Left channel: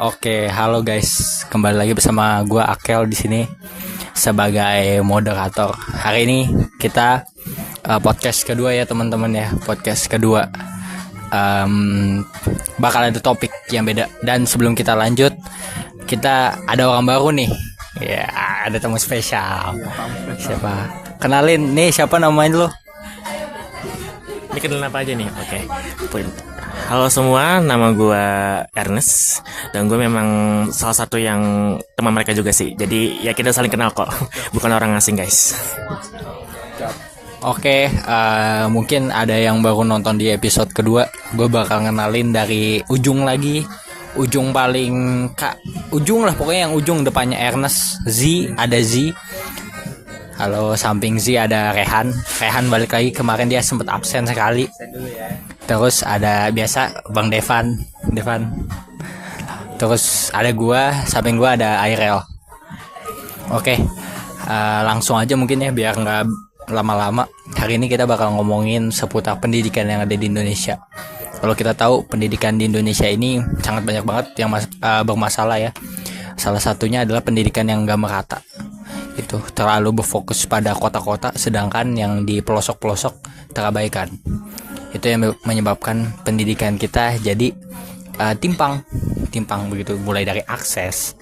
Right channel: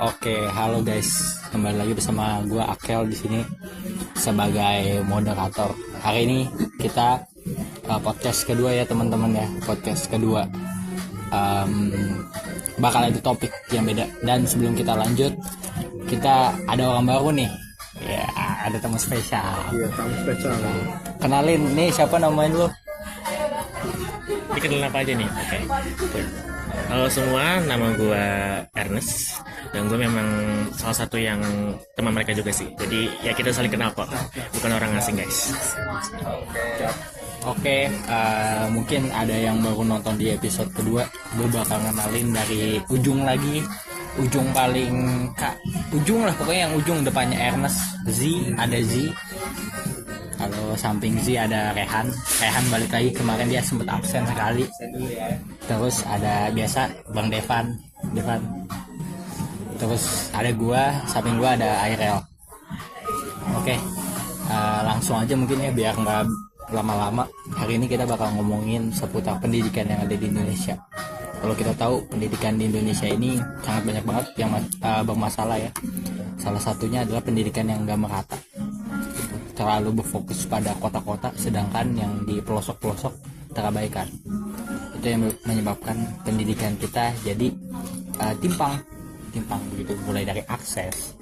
Oke, halo guys. Kembali lagi bersama gua Akel di sini sebagai moderator. Hari ini kita podcast kedua ya teman-teman ya. Podcast kedua. Bakal ada topik yang beda. Dan sebelum kita lanjut, kita ada orang baru nih. Ya, ada tamu spesial. Iya, tamu spesial. Siapa? Kenalin nih, siapa namanya lu? Dikenal apa aja nih? Oke. Halo semua, nama gue Ernest dan gue memang salah satu yang teman mereka juga sih. Jadi ya kita saling kenal kok, bukan orang asing guys. Oke, mungkin ada yang baru nonton di episode kedua. Gue bakal ngenalin dari ujung lagi, ujung paling ujung lah pokoknya, yang ujung depannya Ernest. Z, ada Z. Halo, samping Z ada Rehan. Rehan balik lagi, kemarin dia sempat absen sekali. Terus ada biasa Bang Devan. Terus ada gua, samping gua ada Airel. Oke, langsung aja mungkin ya biar nggak lama-lama. Hari ini kita bakal ngomongin seputar pendidikan yang ada di Indonesia. Kalau kita tahu pendidikan di Indonesia ini sangat banyak banget yang bermasalah ya. Salah satunya adalah pendidikan yang nggak merata. Itu terlalu berfokus pada kota-kota, sedangkan yang di pelosok-pelosok terabaikan. Itu yang menyebabkan pendidikan kita jadi timpang begitu, mulai dari akses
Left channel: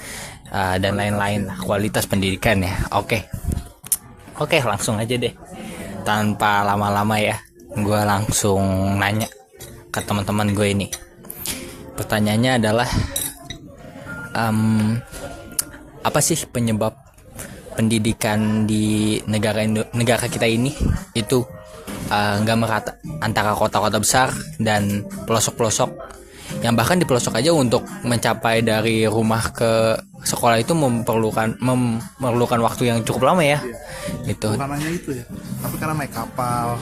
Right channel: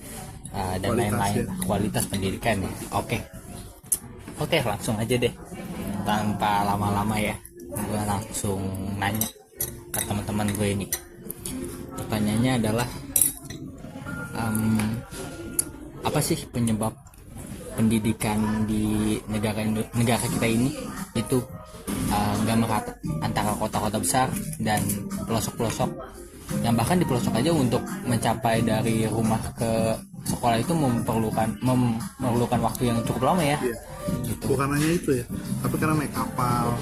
dan lain-lain, kualitas pendidikan ya. Oke, langsung aja deh, tanpa lama-lama ya, gue langsung nanya ke teman-teman gue ini. Pertanyaannya adalah apa sih penyebab pendidikan di negara kita ini itu nggak merata antara kota-kota besar dan pelosok-pelosok, yang bahkan di pelosok aja untuk mencapai dari rumah ke sekolah itu memerlukan waktu yang cukup lama ya. Itu Bukan hanya itu ya, tapi karena naik kapal,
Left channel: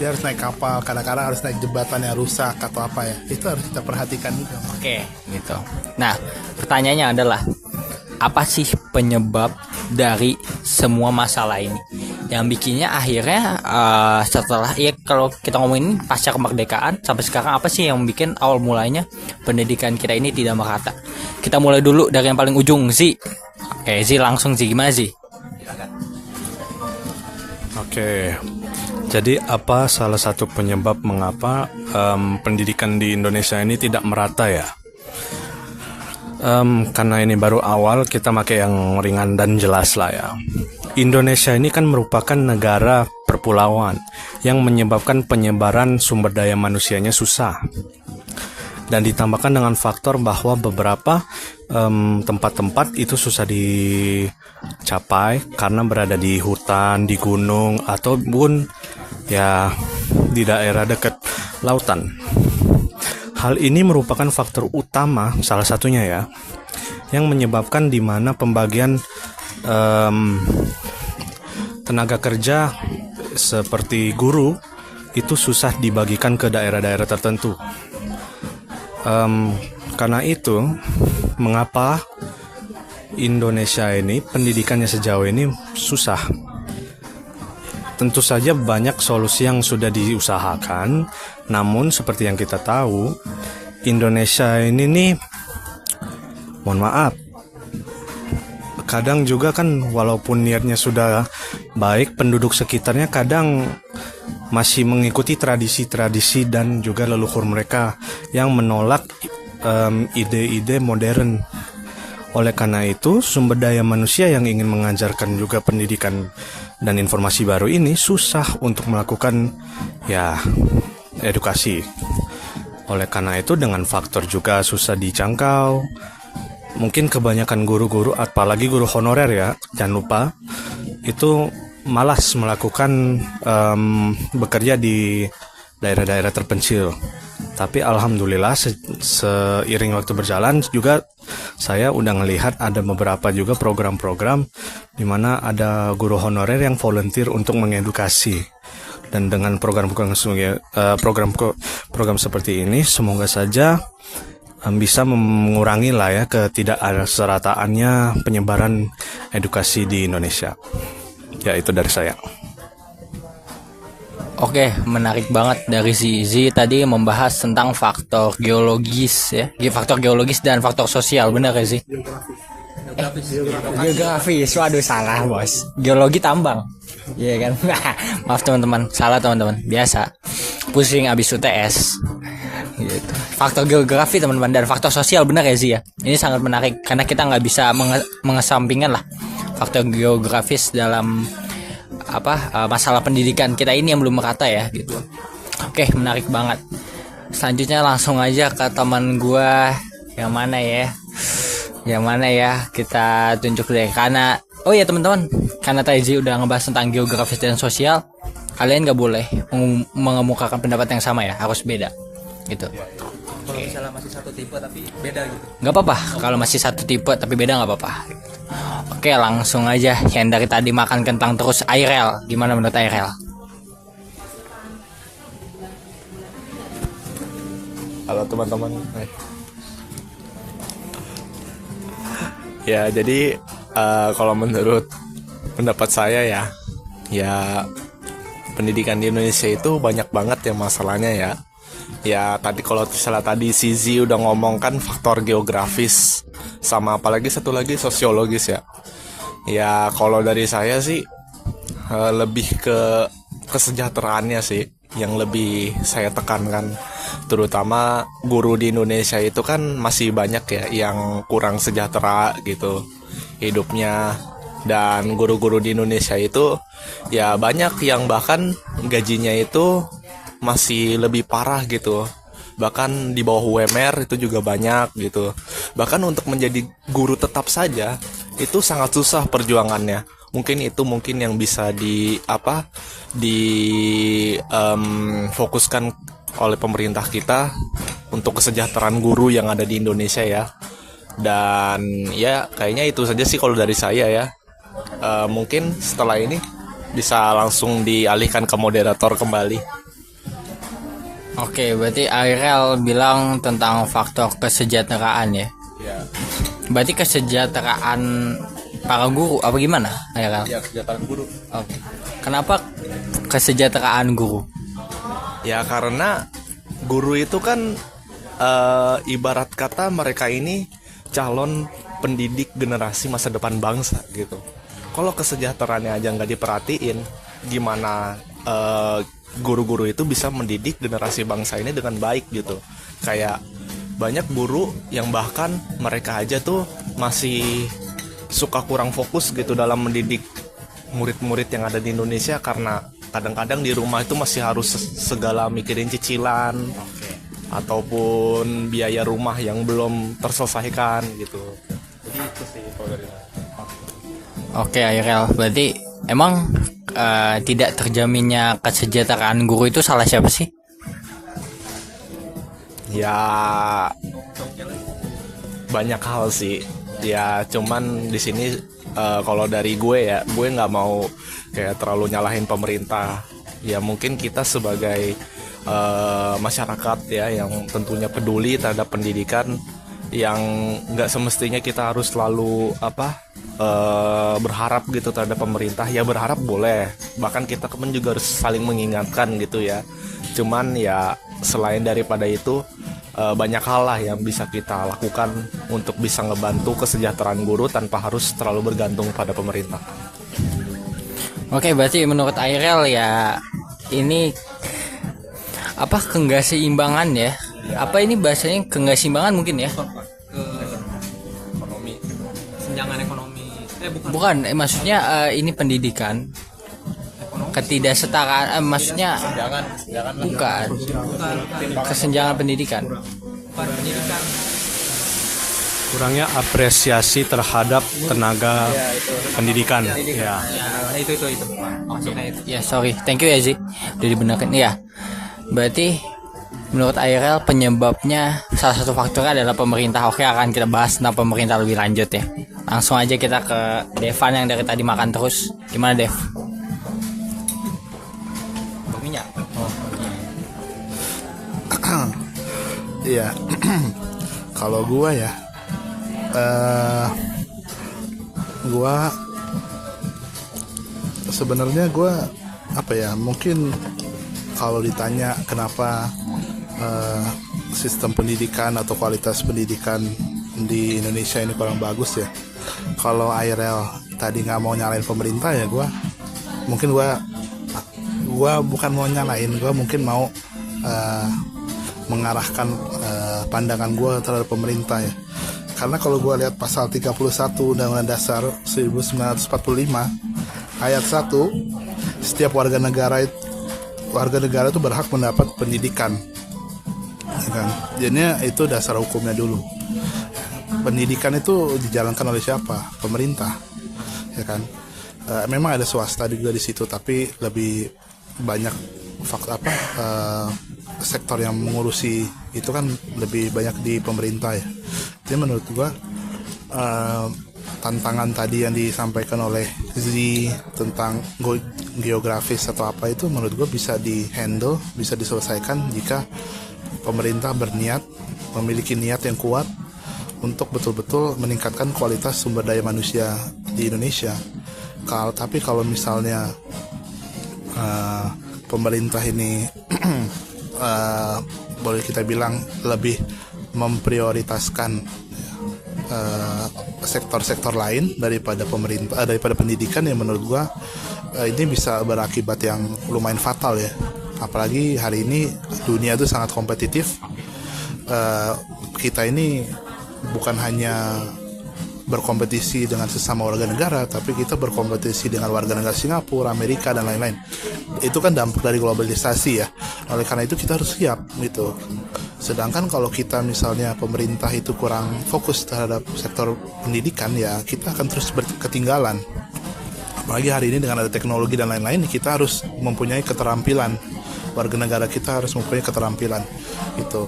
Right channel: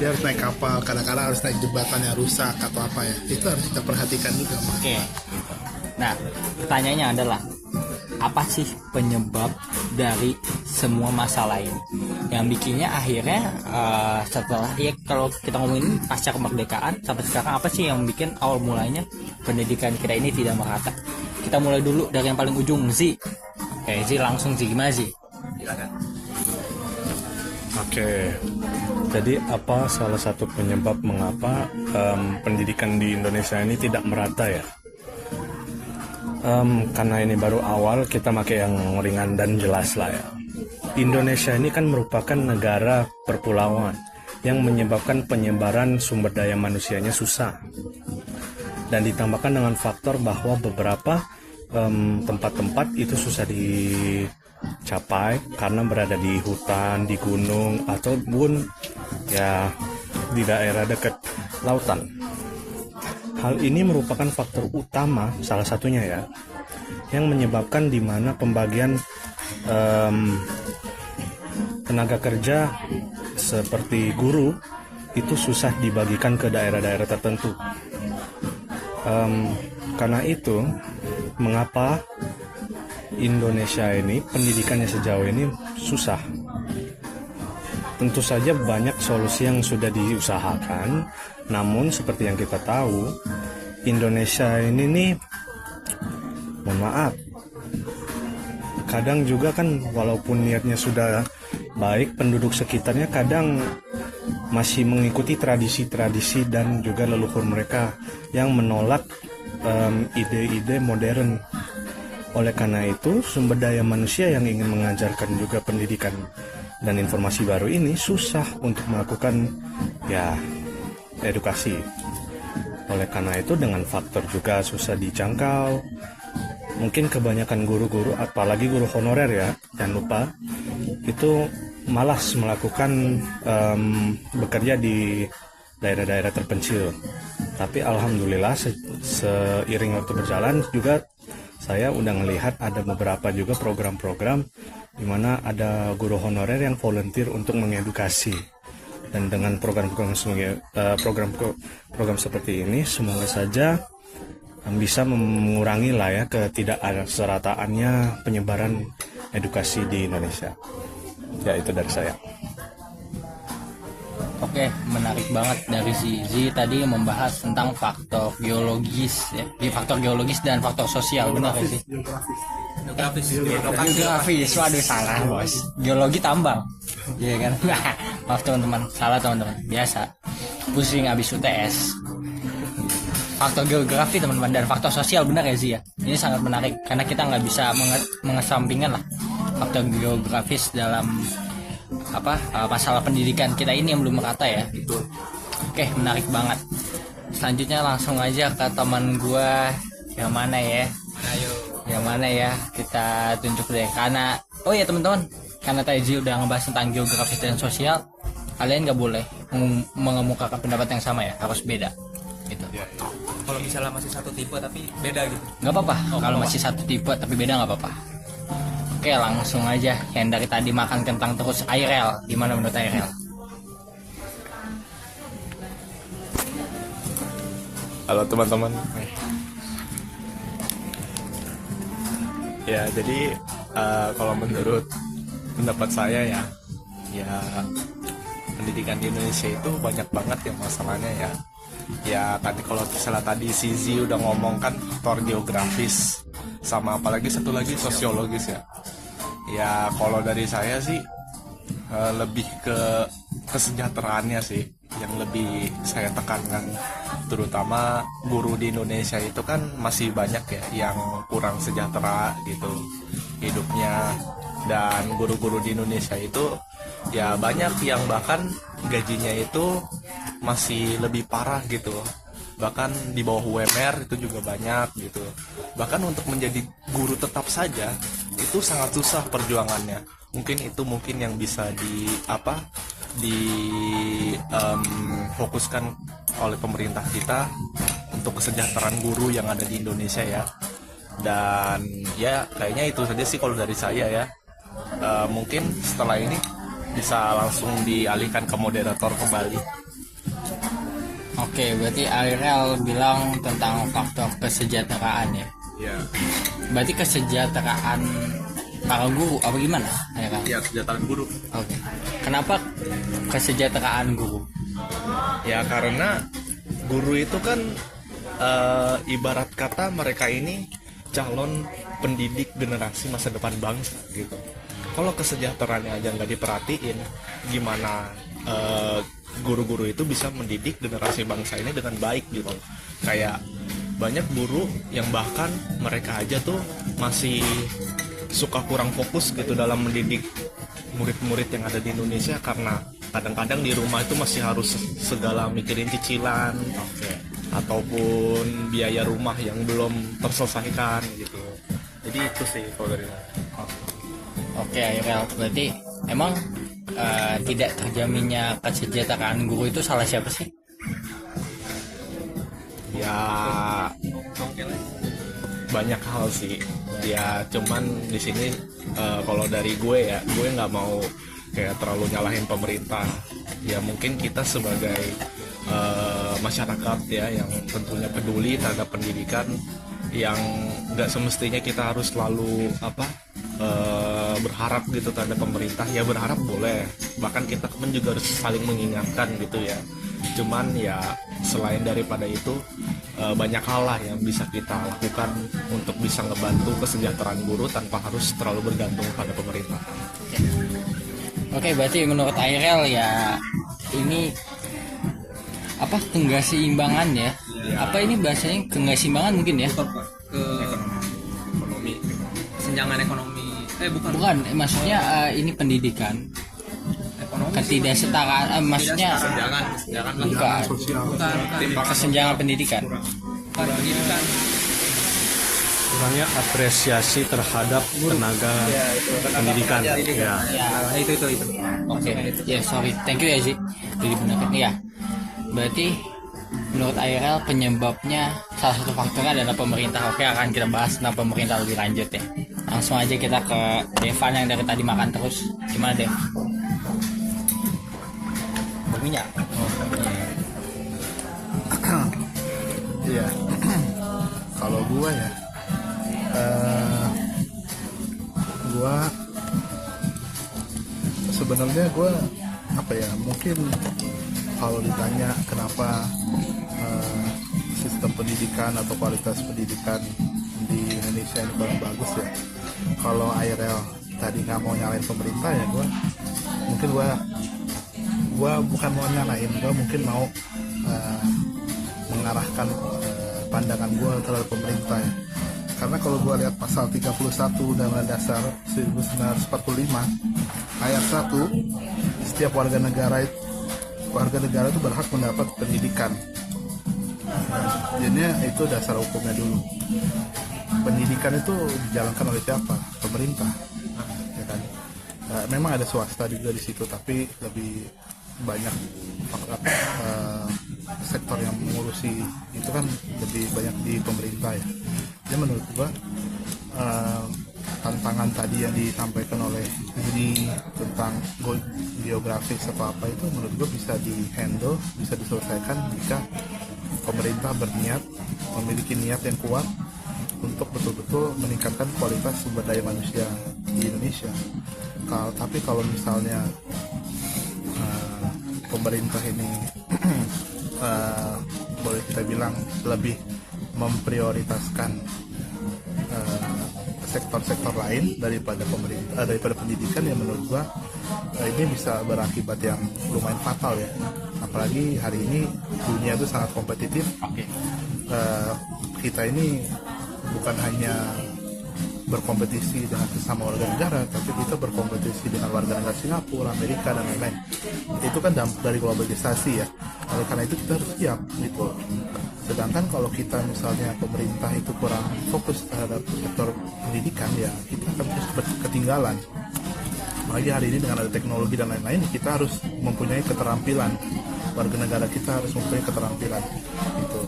dia harus naik kapal, kadang-kadang harus naik jembatan yang rusak atau apa ya, itu harus kita perhatikan juga. Oke, gitu. Nah, pertanyaannya adalah apa sih penyebab dari semua masalah ini yang bikinnya akhirnya setelah ya, kalau kita ngomongin pasca kemerdekaan sampai sekarang, apa sih yang bikin awal mulanya pendidikan kita ini tidak merata? Kita mulai dulu dari yang paling ujung, Zi. Oke, Zi, langsung Zi, gimana Zi? Oke, jadi apa salah satu penyebab mengapa pendidikan di Indonesia ini tidak merata ya? Karena ini baru awal, kita pakai yang ringan dan jelas lah ya. Indonesia ini kan merupakan negara perpulauan yang menyebabkan penyebaran sumber daya manusianya susah. Dan ditambahkan dengan faktor bahwa beberapa tempat-tempat itu susah dicapai karena berada di hutan, di gunung, ataupun ya di daerah dekat lautan. Hal ini merupakan faktor utama, salah satunya ya, yang menyebabkan di mana pembagian tenaga kerja seperti guru itu susah dibagikan ke daerah-daerah tertentu. Karena itu, mengapa Indonesia ini pendidikannya sejauh ini susah? Tentu saja banyak solusi yang sudah diusahakan, namun seperti yang kita tahu, Indonesia ini nih, mohon maaf, kadang juga kan walaupun niatnya sudah baik, penduduk sekitarnya kadang masih mengikuti tradisi-tradisi dan juga leluhur mereka yang menolak ide-ide modern. Oleh karena itu, sumber daya manusia yang ingin mengajarkan juga pendidikan dan informasi baru ini susah untuk melakukan ya edukasi. Oleh karena itu, dengan faktor juga susah dijangkau, mungkin kebanyakan guru-guru, apalagi guru honorer ya, jangan lupa, itu malas melakukan bekerja di daerah-daerah terpencil. Tapi alhamdulillah seiring waktu berjalan juga saya udah ngelihat ada beberapa juga program-program di mana ada guru honorer yang volunteer untuk mengedukasi. Dan dengan program-program seperti ini, semoga saja bisa mengurangi lah ya ketidakserataannya penyebaran edukasi di Indonesia. Ya, itu dari saya. Oke, menarik banget dari si Z tadi membahas tentang faktor geologis ya. Faktor geologis dan faktor sosial, benar ya sih? Geografis, waduh salah bos. Geologi tambang, iya kan? Maaf teman-teman, salah teman-teman. Biasa, pusing abis UTS. Gitu. Faktor geografi teman-teman dan faktor sosial, benar ya sih ya? Ini sangat menarik karena kita nggak bisa mengesampingkan lah faktor geografis dalam masalah pendidikan kita ini yang belum merata ya gitu. Oke, menarik banget. Selanjutnya langsung aja ke teman gua yang mana ya kita tunjuk deh karena oh ya teman-teman, karena Taiji udah ngebahas tentang geografis dan sosial, kalian nggak boleh mengemukakan pendapat yang sama ya, harus beda gitu. Kalau misalnya masih satu tipe tapi beda gitu. Nggak apa-apa kalau masih satu tipe tapi beda, nggak apa-apa. Oke, langsung aja yang dari tadi makan kentang terus, Airel. Gimana menurut Airel? Halo teman-teman. Ya jadi kalau menurut pendapat saya ya pendidikan di Indonesia itu banyak banget ya masalahnya ya. Ya tadi kalau misalnya tadi Sizi udah ngomong kan faktor geografis sama apalagi satu lagi sosiologis ya. Ya kalau dari saya sih lebih ke kesejahteraannya sih yang lebih saya tekankan, terutama guru di Indonesia itu kan masih banyak ya yang kurang sejahtera gitu hidupnya, dan guru-guru di Indonesia itu ya banyak yang bahkan gajinya itu masih lebih parah gitu, bahkan di bawah UMR itu juga banyak gitu. Bahkan untuk menjadi guru tetap saja itu sangat susah perjuangannya. Mungkin yang bisa fokuskan oleh pemerintah kita untuk kesejahteraan guru yang ada di Indonesia ya. Dan ya kayaknya itu saja sih kalau dari saya ya. Mungkin setelah ini bisa langsung dialihkan ke moderator kembali. Oke, berarti Airel bilang tentang faktor kesejahteraan ya. Ya. Berarti kesejahteraan para guru apa gimana, Airel? Ya, kesejahteraan guru. Oke. Kenapa kesejahteraan guru? Ya karena guru itu kan ibarat kata mereka ini calon pendidik generasi masa depan bangsa gitu. Kalau kesejahteraannya aja nggak diperhatiin, gimana guru-guru itu bisa mendidik generasi bangsa ini dengan baik gitu. Kayak banyak guru yang bahkan mereka aja tuh masih suka kurang fokus gitu dalam mendidik murid-murid yang ada di Indonesia, karena kadang-kadang di rumah itu masih harus segala mikirin cicilan ataupun biaya rumah yang belum terselesaikan gitu. Jadi itu sih kalau dari Oke, Airel, berarti emang tidak terjaminnya kesejahteraan guru itu salah siapa sih? ya banyak hal sih ya, cuman di sini kalau dari gue nggak mau kayak terlalu nyalahin pemerintah ya. Mungkin kita sebagai masyarakat ya yang tentunya peduli terhadap pendidikan, yang nggak semestinya kita harus selalu berharap gitu terhadap pemerintah. Ya berharap boleh, bahkan kita pun juga harus saling mengingatkan gitu ya. Cuman ya selain daripada itu banyak hal lah yang bisa kita lakukan untuk bisa ngebantu kesejahteraan guru tanpa harus terlalu bergantung pada pemerintah. Oke, berarti menurut Airel ya ini keseimbangan ya? Apa ini bahasanya keseimbangan mungkin ya? Ekonomi, kesenjangan ekonomi. Bukan, maksudnya ini pendidikan. Ketidaksetaraan, maksudnya bukan kesenjangan pendidikan. Kurangnya apresiasi terhadap tenaga pendidikan. Ya. Itu. Oke. Ya, sorry. Thank you ya, Zik. Udah dibenarkan. Ya. Berarti menurut Airel penyebabnya salah satu faktornya adalah pemerintah. Oke, akan kita bahas tentang pemerintah lebih lanjut ya. Langsung aja kita ke Devan yang dari tadi makan terus. Gimana, Dev? Berminyak. Iya. Kalau gua ya, sebenarnya gua mungkin kalau ditanya kenapa sistem pendidikan atau kualitas pendidikan di Indonesia ini kurang bagus ya, kalau IRL tadi nggak mau nyalain pemerintah ya, gue bukan mau nyalain, gue mungkin mau mengarahkan pandangan gue terhadap pemerintah ya. Karena kalau gue lihat pasal 31 Undang-Undang Dasar 1945 ayat 1, setiap warga negara itu berhak mendapat pendidikan, ya kan? Jadinya itu dasar hukumnya dulu. Pendidikan itu dijalankan oleh siapa? Pemerintah, ya kan? Memang ada swasta juga di situ, tapi lebih banyak sektor yang mengurusi itu kan lebih banyak di pemerintah ya. Jadi menurut gua tantangan tadi yang disampaikan oleh Zee tentang geografis atau apa itu menurut gua bisa dihandle, bisa diselesaikan jika pemerintah berniat, memiliki niat yang kuat untuk betul-betul meningkatkan kualitas sumber daya manusia di Indonesia. Tapi kalau misalnya pemerintah ini boleh kita bilang lebih memprioritaskan sektor-sektor lain daripada pendidikan, ya menurut gua ini bisa berakibat yang lumayan fatal ya. Apalagi hari ini dunia itu sangat kompetitif. Kita ini bukan hanya berkompetisi dengan sesama warga negara, tapi kita berkompetisi dengan warga negara Singapura, Amerika, dan lain-lain. Itu kan dampak dari globalisasi ya. Oleh karena itu kita harus siap gitu. Sedangkan kalau kita misalnya pemerintah itu kurang fokus terhadap sektor pendidikan, ya kita akan terus ketinggalan. Apalagi hari ini dengan ada teknologi dan lain-lain, kita harus mempunyai keterampilan. Warga negara kita harus mempunyai keterampilan itu.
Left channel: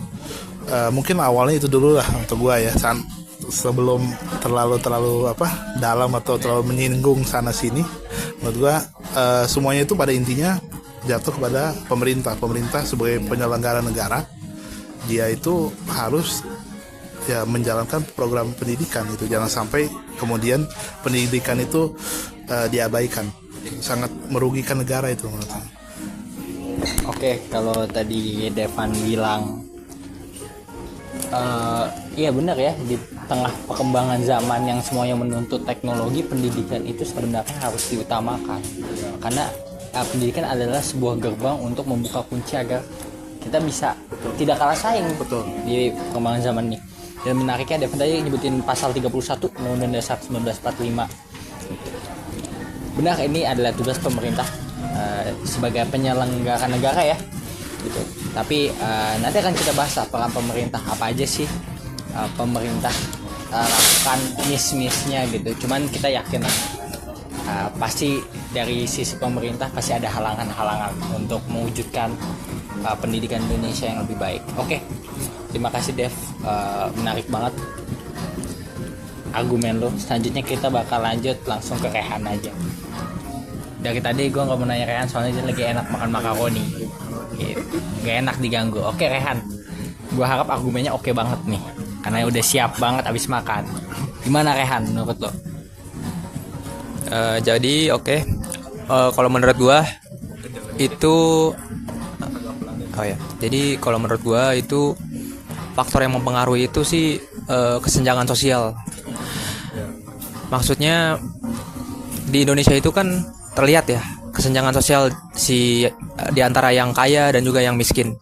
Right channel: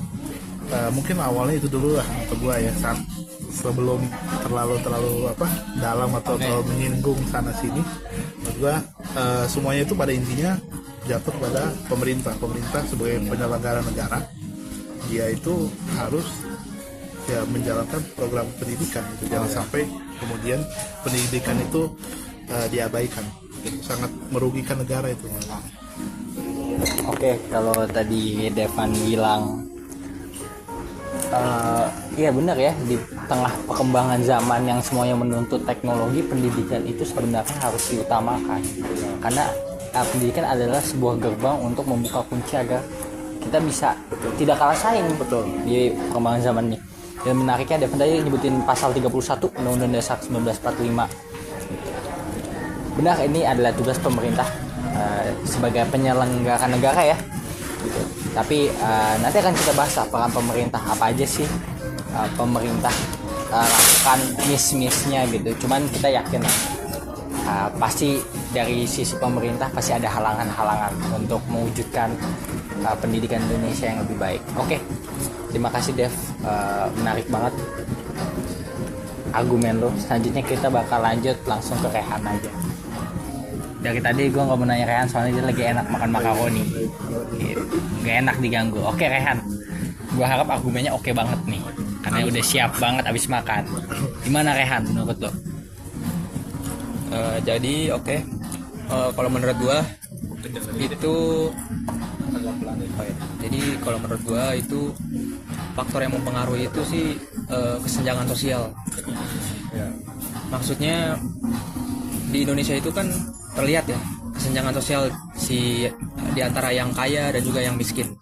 Mungkin awalnya itu dulu lah untuk gua ya, sebelum terlalu dalam atau terlalu menyinggung sana sini. Menurut gua semuanya itu pada intinya jatuh kepada pemerintah sebagai penyelenggara negara. Dia itu harus ya menjalankan program pendidikan itu, jangan sampai kemudian pendidikan itu diabaikan. Sangat merugikan negara itu. Oke, kalau tadi Devan bilang iya benar ya, di tengah perkembangan zaman yang semuanya menuntut teknologi, pendidikan itu sebenarnya harus diutamakan, karena pendidikan adalah sebuah gerbang untuk membuka kunci agar kita bisa tidak kalah saing di perkembangan zaman ini. Dan menariknya Devan tadi nyebutin pasal 31 Undang-Undang Dasar 1945 gitu. Benar, ini adalah tugas pemerintah sebagai penyelenggara negara ya gitu. Tapi nanti akan kita bahas peran pemerintah, apa aja sih pemerintah lakukan miss-missnya gitu. Cuman kita yakin pasti dari sisi pemerintah pasti ada halangan-halangan untuk mewujudkan pendidikan Indonesia yang lebih baik. Oke, terima kasih Dev, menarik banget argumen lo. Selanjutnya kita bakal lanjut langsung ke Rehan aja. Dari tadi gue gak mau nanya Rehan soalnya dia lagi enak makan makaroni gitu. Gak enak diganggu. Oke Rehan, gue harap argumennya oke banget nih, karena udah siap banget abis makan. Gimana Rehan menurut lo? Jadi kalau menurut gue itu jadi kalau menurut gue itu faktor yang mempengaruhi itu sih kesenjangan sosial. Maksudnya di Indonesia itu kan terlihat ya kesenjangan sosial di antara yang kaya dan juga yang miskin.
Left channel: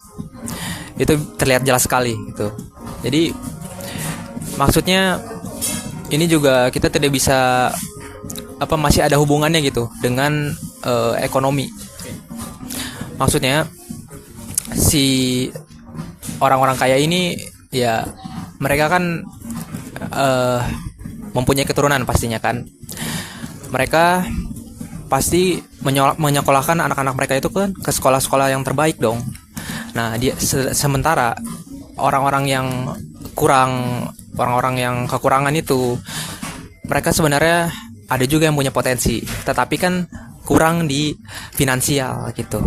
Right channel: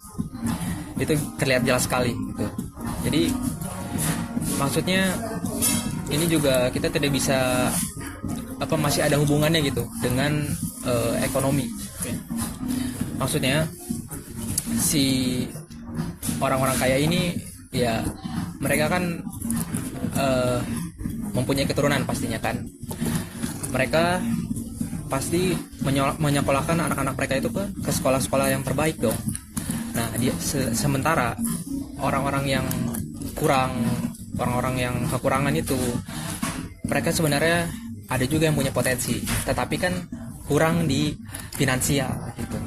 Itu terlihat jelas sekali gitu. Jadi maksudnya ini juga kita tidak bisa masih ada hubungannya gitu dengan ekonomi. Maksudnya si orang-orang kaya ini ya mereka kan mempunyai keturunan pastinya kan. Mereka pasti menyekolahkan anak-anak mereka itu kan ke sekolah-sekolah yang terbaik dong. Nah, sementara orang-orang yang kekurangan itu mereka sebenarnya ada juga yang punya potensi, tetapi kan kurang di finansial gitu.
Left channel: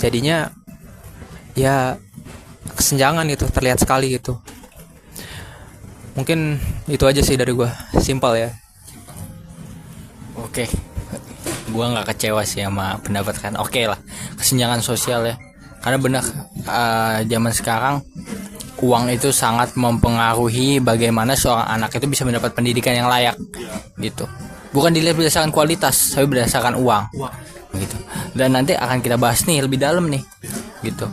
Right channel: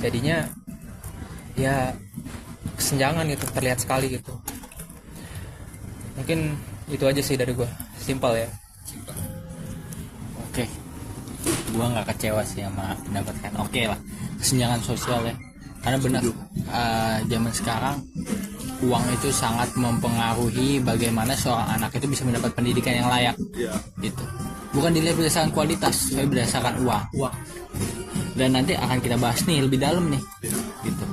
Jadinya ya kesenjangan gitu terlihat sekali gitu. Mungkin itu aja sih dari gua, simple ya. Oke, gue nggak kecewa sih sama pendapat kan. Oke lah, kesenjangan sosial ya. Karena benar zaman sekarang uang itu sangat mempengaruhi bagaimana seorang anak itu bisa mendapat pendidikan yang layak, gitu. Bukan dilihat berdasarkan kualitas, tapi berdasarkan uang. Gitu. Dan nanti akan kita bahas nih lebih dalam nih, gitu.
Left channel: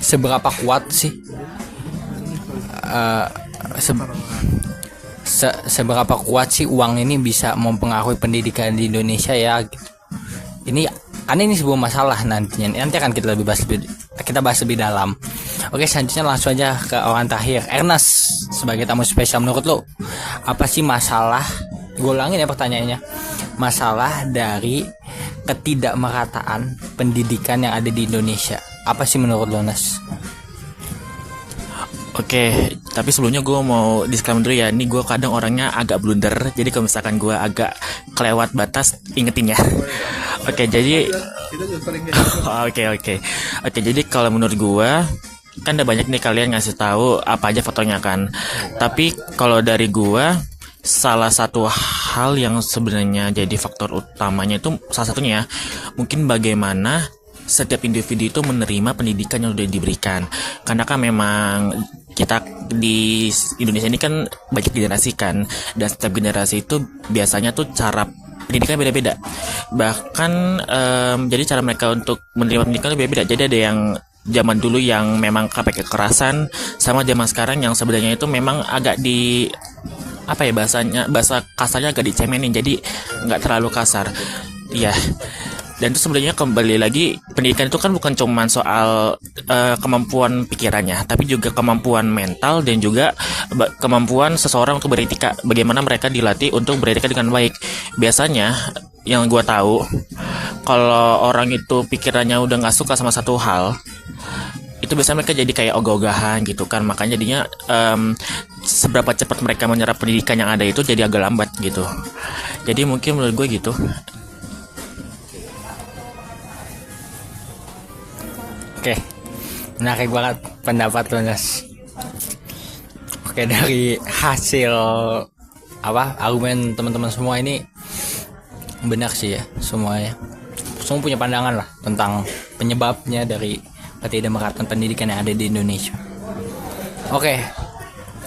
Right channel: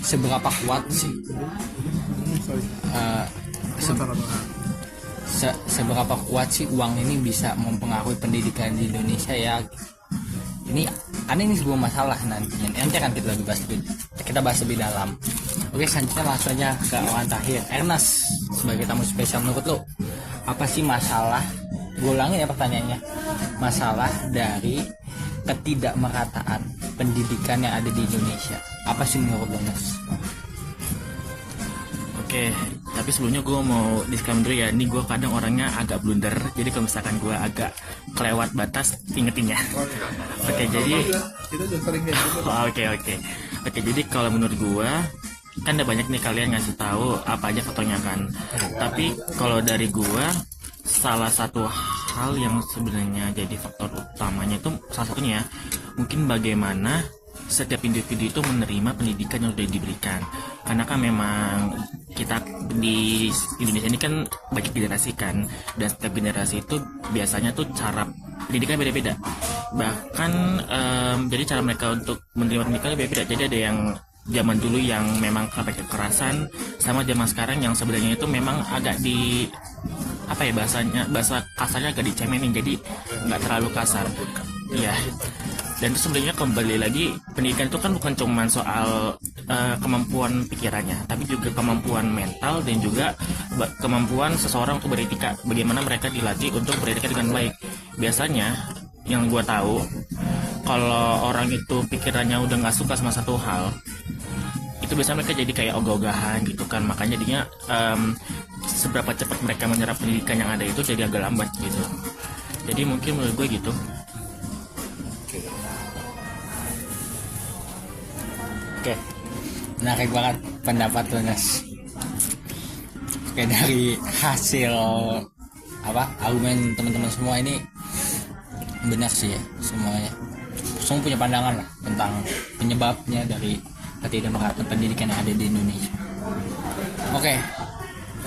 Seberapa kuat sih seberapa kuat sih uang ini bisa mempengaruhi pendidikan di Indonesia ya, gitu. Ini sebuah masalah nanti akan kita bahas lebih dalam. Oke, selanjutnya langsung aja ke orang terakhir, Ernest, sebagai tamu spesial. Menurut lo apa sih masalah, gue ulangin ya pertanyaannya, masalah dari ketidakmerataan pendidikan yang ada di Indonesia? Apa sih menurut lo, Nas? Oke, tapi sebelumnya gue mau disclaimer dulu ya. Ini gue kadang orangnya agak blunder, jadi kalau misalkan gue agak kelewat batas, ingetin ya. Oke, jadi Oke, jadi kalau menurut gue kan ada banyak nih kalian ngasih tahu apa aja fotonya kan. Tapi kalau dari gue, salah satu hal yang sebenarnya jadi faktor utamanya itu salah satunya mungkin bagaimana setiap individu itu menerima pendidikan yang sudah diberikan. Karena kan memang kita di Indonesia ini kan banyak generasi kan, dan setiap generasi itu biasanya tuh cara pendidikan beda-beda. Bahkan jadi cara mereka untuk menerima pendidikan beda-beda. Jadi ada yang zaman dulu yang memang pakai kekerasan, sama zaman sekarang yang sebenarnya itu memang agak bahasa kasarnya agak dicemenin, jadi nggak terlalu kasar. Iya. Dan itu sebenarnya kembali lagi, pendidikan itu kan bukan cuma soal kemampuan pikirannya, tapi juga kemampuan mental dan juga kemampuan seseorang untuk beretika. Bagaimana mereka dilatih untuk beretika dengan baik. Biasanya yang gue tahu, kalau orang itu pikirannya udah nggak suka sama satu hal, itu biasanya mereka jadi kayak ogah-ogahan gitu kan. Makanya jadinya seberapa cepat mereka menyerap pendidikan yang ada itu jadi agak lambat gitu. Jadi mungkin menurut gue gitu. Oke, menarik banget pendapat lo, Nas. Oke, dari hasil argumen teman-teman semua ini benar sih ya, semuanya. Semua punya pandangan lah tentang penyebabnya dari ketidakmerataan pendidikan yang ada di Indonesia. Oke,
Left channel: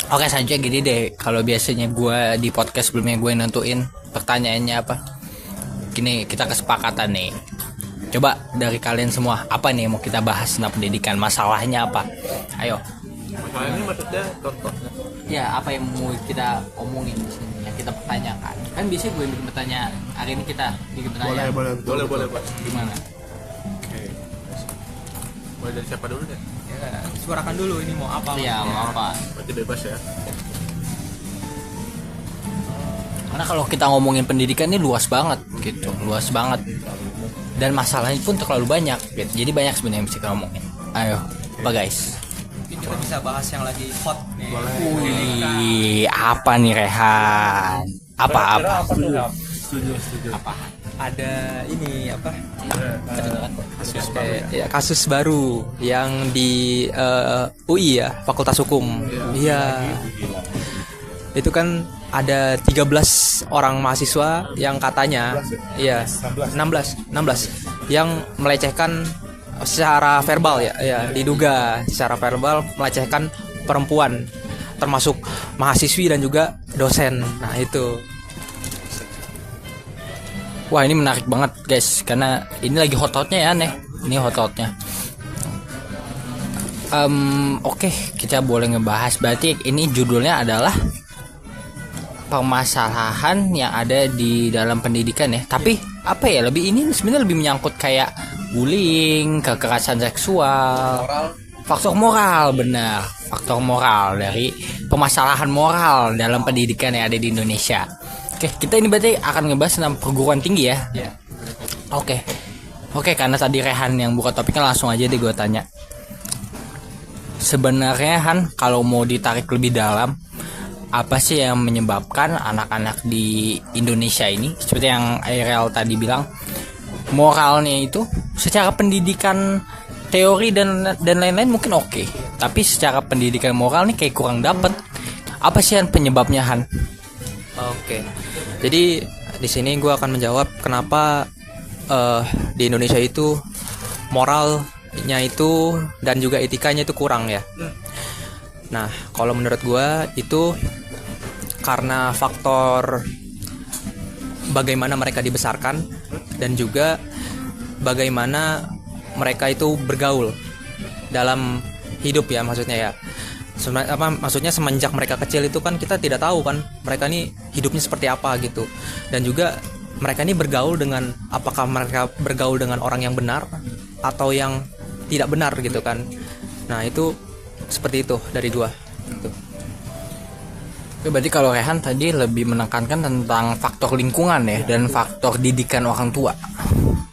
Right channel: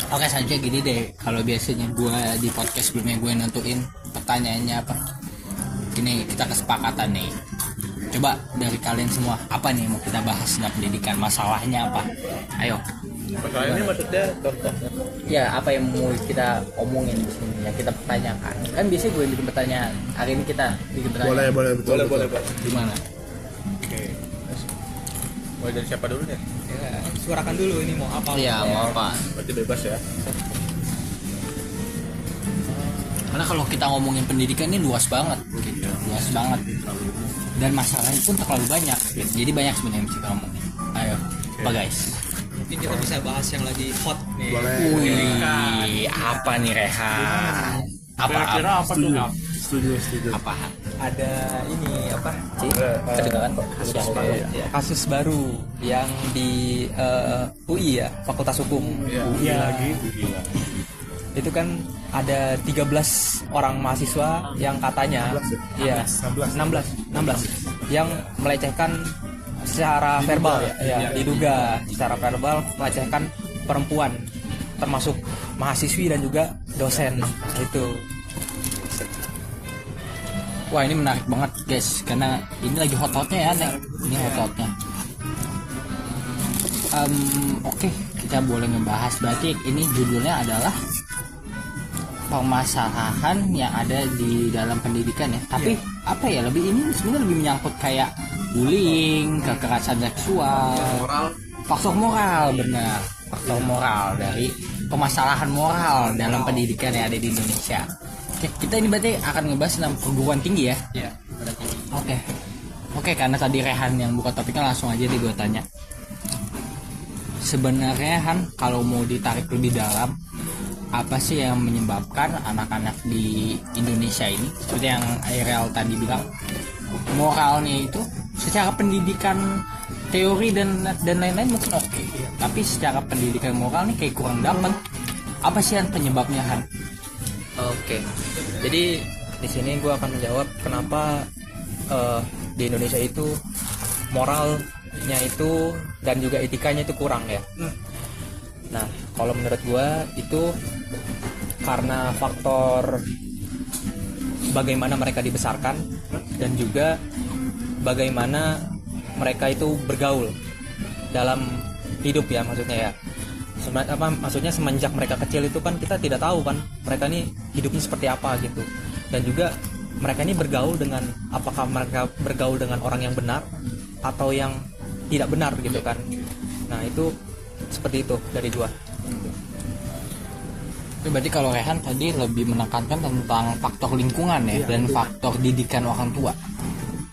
selanjutnya gini deh. Kalau biasanya gue di podcast sebelumnya gue nentuin pertanyaannya apa, gini kita kesepakatan nih. Coba dari kalian semua, apa nih yang mau kita bahas tentang pendidikan? Masalahnya apa? Ayo. Masalah ini maksudnya contohnya. Ya, apa yang mau kita omongin di sini, yang kita pertanyakan? Kan biasanya gue yang bikin pertanyaan. Hari ini kita bikin pertanyaan. Boleh. Gimana? Mulai dari siapa dulu deh? Suarakan dulu ini mau apa? Iya, mau apa? Berarti bebas ya. Karena kalau kita ngomongin pendidikan ini luas banget gitu, luas banget. Dan masalahnya pun terlalu banyak gitu. Jadi banyak sebenarnya yang bisa kita ngomongin. Ayo, apa guys? Mungkin kita bisa bahas yang lagi hot nih. Wih, apa nih Rehan? Apa? Setuju. Apa? Ada ini apa? Kedengaran kasus baru yang di UI ya, Fakultas Hukum. Iya. Itu kan ada 13 orang mahasiswa yang katanya 16 yang melecehkan secara verbal ya, diduga secara verbal melecehkan perempuan, termasuk mahasiswi dan juga dosen. Nah, itu. Wah, ini menarik banget guys, karena ini lagi hot-hotnya ya nih. Ini hot-hotnya. Oke, kita boleh ngebahas. Berarti ini judulnya adalah permasalahan yang ada di dalam pendidikan ya. Tapi apa ya, ini sebenarnya lebih menyangkut kayak bullying, kekerasan seksual, faktor moral. Benar, faktor moral, dari permasalahan moral dalam pendidikan yang ada di Indonesia. Oke, kita ini berarti akan ngebahas tentang perguruan tinggi ya. Oke, karena tadi Rehan yang buka topiknya, langsung aja deh gue tanya. Sebenarnya Han, kalau mau ditarik lebih dalam, apa sih yang menyebabkan anak-anak di Indonesia ini, seperti yang Ariel tadi bilang, moralnya itu secara pendidikan teori dan lain-lain mungkin oke, tapi secara pendidikan moral nih kayak kurang dapet. Apa sih yang penyebabnya, Han? Oke. Jadi di sini gue akan menjawab kenapa di Indonesia itu moralnya itu dan juga etikanya itu kurang ya. Nah, kalau menurut gue itu karena faktor bagaimana mereka dibesarkan dan juga bagaimana mereka itu bergaul dalam hidup ya, maksudnya ya. Maksudnya semenjak mereka kecil itu kan kita tidak tahu kan mereka ini hidupnya seperti apa gitu. Dan juga mereka ini bergaul dengan, apakah mereka bergaul dengan orang yang benar atau yang tidak benar gitu kan. Nah, itu seperti itu dari gua. Berarti kalau Rehan tadi lebih menekankan tentang faktor lingkungan ya, dan faktor didikan orang tua.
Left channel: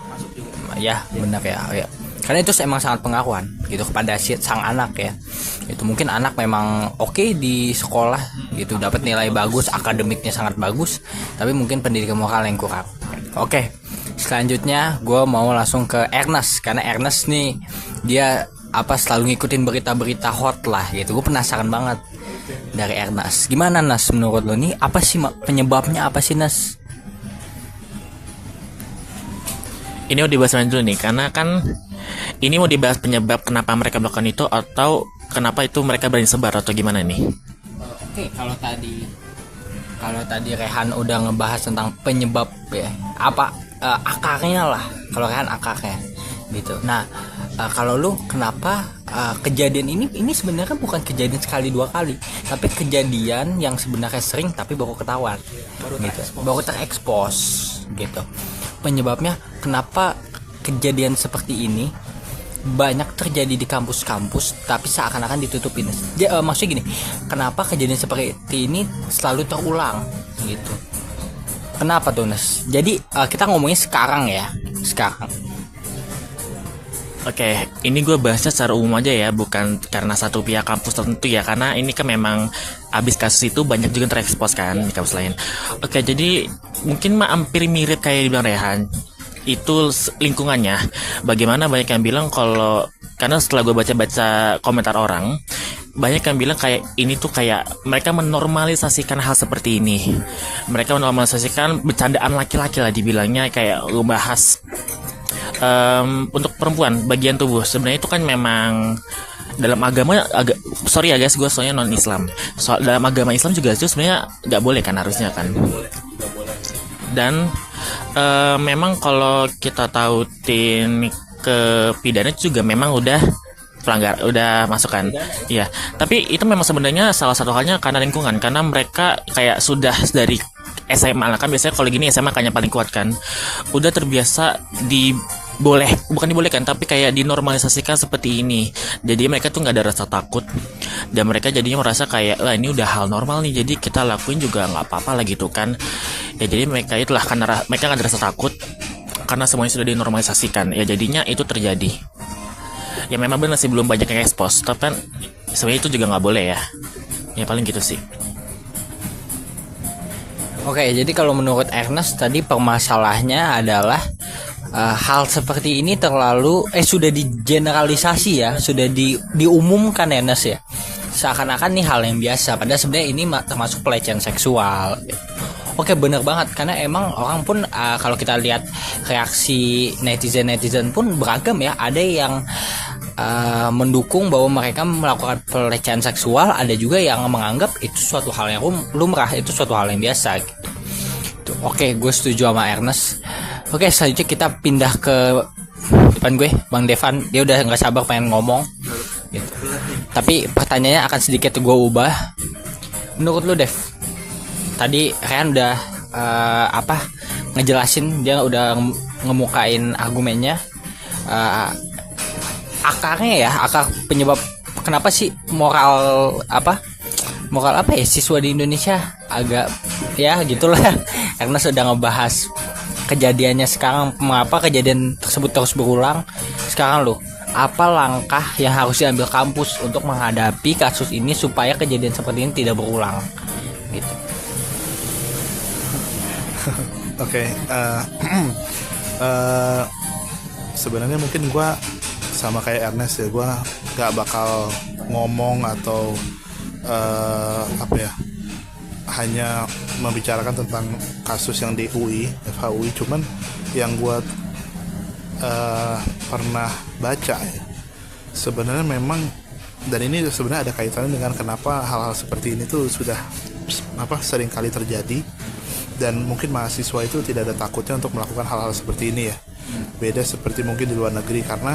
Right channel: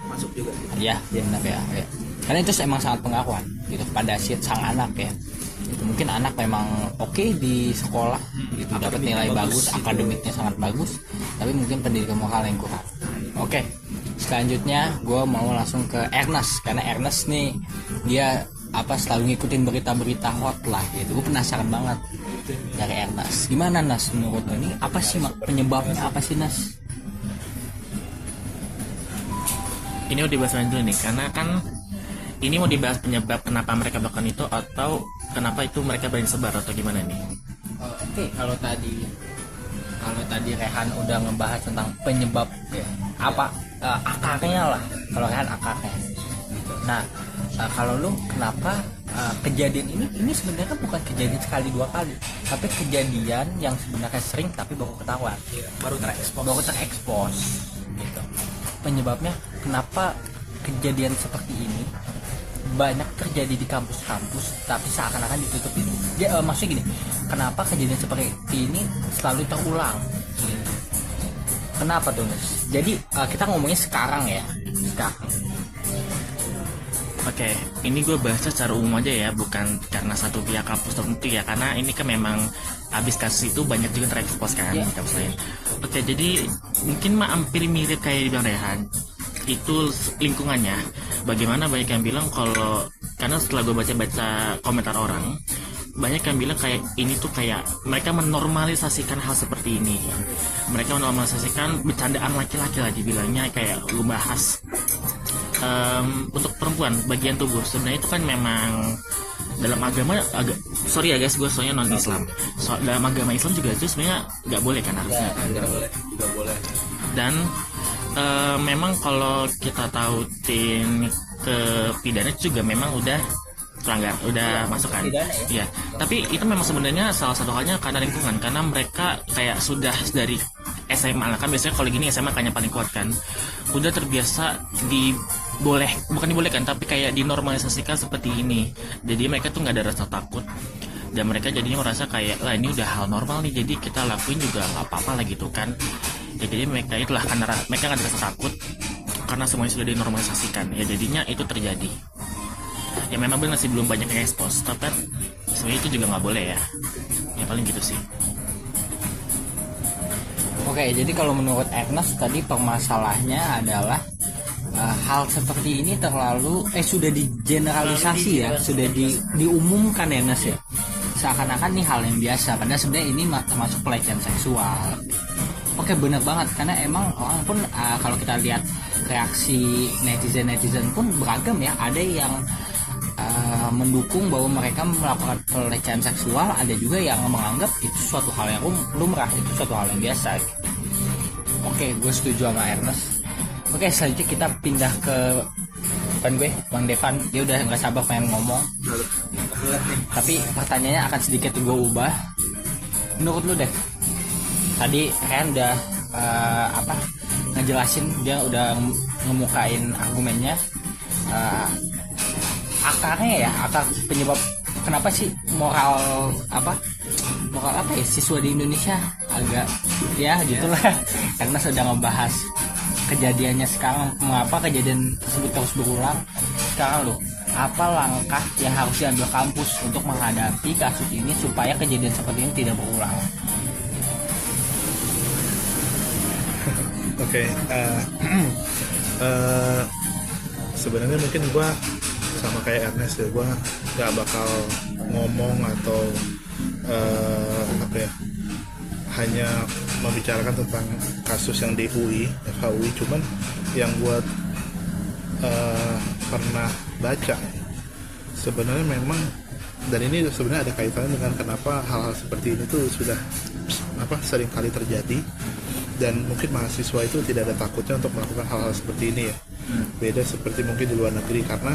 Masuk juga. Ya, benar ya. Karena itu emang sangat pengaruhan gitu kepada sang anak ya. Itu mungkin anak memang oke di sekolah gitu, dapat nilai bagus, akademiknya sangat bagus, tapi mungkin pendidikan moral yang kurang. Oke, selanjutnya gue mau langsung ke Ernest, karena Ernest nih dia selalu ngikutin berita-berita hot lah gitu. Gue penasaran banget dari Ernest. Gimana Nas menurut lo nih, apa sih penyebabnya, apa sih Nas? Ini mau dibahas dulu nih, karena kan ini mau dibahas penyebab kenapa mereka melakukan itu, atau kenapa itu mereka berani sebar, atau gimana nih? Oke, kalau tadi Rehan udah ngebahas tentang penyebab ya, akarnya lah. Kalau Rehan akarnya gitu. Nah, kalau lu kenapa kejadian ini sebenarnya bukan kejadian sekali dua kali, tapi kejadian yang sebenarnya sering tapi baru ketahuan, baru terekspos gitu. Penyebabnya kenapa kejadian seperti ini banyak terjadi di kampus-kampus tapi seakan-akan ditutupin. Maksudnya gini, kenapa kejadian seperti ini selalu terulang gitu? Kenapa tuh Nes? Jadi kita ngomongin sekarang ya, sekarang. Oke, ini gue bahasnya secara umum aja ya, bukan karena satu pihak kampus tertentu ya, karena ini kan memang abis kasus itu banyak juga terekspos kan di kampus lain. Oke, jadi mungkin hampir mirip kayak dibilang Rehan, itu lingkungannya. Bagaimana banyak yang bilang kalau, karena setelah gue baca-baca komentar orang, banyak yang bilang kayak ini tuh kayak mereka menormalisasikan hal seperti ini. Mereka menormalisasikan bercandaan laki-laki lah dibilangnya, kayak bahas untuk perempuan bagian tubuh. Sebenarnya itu kan memang dalam agama sorry ya guys, gue soalnya non Islam. Dalam agama Islam juga itu sebenarnya nggak boleh kan, harusnya kan. Dan memang kalau kita tautin ke pidana juga memang udah pelanggar, udah masuk kan. Iya. Tapi itu memang sebenarnya salah satu halnya karena lingkungan, karena mereka kayak sudah dari SMA lah kan, biasanya kalau gini SMA kan yang paling kuat kan, udah terbiasa bukan dibolehkan tapi kayak dinormalisasikan seperti ini. Jadi mereka tuh nggak ada rasa takut, dan mereka jadinya merasa kayak lah ini udah hal normal nih, jadi kita lakuin juga nggak apa-apa lah gitu kan ya. Jadi mereka itulah, karena mereka nggak ada rasa takut karena semuanya sudah dinormalisasikan ya, jadinya itu terjadi. Ya memang benar sih belum banyak yang expose, tapi kan sebenarnya itu juga nggak boleh ya paling gitu sih. Oke, jadi kalau menurut Ernest tadi permasalahannya adalah hal seperti ini sudah digeneralisasi ya, sudah diumumkan ya Nes ya, seakan-akan nih hal yang biasa, padahal sebenarnya ini termasuk pelecehan seksual. Oke, benar banget, karena emang orang pun kalau kita lihat reaksi netizen pun beragam ya. Ada yang mendukung bahwa mereka melakukan pelecehan seksual, ada juga yang menganggap itu suatu hal yang lumrah, itu suatu hal yang biasa gitu. Oke, gue setuju sama Ernest. Oke, selanjutnya kita pindah ke depan gue, Bang Devan. Dia udah nggak sabar pengen ngomong gitu. Tapi pertanyaannya akan sedikit gue ubah. Menurut lu Dev, tadi Rehan udah ngejelasin, dia udah ngemukain argumennya, akarnya ya, akar penyebab kenapa sih moral apa ya siswa di Indonesia agak ya gitulah karena sudah ngebahas kejadiannya sekarang, mengapa kejadian tersebut terus berulang. Sekarang lo, apa langkah yang harus diambil kampus untuk menghadapi kasus ini supaya kejadian seperti ini tidak berulang gitu. Oke, sebenarnya mungkin gue sama kayak Ernest ya, gue nggak bakal ngomong atau hanya membicarakan tentang kasus yang di FHUI, cuman yang gue pernah baca ya, sebenarnya memang, dan ini sebenarnya ada kaitannya dengan kenapa hal-hal seperti ini tuh sudah sering kali terjadi, dan mungkin mahasiswa itu tidak ada takutnya untuk melakukan hal-hal seperti ini ya. Beda seperti mungkin di luar negeri, karena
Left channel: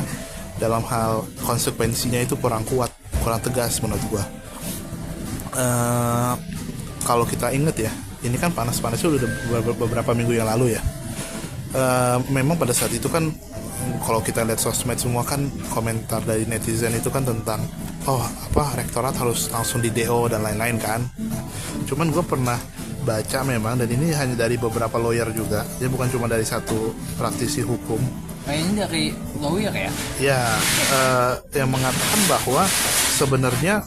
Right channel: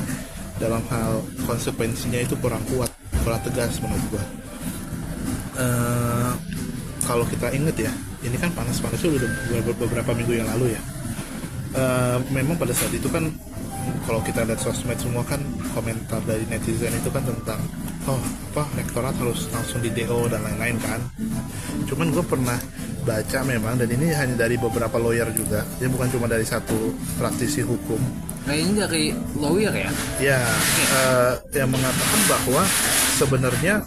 dalam hal konsekuensinya itu kurang kuat, kurang tegas menurut gua. Kalau kita inget ya, ini kan panas-panasnya udah beberapa minggu yang lalu ya. Memang pada saat itu kan kalau kita lihat sosmed semua kan komentar dari netizen itu kan tentang rektorat harus langsung di DO dan lain-lain kan. Cuman gue pernah baca memang, dan ini hanya dari beberapa lawyer juga, ya bukan cuma dari satu praktisi hukum. Nah ini dari lawyer ya? Ya, yang mengatakan bahwa sebenarnya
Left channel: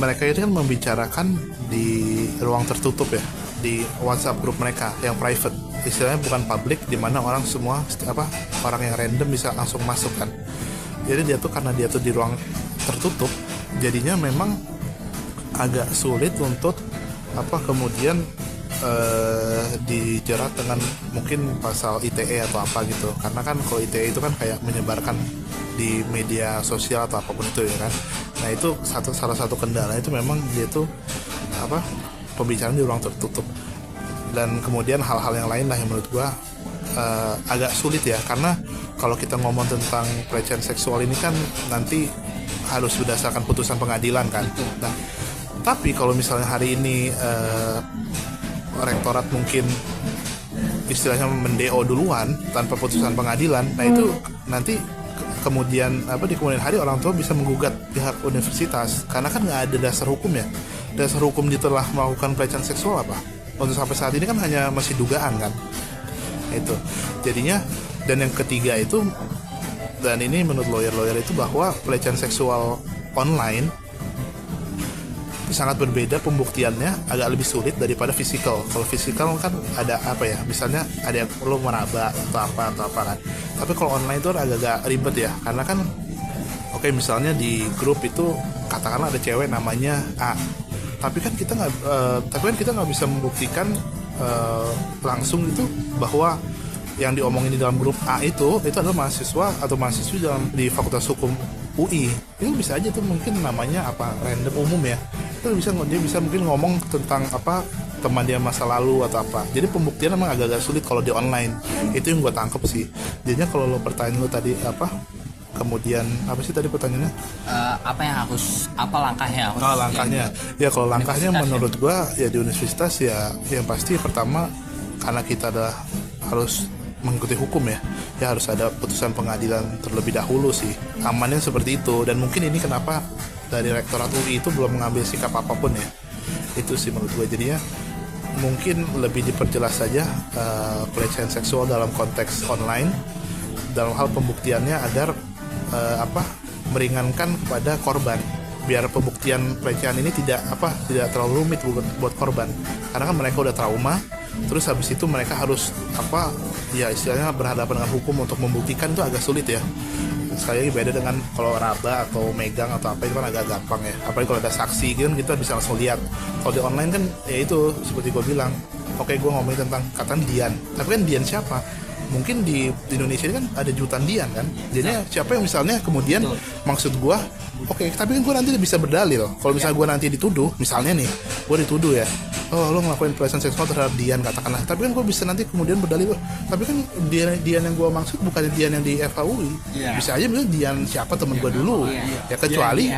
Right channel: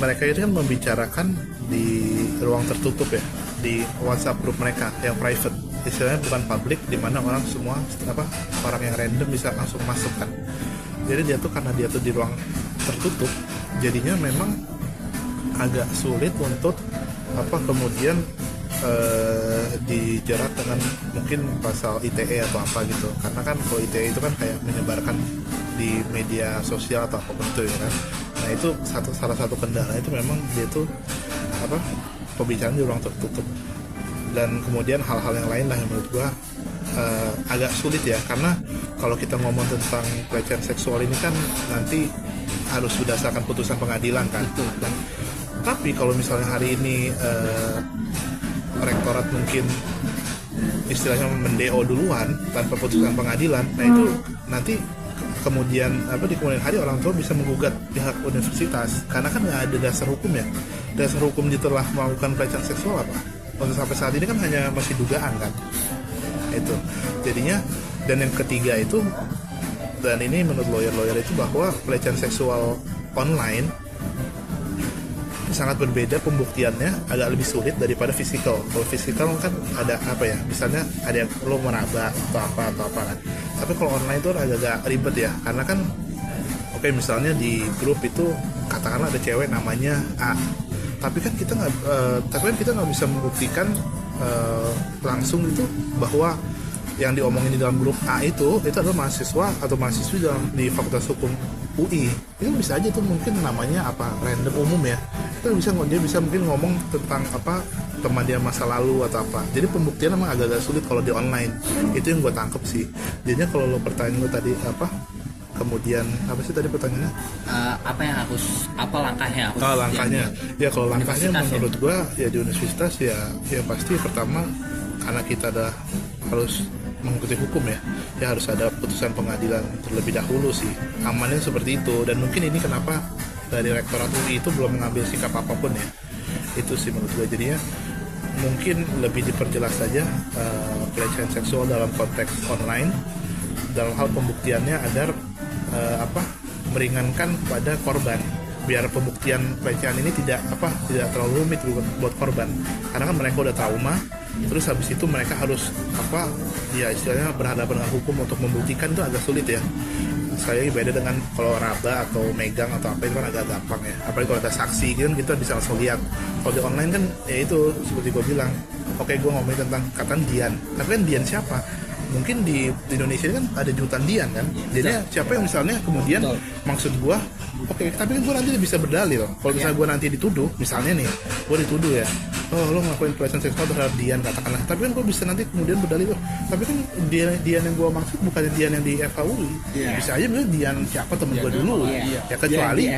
mereka itu kan membicarakan di ruang tertutup ya, di WhatsApp grup mereka yang private, istilahnya bukan public, di mana orang semua orang yang random bisa langsung masuk kan. Jadi karena dia tuh di ruang tertutup, jadinya memang agak sulit untuk kemudian dijerat dengan mungkin pasal ITE atau apa gitu, karena kan kalau ITE itu kan kayak menyebarkan di media sosial atau apapun itu ya kan. Nah itu salah satu kendala itu memang dia tuh pembicaraan di ruang tertutup, dan kemudian hal-hal yang lain lah yang menurut gua agak sulit ya, karena kalau kita ngomong tentang pelecehan seksual ini kan nanti harus berdasarkan putusan pengadilan kan. Nah, tapi kalau misalnya hari ini rektorat mungkin istilahnya mendeo duluan tanpa putusan pengadilan, nah itu nanti kemudian di kemudian hari orang tua bisa menggugat pihak universitas, karena kan nggak ada dasar hukum ya. Dasar hukum dia telah melakukan pelecehan seksual apa? Untuk sampai saat ini kan hanya masih dugaan kan. Itu jadinya, dan yang ketiga itu, dan ini menurut lawyer itu bahwa pelecehan seksual online sangat berbeda pembuktiannya, agak lebih sulit daripada fisikal. Kalau fisikal kan ada misalnya ada yang lo meraba atau apa kan. Tapi kalau online itu agak ribet ya, karena kan misalnya di grup itu katakanlah ada cewek namanya A, tapi kan kita nggak bisa membuktikan langsung itu bahwa yang diomongin di dalam grup A itu adalah mahasiswa atau mahasiswi di Fakultas Hukum UI. Ini bisa aja tuh mungkin namanya random umum ya. Dia bisa mungkin ngomong tentang teman dia masa lalu atau apa. Jadi pembuktian memang agak-agak sulit kalau di online. Itu yang gue tangkep sih. Jadinya kalau lo pertanyaan lo tadi kemudian apa sih tadi pertanyaannya? Langkahnya? Langkahnya. Ya kalau langkahnya menurut gue ya di universitas ya yang pasti pertama, karena kita harus mengikuti hukum ya harus ada putusan pengadilan terlebih dahulu sih. Amannya seperti itu, dan mungkin ini kenapa dari rektorat UI itu belum mengambil sikap apapun ya. Itu sih menurut gue. Jadinya mungkin lebih diperjelas saja pelecehan seksual dalam konteks online, dalam hal pembuktiannya agar meringankan kepada korban, biar pembuktian pelecehan ini tidak terlalu rumit buat korban, karena kan mereka udah trauma. Terus habis itu mereka harus istilahnya berhadapan dengan hukum untuk membuktikan, itu agak sulit ya. Saya beda dengan kalau raba atau megang atau apa, itu kan agak gampang ya. Apalagi kalau ada saksi gitu kita bisa langsung lihat. Kalau di online kan ya itu seperti gue bilang, gue ngomongin tentang kataan Dian, tapi kan Dian siapa? Mungkin di Indonesia kan ada jutaan Dian kan. Jadi siapa yang misalnya kemudian maksud gue, tapi kan gue nanti bisa berdalil. Kalau misalnya gue nanti dituduh, misalnya nih gue dituduh ya, lo ngelakuin pelecehan seksual terhadap Dian katakanlah, tapi kan gue bisa nanti kemudian berdalil, tapi kan Dian yang gue maksud bukan Dian yang di FHUI. Bisa aja misalnya Dian siapa temen gue dulu ya, kecuali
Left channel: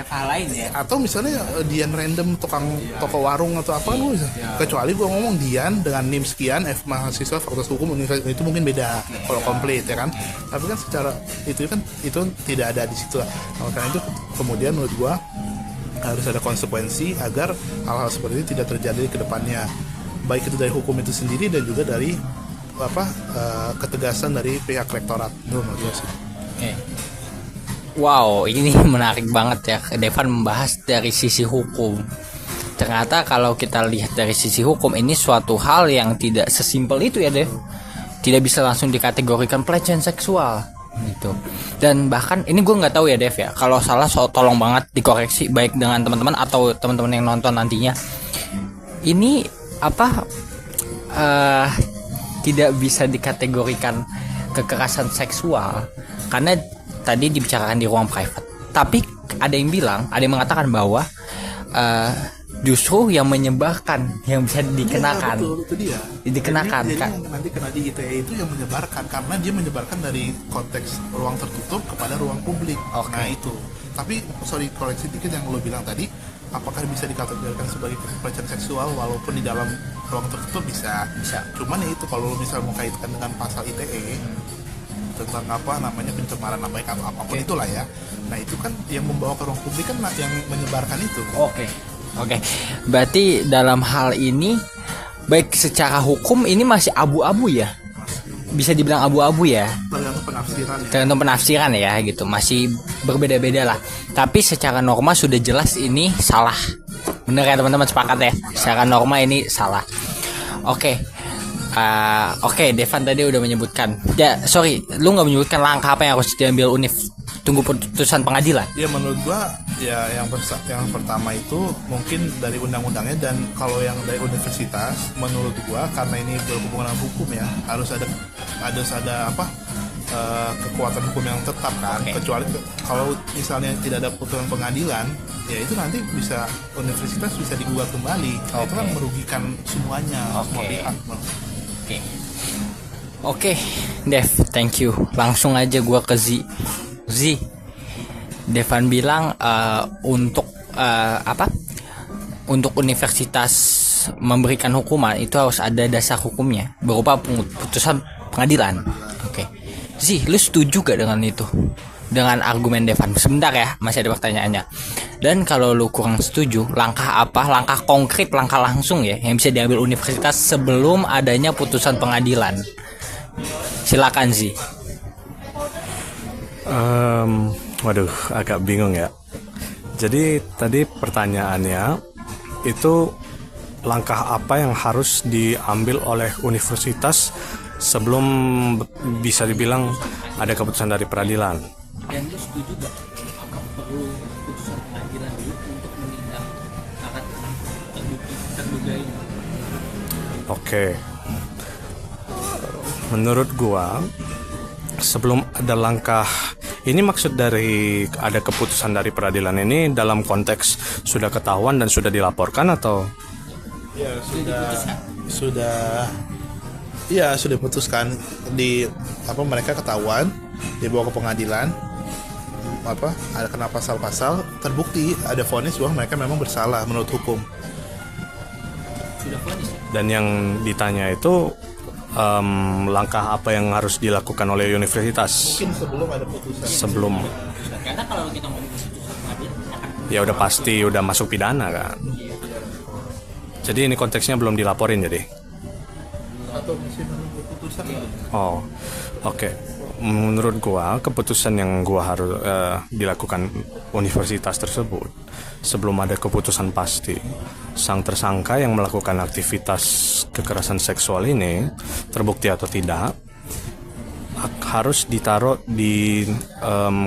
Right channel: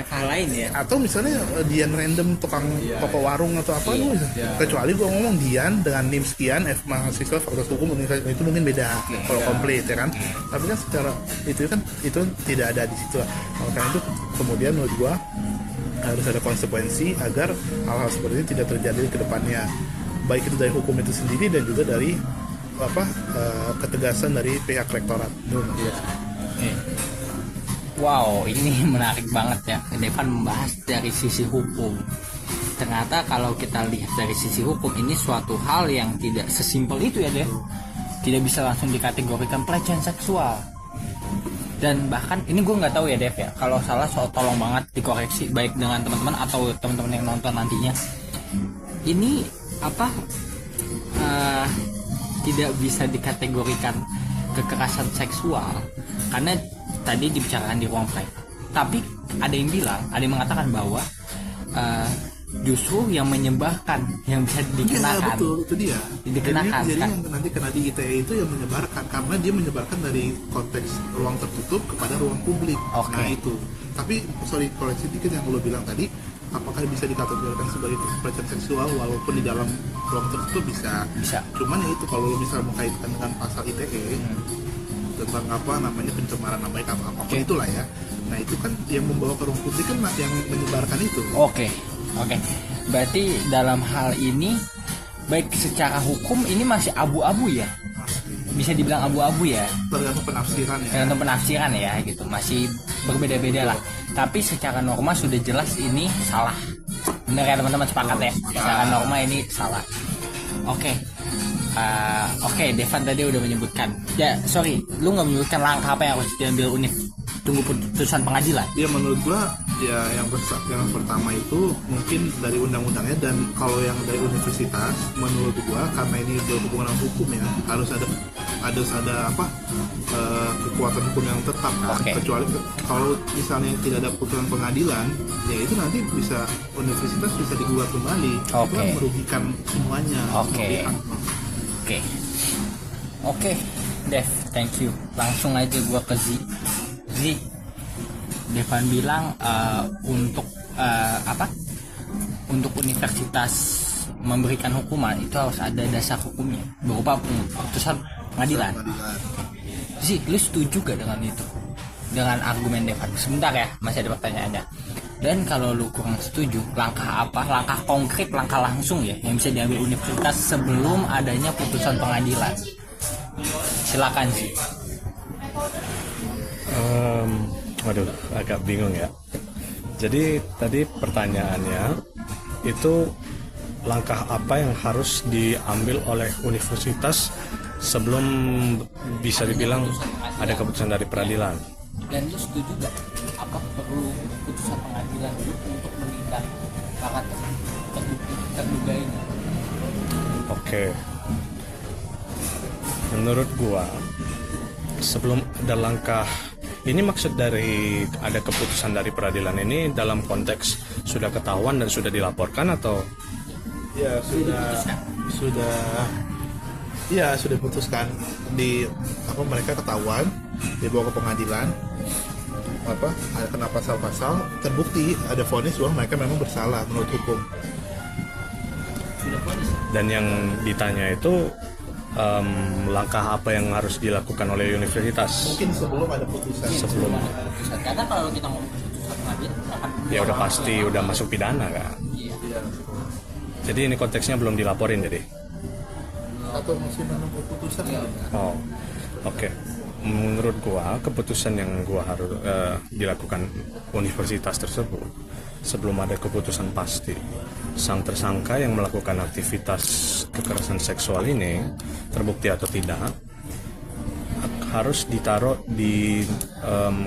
atau misalnya Dian random tukang toko warung atau apa kan, kecuali gue ngomong Dian dengan NIM sekian, mahasiswa Fakultas Hukum itu mungkin beda kalau komplit ya kan. Tapi kan secara itu tidak ada di situ. Karena itu kemudian menurut gua harus ada konsekuensi agar hal-hal seperti ini tidak terjadi ke depannya, baik itu dari hukum itu sendiri dan juga dari ketegasan dari pihak rektorat. Wow, ini menarik banget ya, Devan membahas dari sisi hukum. Ternyata kalau kita lihat dari sisi hukum, ini suatu hal yang tidak sesimpel itu ya, Dev. Tidak bisa langsung dikategorikan pelecehan seksual gitu. Dan bahkan ini gue nggak tahu ya Dev ya, kalau salah tolong banget dikoreksi, baik dengan teman-teman atau teman-teman yang nonton nantinya. Ini tidak bisa dikategorikan kekerasan seksual karena tadi dibicarakan di ruang private. Tapi ada yang mengatakan bahwa justru yang menyebarkan yang bisa dikenakan. Iya, betul, itu dia. Dikenakan jadi kan. yang nanti kena di ITE itu yang menyebarkan karena dia menyebarkan dari konteks ruang tertutup ada ruang publik. Oke. Nah itu. Tapi sorry koreksi dikit yang lu bilang tadi, apakah bisa dikategorikan sebagai pelecehan seksual walaupun di dalam ruang tertutup bisa. Cuman ya itu kalau lu bisa mengkaitkan dengan pasal ITE tentang apa namanya pencemaran nama baik atau apapun itulah ya. Nah itu kan yang membawa ke ruang publik kan yang menyebarkan itu. Oke. Berarti dalam hal ini baik secara hukum ini masih abu-abu ya. Bisa dibilang abu-abu ya. Tergantung penafsiran ya. Tergantung penafsiran ya gitu. Masih berbeda-beda lah. Tapi secara norma sudah jelas ini salah. Bener ya teman-teman, sepakat ya. Secara norma ini salah. Oke. Devan tadi udah menyebutkan. Ya, sorry, lu nggak menyebutkan langkah apa yang harus diambil Univ. Tunggu putusan pengadilan. Ya menurut gua ya yang pertama itu mungkin dari undang-undangnya, dan kalau yang dari universitas menurut gua karena ini berhubungan dengan hukum ya harus ada kekuatan hukum yang tetap kan. Oke. Kecuali kalau misalnya tidak ada putusan pengadilan ya itu nanti bisa universitas bisa digugat kembali. Itu Oke. kan merugikan semuanya. Oke. semua pihak. Oke, Dev, thank you. Langsung aja gua ke Z. Devan bilang untuk universitas memberikan hukuman itu harus ada dasar hukumnya berupa putusan pengadilan. Oke. Z, lu setuju gak dengan itu? Dengan argumen Devan? Sebentar ya, masih ada pertanyaannya. Dan kalau lu kurang setuju, langkah apa? Langkah konkret, langkah langsung ya yang bisa diambil universitas sebelum adanya putusan pengadilan. Silakan Z. Waduh, agak bingung ya. Jadi tadi pertanyaannya itu langkah apa yang harus diambil oleh universitas sebelum bisa dibilang ada keputusan dari peradilan. Dan lu setuju gak? Apa perlu putusan pengadilan dulu untuk menindak para terduga ini? Oke. Menurut gua sebelum ada langkah ini, maksud dari ada keputusan dari peradilan ini dalam konteks sudah ketahuan dan sudah dilaporkan atau Ya sudah diputuskan di mereka ketahuan dibawa ke pengadilan ada kena pasal-pasal terbukti ada vonis bahwa mereka memang bersalah menurut hukum. dan yang ditanya itu langkah apa yang harus dilakukan oleh universitas Mungkin sebelum ada putusan. sebelum Karena kalau kita ngomong putusan pengadilan, ya udah pasti udah masuk pidana kan. Jadi ini konteksnya belum dilaporin jadi. Atau masih menunggu putusan gitu. Oh, oke. Menurut gua keputusan yang gua harus dilakukan universitas tersebut sebelum ada keputusan pasti sang tersangka yang melakukan aktivitas kekerasan seksual ini terbukti atau tidak harus ditaruh di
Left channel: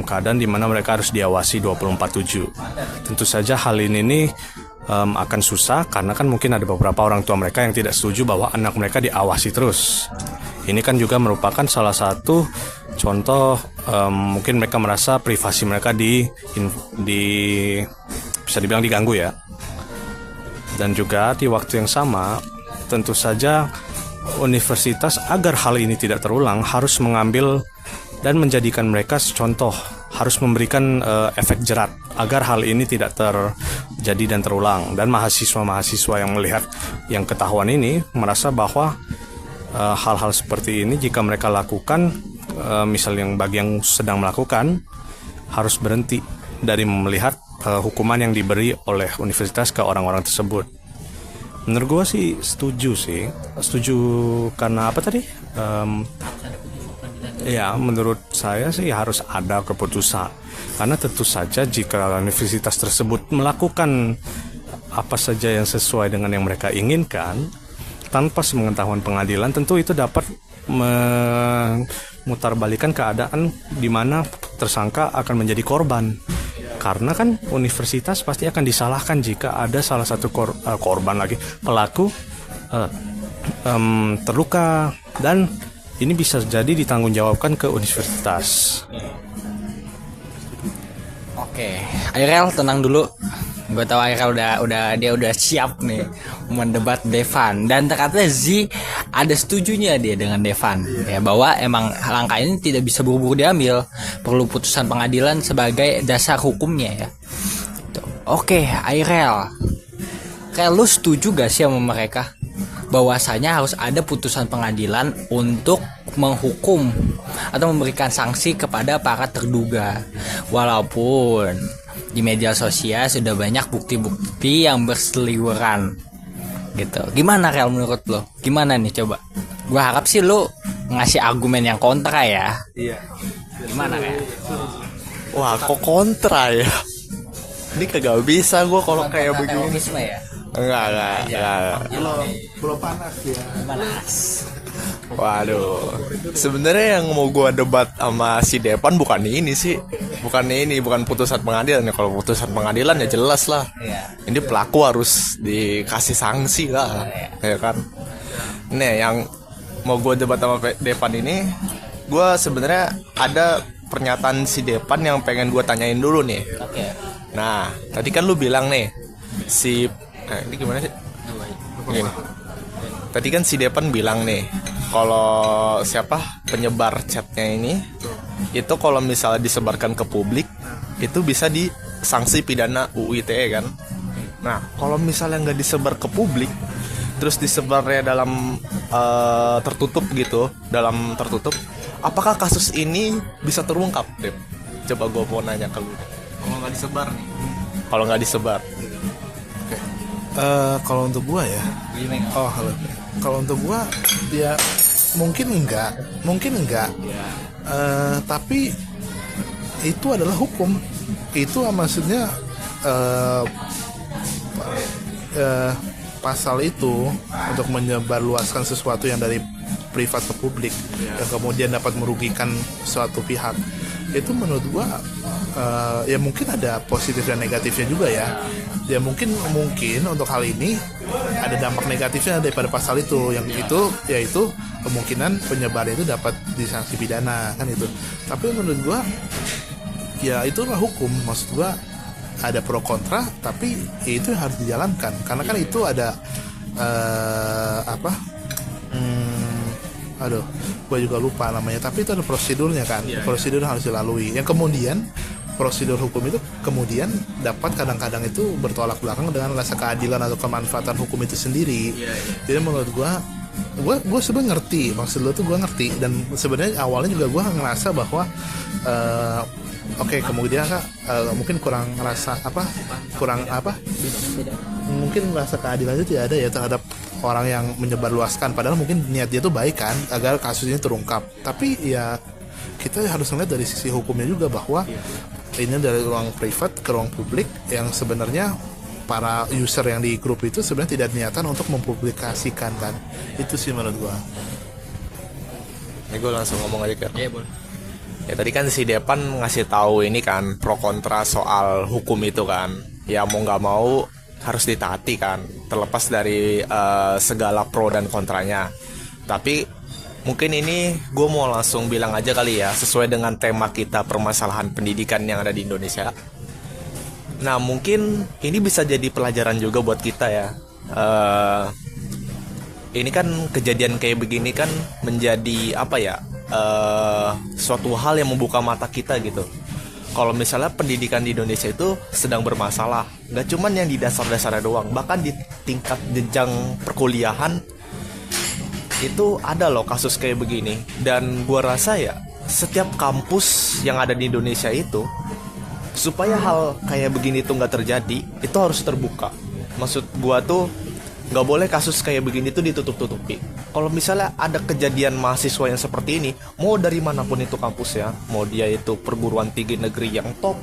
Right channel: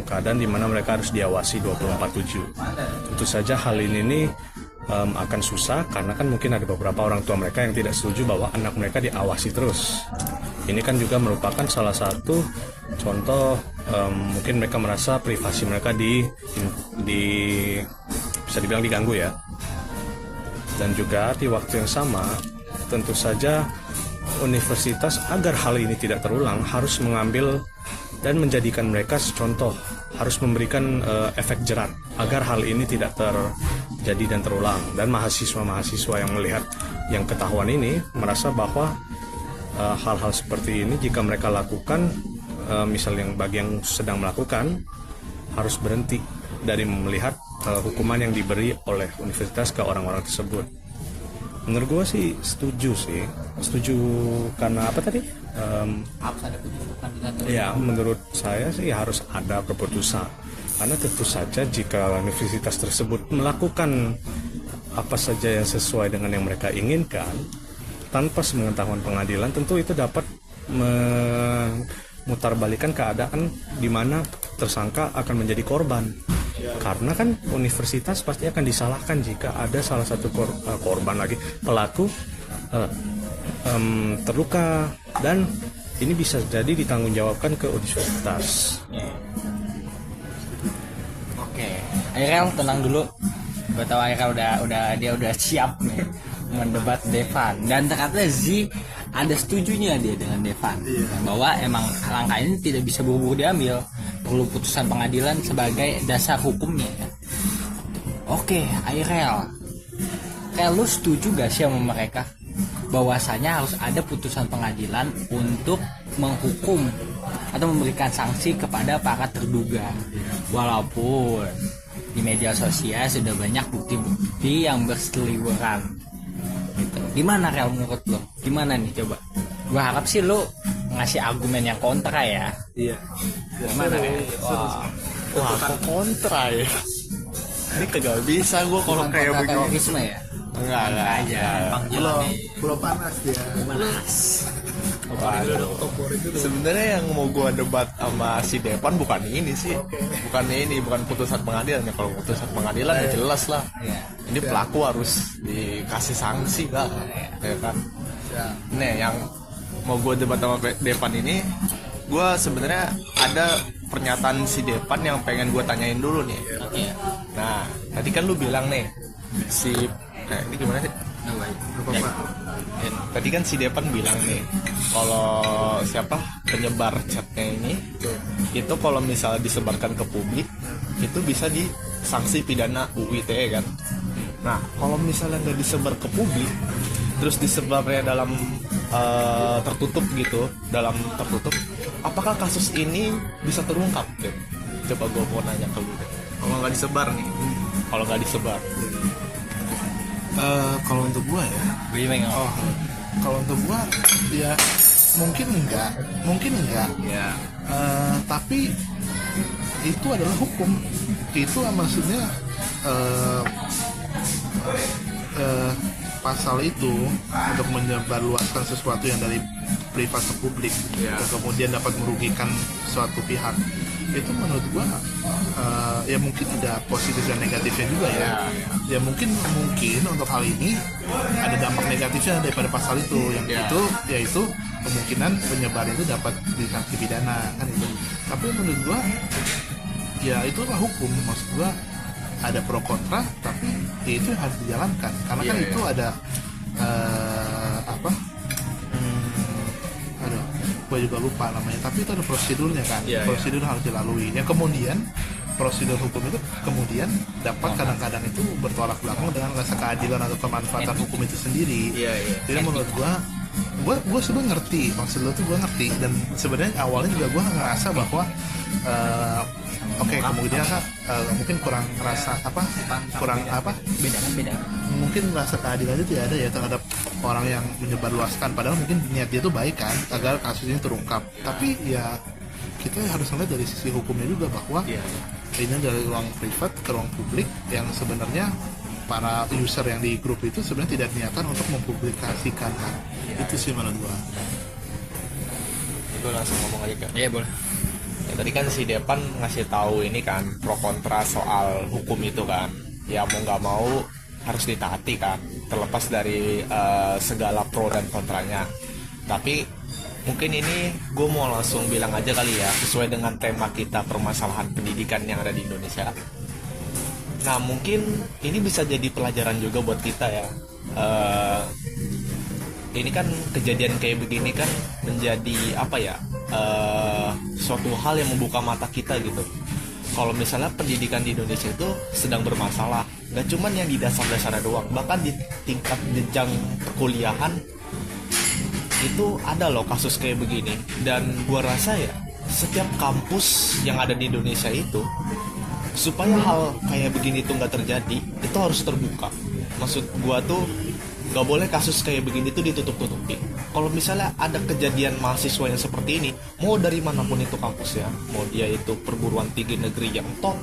keadaan di mana mereka harus diawasi 24/7. Tentu saja hal ini nih akan susah karena kan mungkin ada beberapa orang tua mereka yang tidak setuju bahwa anak mereka diawasi terus. Ini kan juga merupakan salah satu contoh mungkin mereka merasa privasi mereka di bisa dibilang diganggu ya. Dan juga di waktu yang sama tentu saja universitas agar hal ini tidak terulang harus mengambil dan menjadikan mereka contoh, harus memberikan efek jerat agar hal ini tidak terjadi dan terulang. Dan mahasiswa-mahasiswa yang melihat yang ketahuan ini merasa bahwa hal-hal seperti ini jika mereka lakukan, misalnya bagi yang sedang melakukan, harus berhenti dari melihat hukuman yang diberi oleh universitas ke orang-orang tersebut. Menurut gue sih setuju karena apa tadi? Ya menurut saya sih harus ada keputusan karena tentu saja jika universitas tersebut melakukan apa saja yang sesuai dengan yang mereka inginkan tanpa sepengetahuan pengadilan, tentu itu dapat memutarbalikan keadaan di mana tersangka akan menjadi korban. Karena kan universitas pasti akan disalahkan jika ada salah satu pelaku terluka dan ini bisa jadi ditanggungjawabkan ke universitas. Oke, Airel tenang dulu. Gue tahu Airel udah siap nih mendebat Devan, dan ternyata Z ada setujunya dia dengan Devan ya, bahwa emang langkah ini tidak bisa buru-buru diambil, perlu putusan pengadilan sebagai dasar hukumnya ya. Tuh. Oke, Airel, kayak lu setuju gak sih sama mereka bahwasanya harus ada putusan pengadilan untuk menghukum atau memberikan sanksi kepada para terduga, walaupun di media sosial sudah banyak bukti-bukti yang berseliweran gitu. Gimana Rel menurut lo? Gimana nih coba? Gua harap sih lo ngasih argumen yang kontra ya. Iya. Gimana? Wah, kok kontra ya? Ini kagak bisa gue kalau kayak begini. Terorisme ya. Enggak. Belum panas ya. Waduh. Sebenarnya yang mau gue debat sama si Depan bukan ini sih. Bukan putusan pengadilan ya. Kalau putusan pengadilan ya jelas lah. Iya. Ini pelaku harus dikasih sanksi lah. Ya kan. Nih yang mau gue debat sama Depan ini, gue sebenarnya ada pernyataan si Depan yang pengen gue tanyain dulu nih. Oke. Nah, tadi kan lu bilang nih ini gimana sih? Ya. Tadi kan si Depan bilang nih, kalau siapa penyebar chatnya ini, itu kalau misalnya disebarkan ke publik, itu bisa disanksi pidana UU ITE kan. Nah, kalau misalnya nggak disebar ke publik, terus disebarnya dalam tertutup gitu, apakah kasus ini bisa terungkap, Dep? Coba gue mau nanya ke lu deh. Kalau nggak disebar nih, Kalau untuk gua ya, kalau untuk gua ya mungkin enggak, tapi itu adalah hukum. Itu maksudnya pasal itu untuk menyebarluaskan sesuatu yang dari privat ke publik dan kemudian dapat merugikan suatu pihak, itu menurut gua ya mungkin ada positif dan negatifnya juga ya. Ya mungkin untuk hal ini ada dampak negatifnya daripada pasal itu, yang itu yaitu kemungkinan penyebar itu dapat disanksi pidana kan itu. Tapi menurut gua ya itulah hukum. Maksud gua ada pro kontra, tapi ya itu yang harus dijalankan karena kan itu ada gue juga lupa namanya, tapi itu ada prosedurnya kan. Prosedur harus dilalui. Yang kemudian prosedur hukum itu kemudian dapat kadang-kadang itu bertolak belakang dengan rasa keadilan atau kemanfaatan hukum itu sendiri. Jadi menurut gue sebenarnya ngerti maksud lo tuh, gue ngerti, dan sebenarnya awalnya juga gue ngerasa bahwa kemudian mungkin mungkin rasa keadilan itu tidak ada ya terhadap orang yang menyebarluaskan, padahal mungkin niat dia tuh baik kan agar kasus ini terungkap. Tapi ya kita harus melihat dari sisi hukumnya juga bahwa ini dari ruang privat ke ruang publik, yang sebenarnya para user yang di grup itu sebenarnya tidak niatan untuk mempublikasikan kan. Itu sih menurut gua. Ini gue langsung ngomong aja kan. Iya boleh. Ya tadi kan si Depan ngasih tahu ini kan pro kontra soal hukum itu kan. Ya mau nggak mau harus ditaati kan, terlepas dari segala pro dan kontranya. Tapi mungkin ini gue mau langsung bilang aja kali ya, sesuai dengan tema kita, permasalahan pendidikan yang ada di Indonesia. Nah mungkin ini bisa jadi pelajaran juga buat kita ya. Ini kan kejadian kayak begini kan menjadi suatu hal yang membuka mata kita gitu. Kalau misalnya pendidikan di Indonesia itu sedang bermasalah, nggak cuman yang di dasar-dasarnya doang, bahkan di tingkat jenjang perkuliahan itu ada loh kasus kayak begini. Dan gua rasa ya setiap kampus yang ada di Indonesia itu, supaya hal kayak begini tuh nggak terjadi, itu harus terbuka. Maksud gua tuh nggak boleh kasus kayak begini tuh ditutup-tutupi. Kalau misalnya ada kejadian mahasiswa yang seperti ini, mau dari manapun itu kampusnya, mau dia itu perguruan tinggi negeri yang top,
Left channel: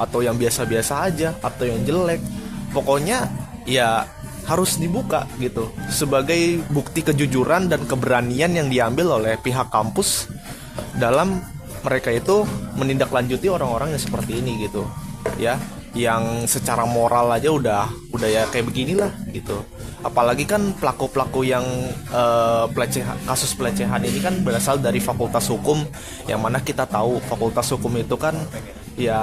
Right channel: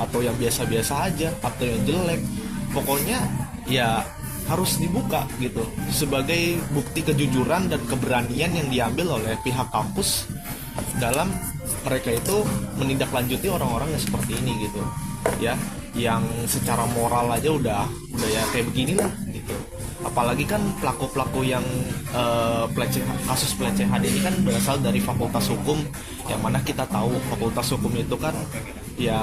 atau yang biasa-biasa aja, atau yang jelek, pokoknya ya harus dibuka gitu, sebagai bukti kejujuran dan keberanian yang diambil oleh pihak kampus dalam mereka itu menindaklanjuti orang-orang yang seperti ini gitu ya. yang secara moral aja udah ya kayak beginilah gitu. Apalagi kan pelaku-pelaku yang kasus pelecehan ini kan berasal dari fakultas hukum, yang mana kita tahu fakultas hukum itu kan ya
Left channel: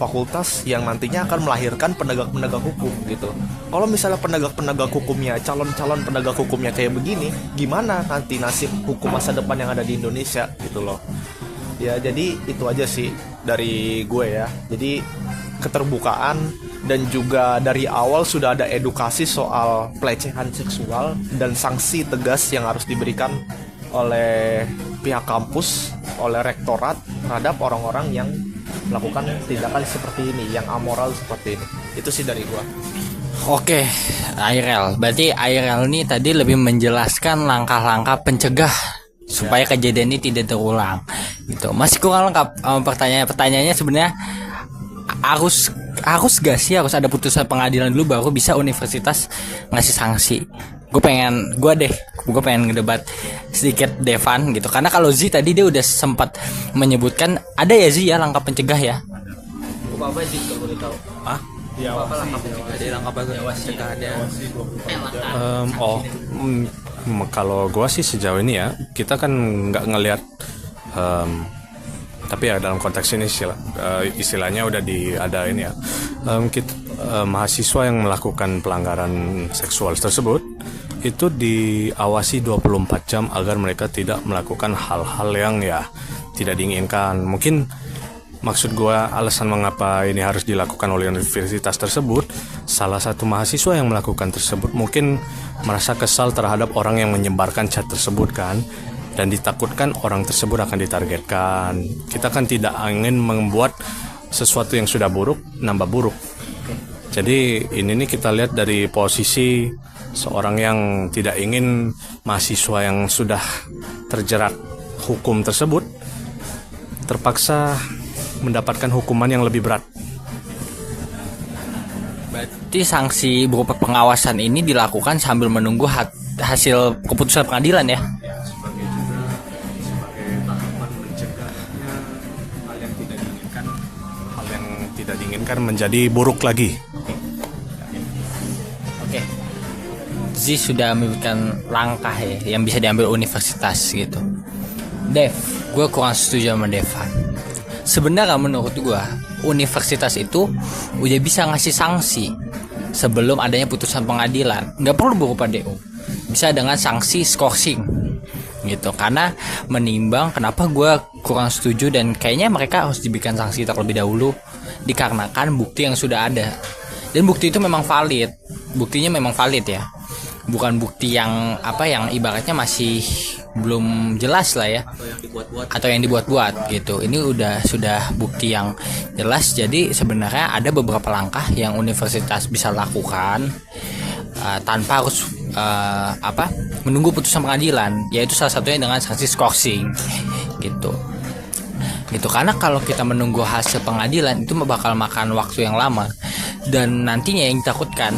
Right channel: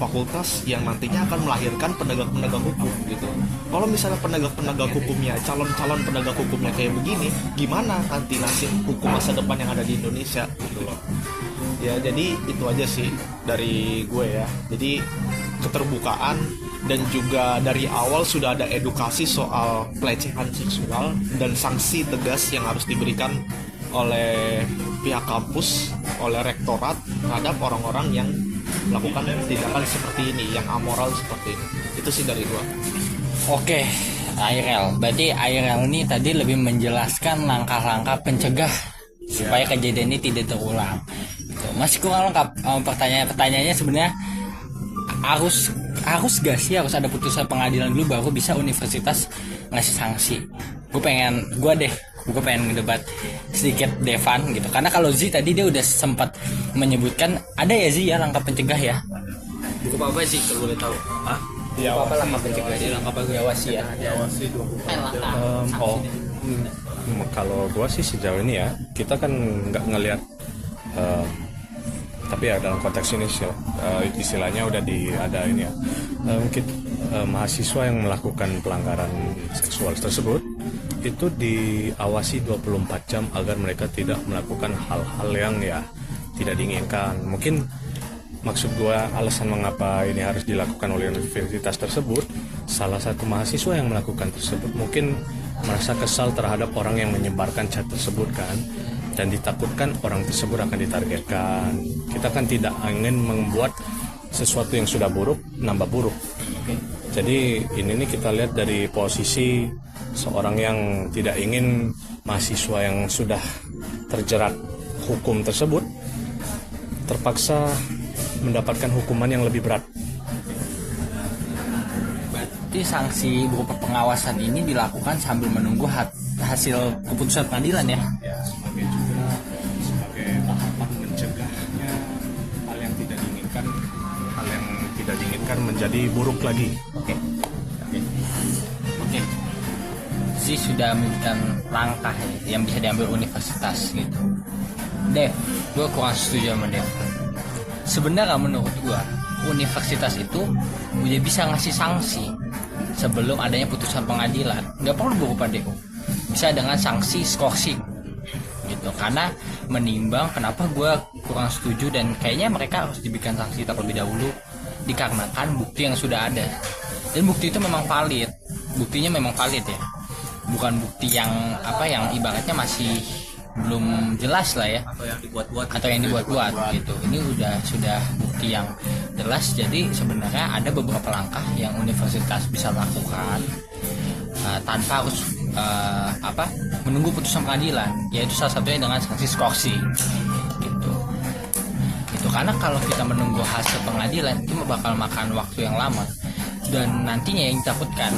fakultas yang nantinya akan melahirkan penegak-penegak hukum gitu. Kalau misalnya penegak-penegak hukumnya, calon-calon penegak hukumnya kayak begini, gimana nanti nasib hukum masa depan yang ada di Indonesia gitu loh. Ya jadi itu aja sih dari gue ya. Jadi keterbukaan dan juga dari awal sudah ada edukasi soal pelecehan seksual dan sanksi tegas yang harus diberikan oleh pihak kampus, oleh rektorat terhadap orang-orang yang melakukan tindakan seperti ini, yang amoral seperti ini. Itu sih dari gua. Oke, Airel. Berarti Airel ini tadi lebih menjelaskan langkah-langkah pencegah supaya kejadian ini tidak terulang. Gitu. Masih kurang lengkap pertanyaannya sebenarnya harus gak sih harus ada putusan pengadilan dulu baru bisa universitas ngasih sanksi? Gue pengen ngedebat sedikit Devan gitu, karena kalau Z tadi dia udah sempat menyebutkan ada ya Z ya langkah pencegah ya. Apa sih kalau boleh tahu? Hah? Apa langkah pencegah? Dia langkah diawasi ya. Diawasi 24 jam. Kalau gue sih sejauh ini ya, kita kan nggak ngelihat, tapi ya dalam konteks ini istilahnya udah ada ini ya, mahasiswa yang melakukan pelanggaran seksual tersebut itu diawasi 24 jam agar mereka tidak melakukan hal-hal yang ya tidak diinginkan. Mungkin maksud gue alasan mengapa ini harus dilakukan oleh universitas tersebut, salah satu mahasiswa yang melakukan tersebut mungkin merasa kesal terhadap orang yang menyebarkan chat tersebut kan, dan ditakutkan orang tersebut akan ditargetkan. Kita kan tidak ingin membuat sesuatu yang sudah buruk nambah buruk. Jadi ini nih kita lihat dari posisi seorang yang tidak ingin mahasiswa yang sudah terjerat hukum tersebut terpaksa mendapatkan hukuman yang lebih berat. Berarti sanksi berupa pengawasan ini dilakukan sambil menunggu hasil keputusan pengadilan ya? Sebagai tahapan mencegahnya hal yang tidak diinginkan menjadi buruk lagi. Oke. Zi sudah memberikan langkah ya yang bisa diambil universitas gitu. Dev, gue kurang setuju sama Devan. Sebenarnya menurut gue universitas itu udah bisa ngasih sanksi sebelum adanya putusan pengadilan. Nggak perlu berupa DO, bisa dengan sanksi skorsing gitu. Karena menimbang kenapa gue kurang setuju dan kayaknya mereka harus diberikan sanksi terlebih dahulu dikarenakan bukti yang sudah ada, dan bukti itu memang valid, buktinya memang valid ya, bukan bukti yang yang ibaratnya masih belum jelas lah ya, atau yang dibuat-buat gitu. Ini sudah bukti yang jelas. Jadi sebenarnya ada beberapa langkah yang universitas bisa lakukan tanpa harus menunggu putusan pengadilan, yaitu salah satunya dengan sanksi skorsing gitu. Karena kalau kita menunggu hasil pengadilan itu bakal makan waktu yang lama, dan nantinya yang ditakutkan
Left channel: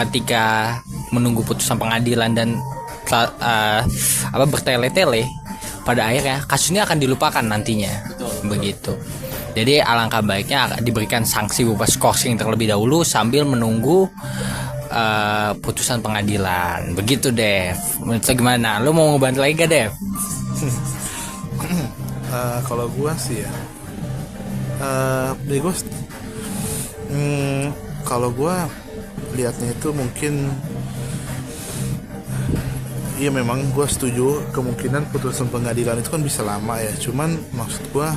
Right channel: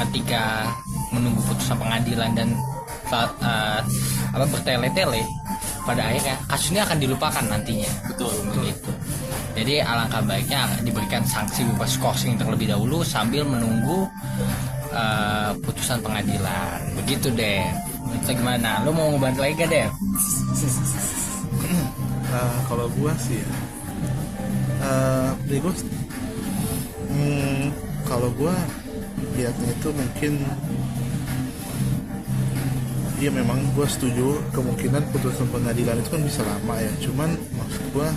ketika menunggu putusan pengadilan dan bertele-tele, pada akhirnya kasusnya akan dilupakan nantinya. Begitu. Jadi alangkah baiknya diberikan sanksi berupa skorsing terlebih dahulu sambil menunggu putusan pengadilan. Begitu Dev. Menurut gimana? Lu mau ngebantu lagi gak Dev? Kalau gua sih ya, kalau gua lihatnya itu mungkin iya, memang gue setuju kemungkinan putusan pengadilan itu kan bisa lama ya. Cuman maksud gue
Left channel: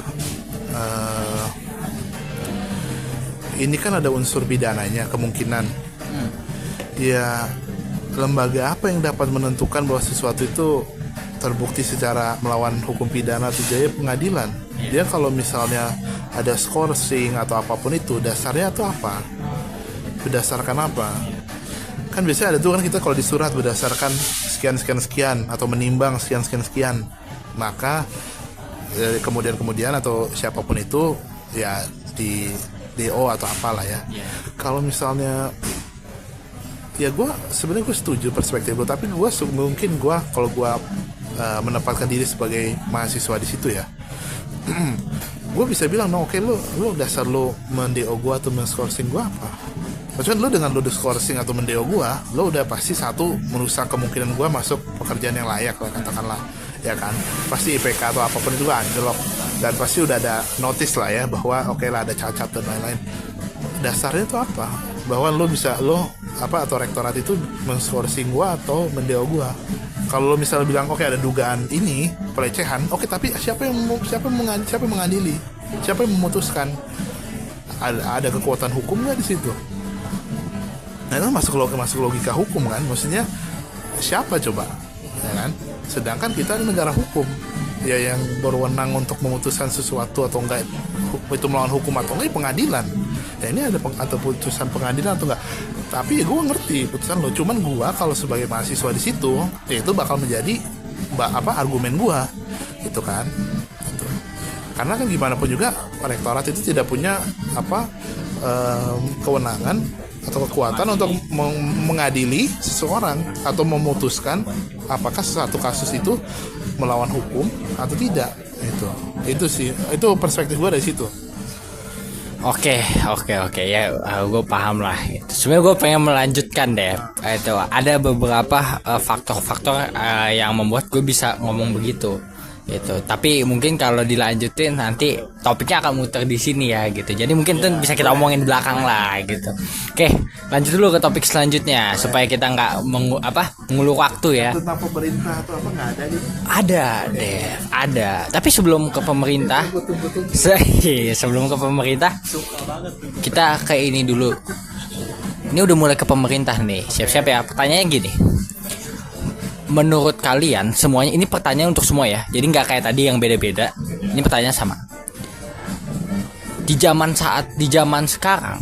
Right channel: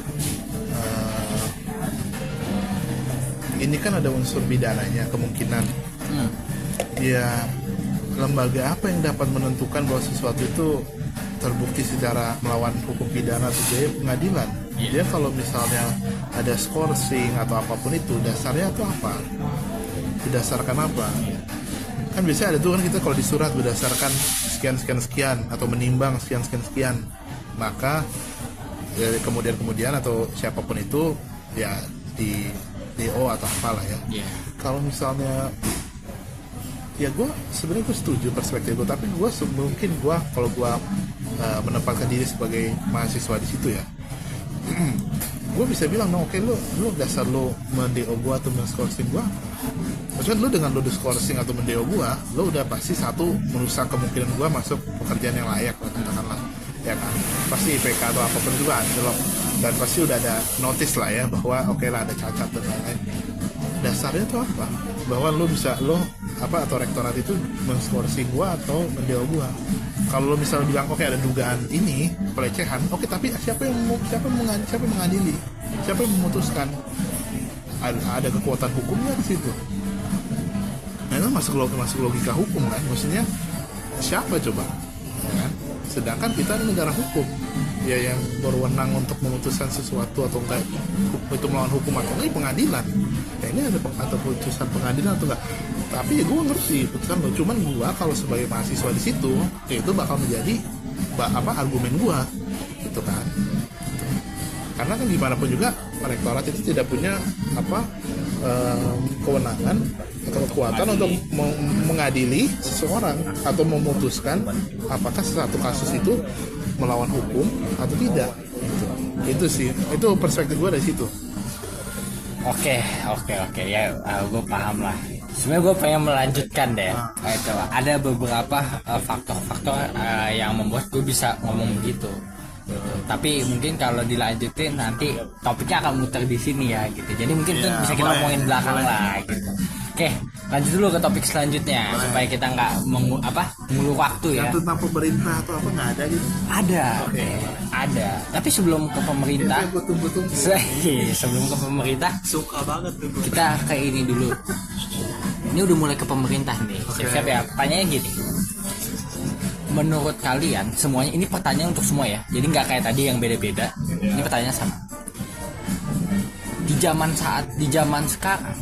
ini kan ada unsur pidananya kemungkinan. Ya lembaga apa yang dapat menentukan bahwa sesuatu itu terbukti secara melawan hukum pidana atau jaya? Pengadilan. Dia kalau misalnya ada skorsing atau apapun itu, dasarnya atau apa? Berdasarkan apa? Kan biasanya ada tuh kan kita kalau di surat berdasarkan sekian atau menimbang sekian, maka kemudian atau siapapun itu ya di DO atau apalah ya. Kalau misalnya ya gue sebenarnya gue setuju perspektif gue, tapi gue mungkin kalau gue menempatkan diri sebagai mahasiswa di situ ya, gue bisa bilang, no, oke, lu dasar lu mendeo gue atau menskorsing gue apa? Maksudnya lu dengan lu diskorsing atau mendeo gue, lu udah pasti satu merusak kemungkinan gue masuk pekerjaan yang layak lah, katakanlah, ya kan? Pasti IPK atau apapun juga anjlok, dan pasti udah ada notice lah ya bahwa oke lah ada cacat dan lain-lain. Dasarnya itu apa? Bahwa lu bisa atau rektorat itu menskorsing gue atau mendeo gue. Kalau lo misalnya bilang oke, ada dugaan ini pelecehan, oke, tapi siapa yang mengadili, siapa yang memutuskan, ada kekuatan hukum nggak di situ? Nah, itu masuk logika hukum kan, maksudnya siapa coba, ya kan? Sedangkan kita negara hukum, ya yang berwenang untuk memutuskan sesuatu atau enggak itu melawan hukum atau enggak, pengadilan. Ya ini ada atau putusan pengadilan atau enggak. Tapi gue ngerti putusan lo, cuman gue kalau sebagai mahasiswa di situ, ya itu bakal menjadi argumen gue, gitu kan. Karena kan gimana pun juga rektorat itu tidak punya kewenangan atau kekuatan untuk mengadili seseorang atau memutuskan apakah suatu kasus itu melawan hukum atau tidak. Itu sih, itu perspektif gue dari situ. Oke ya, gue paham lah. Sebenarnya gue pengen melanjutkan deh. Itu ada beberapa faktor-faktor yang membuat gue bisa ngomong begitu. Gitu. Tapi mungkin kalau dilanjutin nanti topiknya akan muter di sini ya gitu. Jadi mungkin itu bisa kita omongin belakang lah gitu. Oke, lanjut dulu ke topik selanjutnya supaya kita nggak mengulur waktu ya. Tentang pemerintah atau apa nggak ada gitu? Ada. Tapi sebelum ke pemerintah, kita ke ini dulu. Ini udah mulai ke pemerintah nih. Siap-siap ya. Pertanyaannya gini. Menurut kalian semuanya, ini pertanyaan untuk semua ya, jadi nggak kayak tadi yang beda-beda. Ini pertanyaan sama. Di zaman sekarang,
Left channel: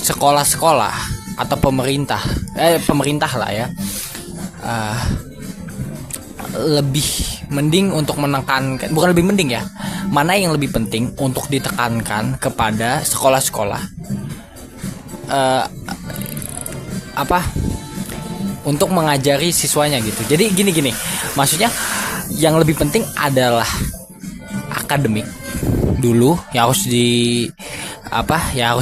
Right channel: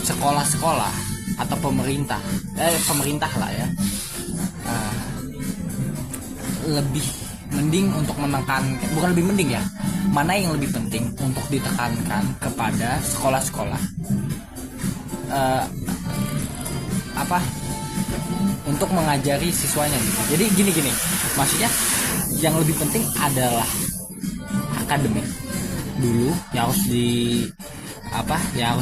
sekolah-sekolah atau pemerintah lah ya, lebih mending untuk menekankan, bukan lebih mending ya, mana yang lebih penting untuk ditekankan kepada sekolah-sekolah untuk mengajari siswanya gitu. Jadi gini, maksudnya yang lebih penting adalah akademik dulu yang harus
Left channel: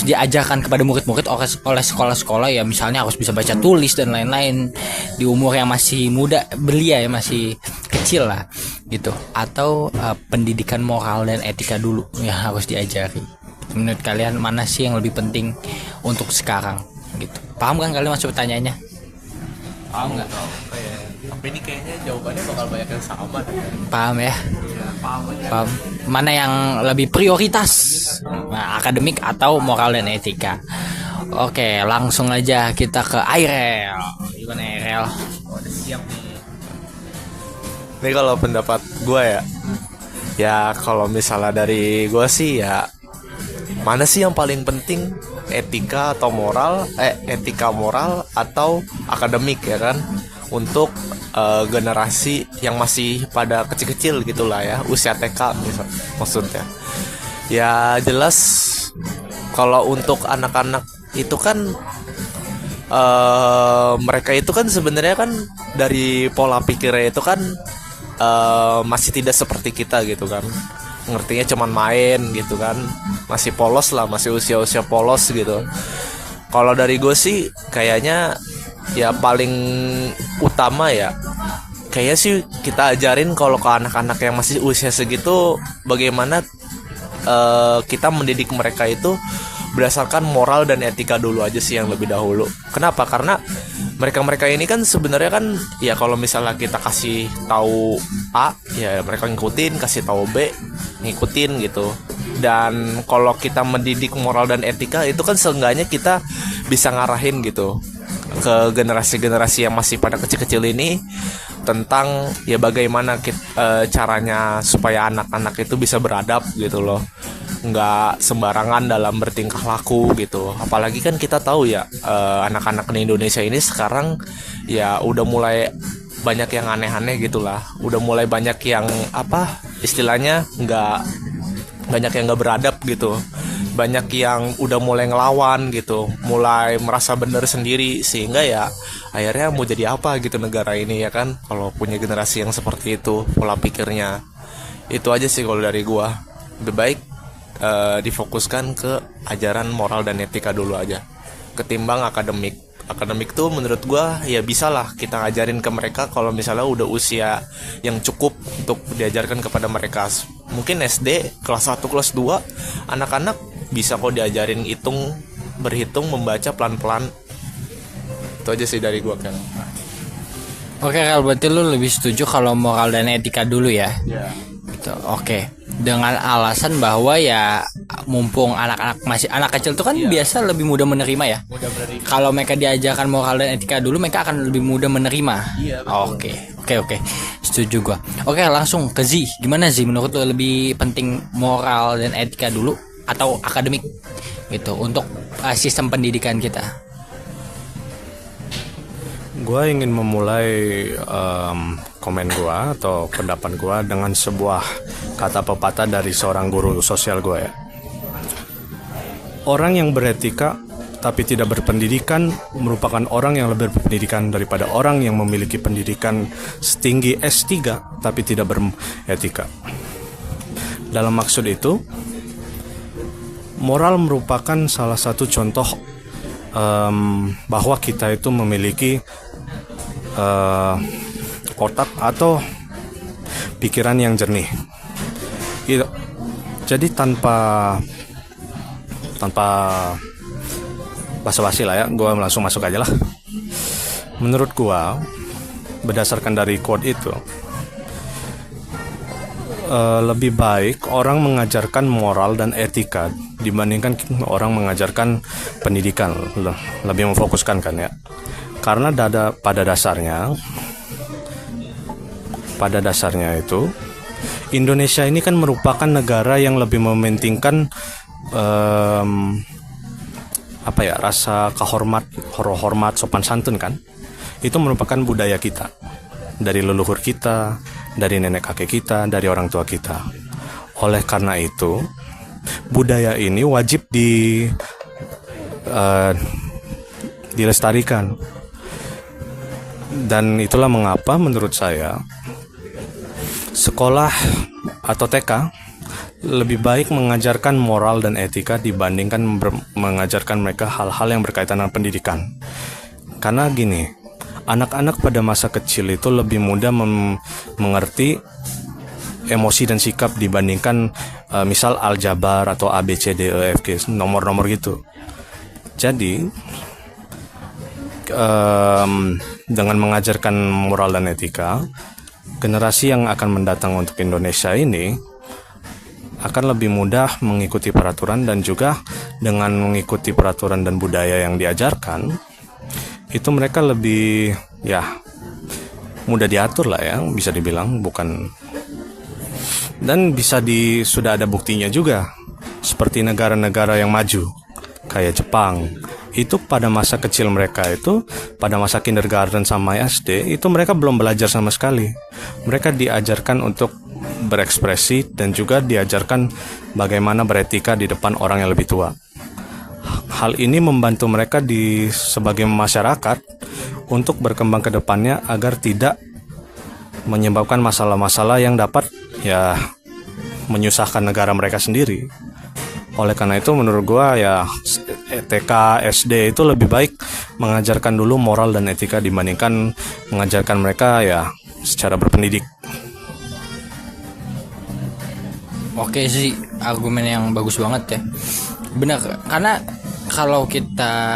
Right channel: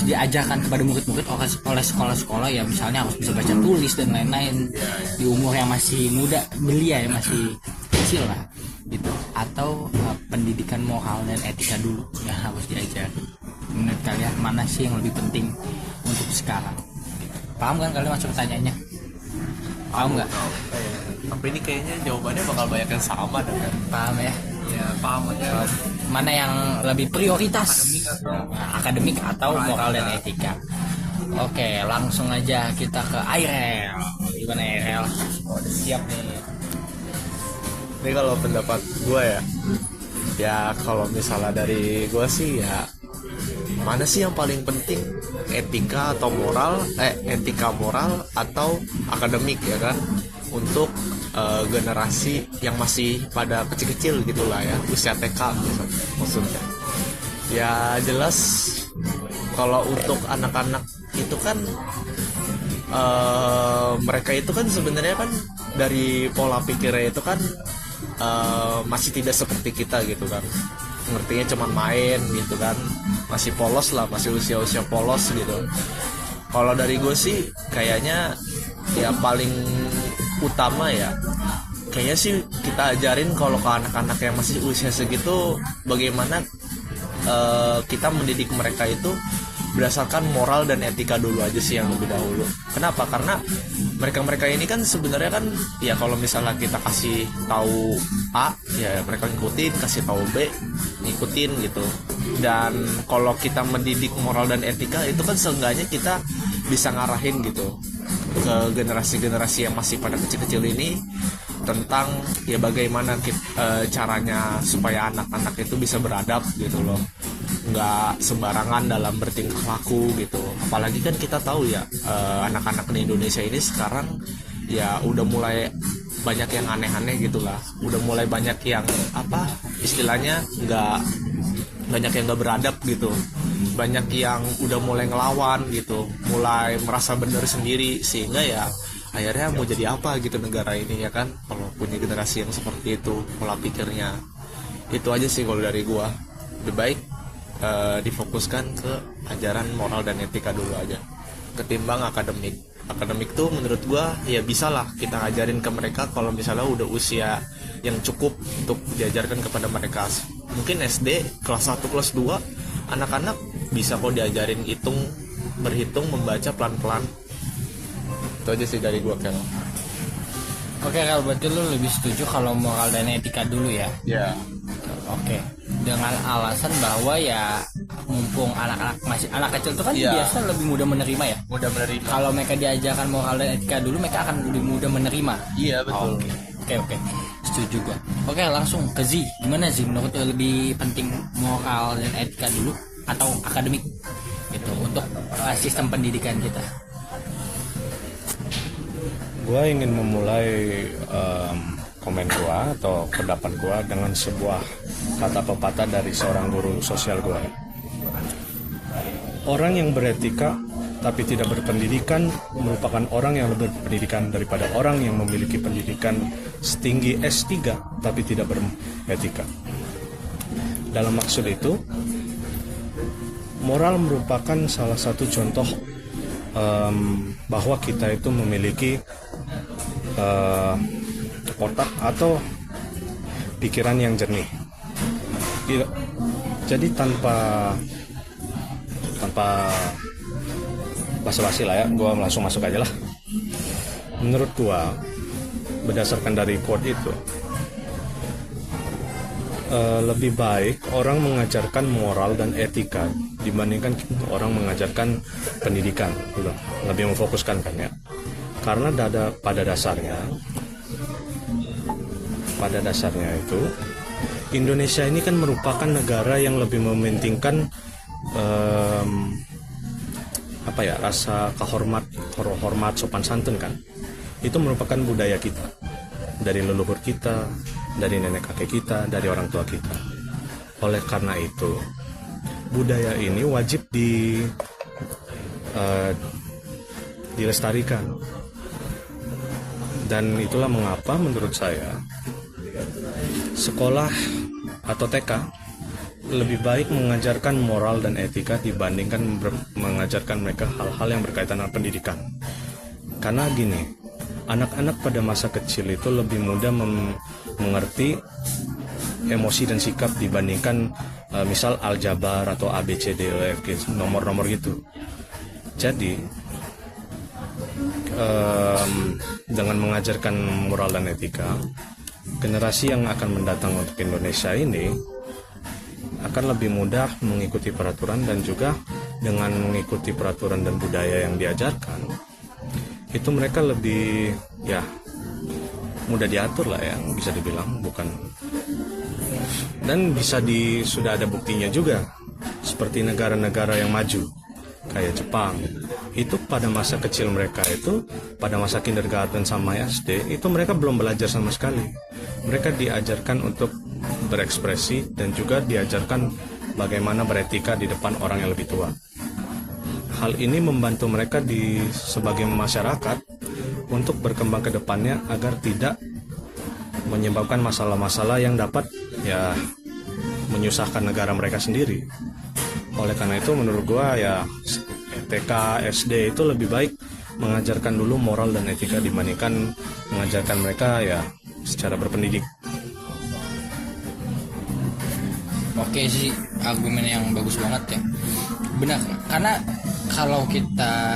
diajarkan kepada murid-murid oleh sekolah-sekolah ya, misalnya harus bisa baca tulis dan lain-lain di umur yang masih muda, belia ya, masih kecil lah gitu. Atau pendidikan moral dan etika dulu yang harus diajari. Menurut kalian mana sih yang lebih penting untuk sekarang gitu? Paham kan kalian maksud pertanyaannya? Paham nggak? Tapi ini kayaknya jawabannya bakal banyak yang sama deh. Paham ya? Ya, paham. Mana yang lebih prioritas, akademik atau moral dan etika? Oke, langsung aja kita ke Airel. Gimana Airel? Siap nih. Ini kalau pendapat gue ya kalau misalnya dari gue sih ya, mana sih yang paling penting, etika moral atau akademik ya kan, untuk generasi yang masih pada kecil-kecil gitulah ya, usia TK maksudnya. Ya jelas kalau untuk anak-anak itu kan mereka itu kan sebenarnya kan dari pola pikirnya itu kan masih tidak seperti kita gitu kan, ngertinya cuman main gitu kan, masih polos lah, masih usia-usia polos gitu. Kalau dari gue sih kayaknya ya paling utama ya kayaknya sih kita ajarin kalau ke anak-anak yang masih usia segitu bagaimana kita mendidik mereka itu berdasarkan moral dan etika dulu aja sih yang lebih dahulu. Kenapa? Karena mereka ini kan sebenarnya kan ya kalau misalnya kita kasih tahu A ya mereka ngikutin, kasih tahu B ngikutin gitu. Dan kalau kita mendidik moral dan etika itu kan seenggaknya kita bisa ngarahin gitu ke generasi-generasi yang masih pada kecil-kecil ini tentang ya bagaimana caranya supaya anak-anak itu bisa beradab gitu loh, nggak sembarangan dalam bertingkah laku gitu. Apalagi kan kita tahu ya anak-anak di Indonesia ini sekarang ya udah mulai banyak yang aneh-aneh gitulah, udah mulai banyak yang istilahnya banyak yang nggak beradab gitu, banyak yang udah mulai ngelawan gitu, mulai merasa benar sendiri, sehingga ya akhirnya mau jadi apa gitu negara ini ya kan kalau punya generasi yang seperti itu pola pikirnya. Itu aja sih kalau dari gua. Lebih baik difokuskan ke ajaran moral dan etika dulu aja ketimbang akademik. Akademik tuh menurut gua ya bisa lah kita ngajarin ke mereka kalau misalnya udah usia yang cukup untuk diajarkan kepada mereka. Mungkin SD kelas 1 kelas 2 anak-anak bisa kok diajarin berhitung, membaca pelan-pelan. Itu aja sih dari gua kan. Oke, kalau berarti lu lebih setuju kalau moral dan etika dulu ya? Ya. Gitu. Oke, dengan alasan bahwa ya mumpung anak-anak masih anak kecil tuh kan biasa lebih mudah menerima ya. Kalau mereka diajarkan moral dan etika dulu, mereka akan lebih mudah menerima. Iya, betul. Oke, setuju gua. Oke, langsung ke Z. Gimana Z? Menurut lu lebih penting moral dan etika dulu atau akademik gitu untuk sistem pendidikan kita? Gue ingin memulai komen gue atau pendapat gue dengan sebuah kata pepatah dari seorang guru sosial gue ya. Orang yang beretika tapi tidak berpendidikan merupakan orang yang lebih berpendidikan daripada orang yang memiliki pendidikan setinggi S3 tapi tidak beretika. Dalam maksud itu, moral merupakan salah satu contoh bahwa kita itu memiliki otak atau pikiran yang jernih. Jadi tanpa basa-basi lah ya, gue langsung masuk aja lah. Menurut gue, berdasarkan dari quote itu, lebih baik orang mengajarkan moral dan etika dibandingkan orang mengajarkan pendidikan. Lebih memfokuskan kan ya. Karena pada dasarnya itu Indonesia ini kan merupakan negara yang lebih mementingkan rasa hormat sopan santun kan. Itu merupakan budaya kita, dari leluhur kita, dari nenek kakek kita, dari orang tua kita. Oleh karena itu budaya ini wajib dilestarikan. Dan itulah mengapa menurut saya sekolah atau TK lebih baik mengajarkan moral dan etika dibandingkan mengajarkan mereka hal-hal yang berkaitan dengan pendidikan. Karena gini, anak-anak pada masa kecil itu lebih mudah mengerti emosi dan sikap dibandingkan misal aljabar atau ABCDEFG, nomor-nomor gitu. Jadi dengan mengajarkan moral dan etika, generasi yang akan mendatang untuk Indonesia ini akan lebih mudah mengikuti peraturan, dan juga dengan mengikuti peraturan dan budaya yang diajarkan itu mereka lebih mudah diatur lah ya, bisa dibilang. Bukan, dan sudah ada buktinya juga, seperti negara-negara yang maju kayak Jepang. Itu pada masa kecil mereka itu, pada masa kindergarten sama SD, itu mereka belum belajar sama sekali. Mereka diajarkan untuk berekspresi dan juga diajarkan bagaimana beretika di depan orang yang lebih tua. Hal ini membantu mereka sebagai masyarakat untuk berkembang ke depannya agar tidak menyebabkan masalah-masalah yang dapat menyusahkan negara mereka sendiri. Oleh karena itu menurut gua TK, SD itu lebih baik mengajarkan dulu moral dan etika dibandingkan mengajarkan mereka secara berpendidik. Oke sih, argumen yang bagus banget ya. Benar, karena kalau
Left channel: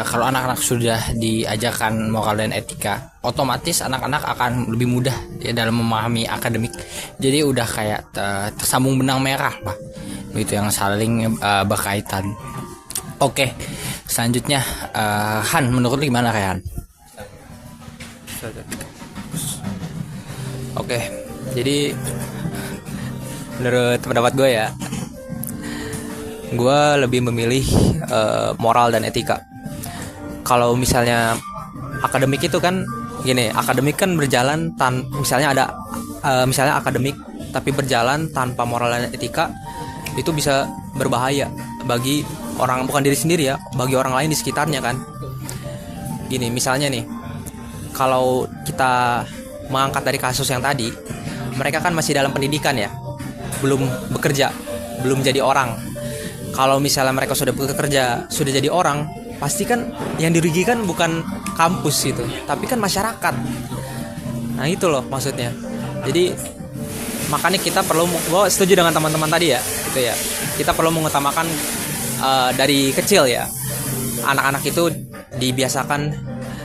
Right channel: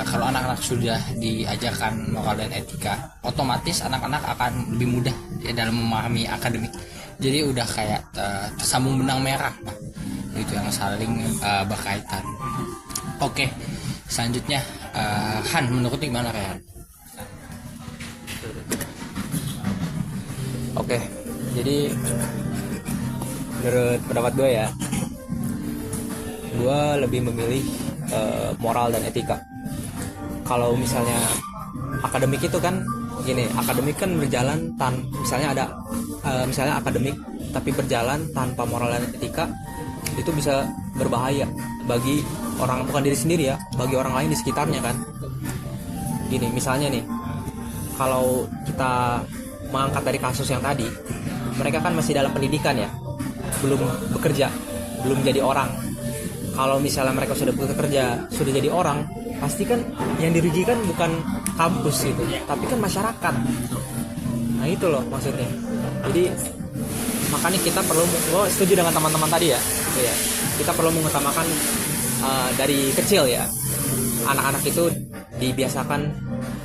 anak-anak sudah diajarkan moral dan etika, otomatis anak-anak akan lebih mudah ya dalam memahami akademik. Jadi udah kayak tersambung benang merah lah, gitu, yang saling berkaitan. Oke, selanjutnya Han, menurut lu gimana Han? Oke, jadi menurut pendapat gue ya, gue lebih memilih moral dan etika. Kalau misalnya akademik itu kan gini, akademik kan berjalan misalnya ada misalnya akademik tapi berjalan tanpa moral dan etika, itu bisa berbahaya bagi orang, bukan diri sendiri ya, bagi orang lain di sekitarnya kan. Gini misalnya nih, kalau kita mengangkat dari kasus yang tadi, mereka kan masih dalam pendidikan ya. belum bekerja, belum jadi orang. Kalau misalnya mereka sudah bekerja, sudah jadi orang, pasti kan yang dirugikan bukan kampus itu, tapi kan masyarakat. Nah itu loh maksudnya. Jadi makanya kita perlu, gue setuju dengan teman-teman tadi ya, gitu ya. Kita perlu mengutamakan dari kecil ya, anak-anak itu dibiasakan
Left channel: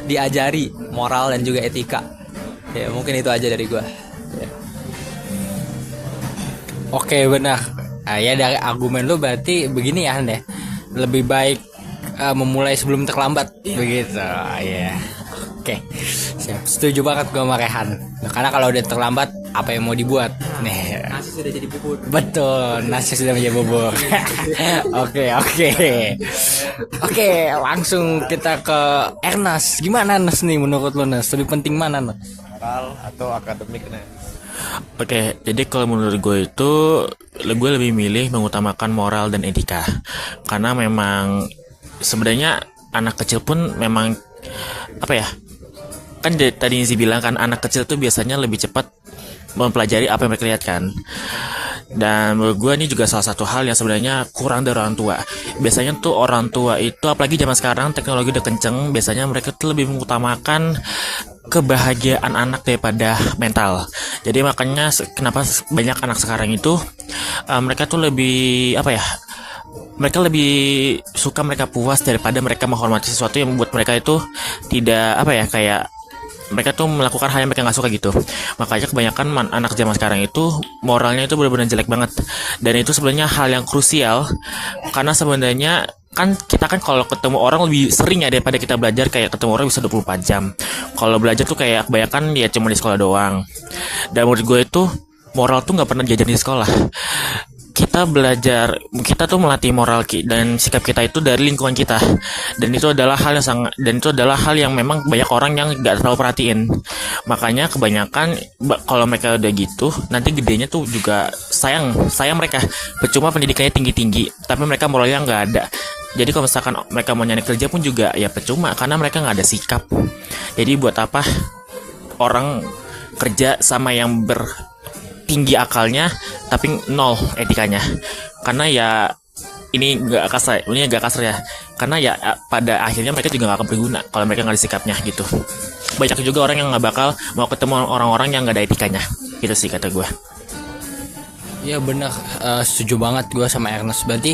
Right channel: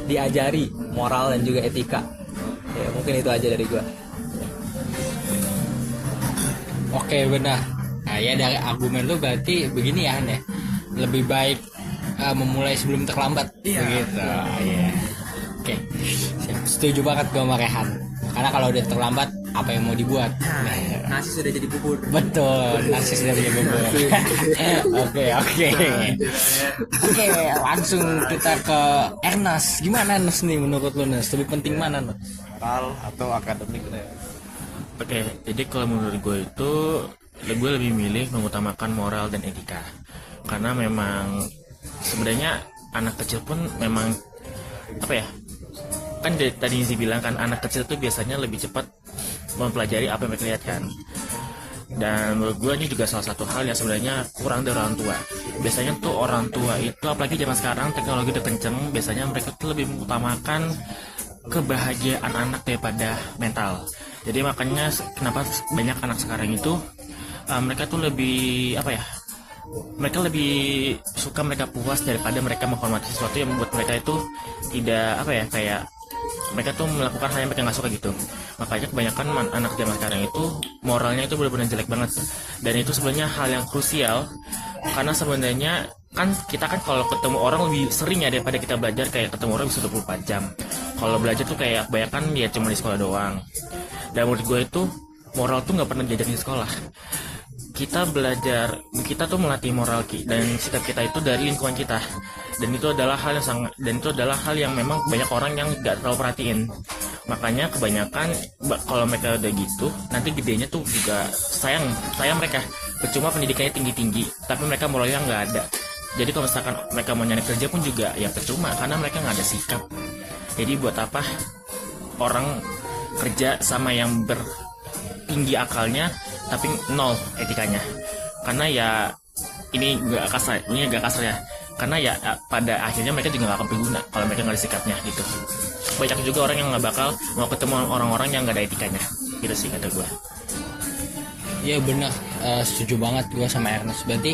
diajari moral dan juga etika. Ya mungkin itu aja dari gue. Oke, benar. Nah, ya dari argumen lu berarti begini ya, Han ya. Lebih baik memulai sebelum terlambat. Begitu. Iya. Oke. Siap. Setuju banget gua sama Rehan. Karena kalau udah terlambat, apa yang mau dibuat? Nih. Nasi sudah jadi bubur. Betul, nasi sudah menjadi bubur. Oke, langsung kita ke Ernest. Gimana Ernest nih menurut lu, Ernest? Lebih penting mana, Ernest? Moral atau akademik? Oke, jadi kalau menurut gue itu gue lebih milih mengutamakan moral dan etika. Karena memang sebenarnya anak kecil pun memang apa ya? Kan tadi Nizi bilang kan anak kecil tuh biasanya lebih cepat mempelajari apa yang mereka lihat kan. Dan menurut gue ini juga salah satu hal yang sebenarnya kurang dari orang tua. Biasanya tuh orang tua itu, apalagi zaman sekarang teknologi udah kenceng, biasanya mereka tuh lebih mengutamakan kebahagiaan anak daripada mental. Jadi makanya kenapa banyak anak sekarang itu mereka tuh lebih apa ya? Mereka lebih suka mereka puas daripada mereka menghormati sesuatu yang membuat mereka itu tidak apa ya, kayak mereka tuh melakukan hal yang mereka nggak suka gitu. Makanya kebanyakan anak zaman sekarang itu moralnya itu benar-benar jelek banget. Dan itu sebenarnya hal yang krusial, karena sebenarnya kan kita kan kalau ketemu orang lebih sering ya daripada kita belajar, kayak ketemu orang bisa 24 jam. Kalau belajar tuh kayak kebanyakan ya cuma di sekolah doang. Dan menurut gue itu moral tuh nggak pernah diajarin di sekolah. Kita belajar, kita tuh melatih moral dan sikap kita itu dari lingkungan kita, dan itu adalah hal yang memang banyak orang yang nggak terlalu perhatiin. Makanya kebanyakan kalau mereka udah gitu, nanti gedenya tuh juga sayang mereka. Percuma pendidikannya tinggi tapi mereka moralnya nggak ada. Jadi kalau misalkan mereka mau nyari kerja pun juga ya percuma, karena mereka nggak ada sikap. Jadi buat apa orang kerja sama yang tinggi akalnya tapi nol etikanya? Karena ya ini agak kasar ya, karena ya pada akhirnya mereka juga gak akan berguna kalau mereka nggak ada sikapnya gitu. Banyak juga orang yang nggak bakal mau ketemu orang-orang yang nggak ada etikanya, gitu sih kata gue. Iya benar, setuju banget gue sama Ernest. Berarti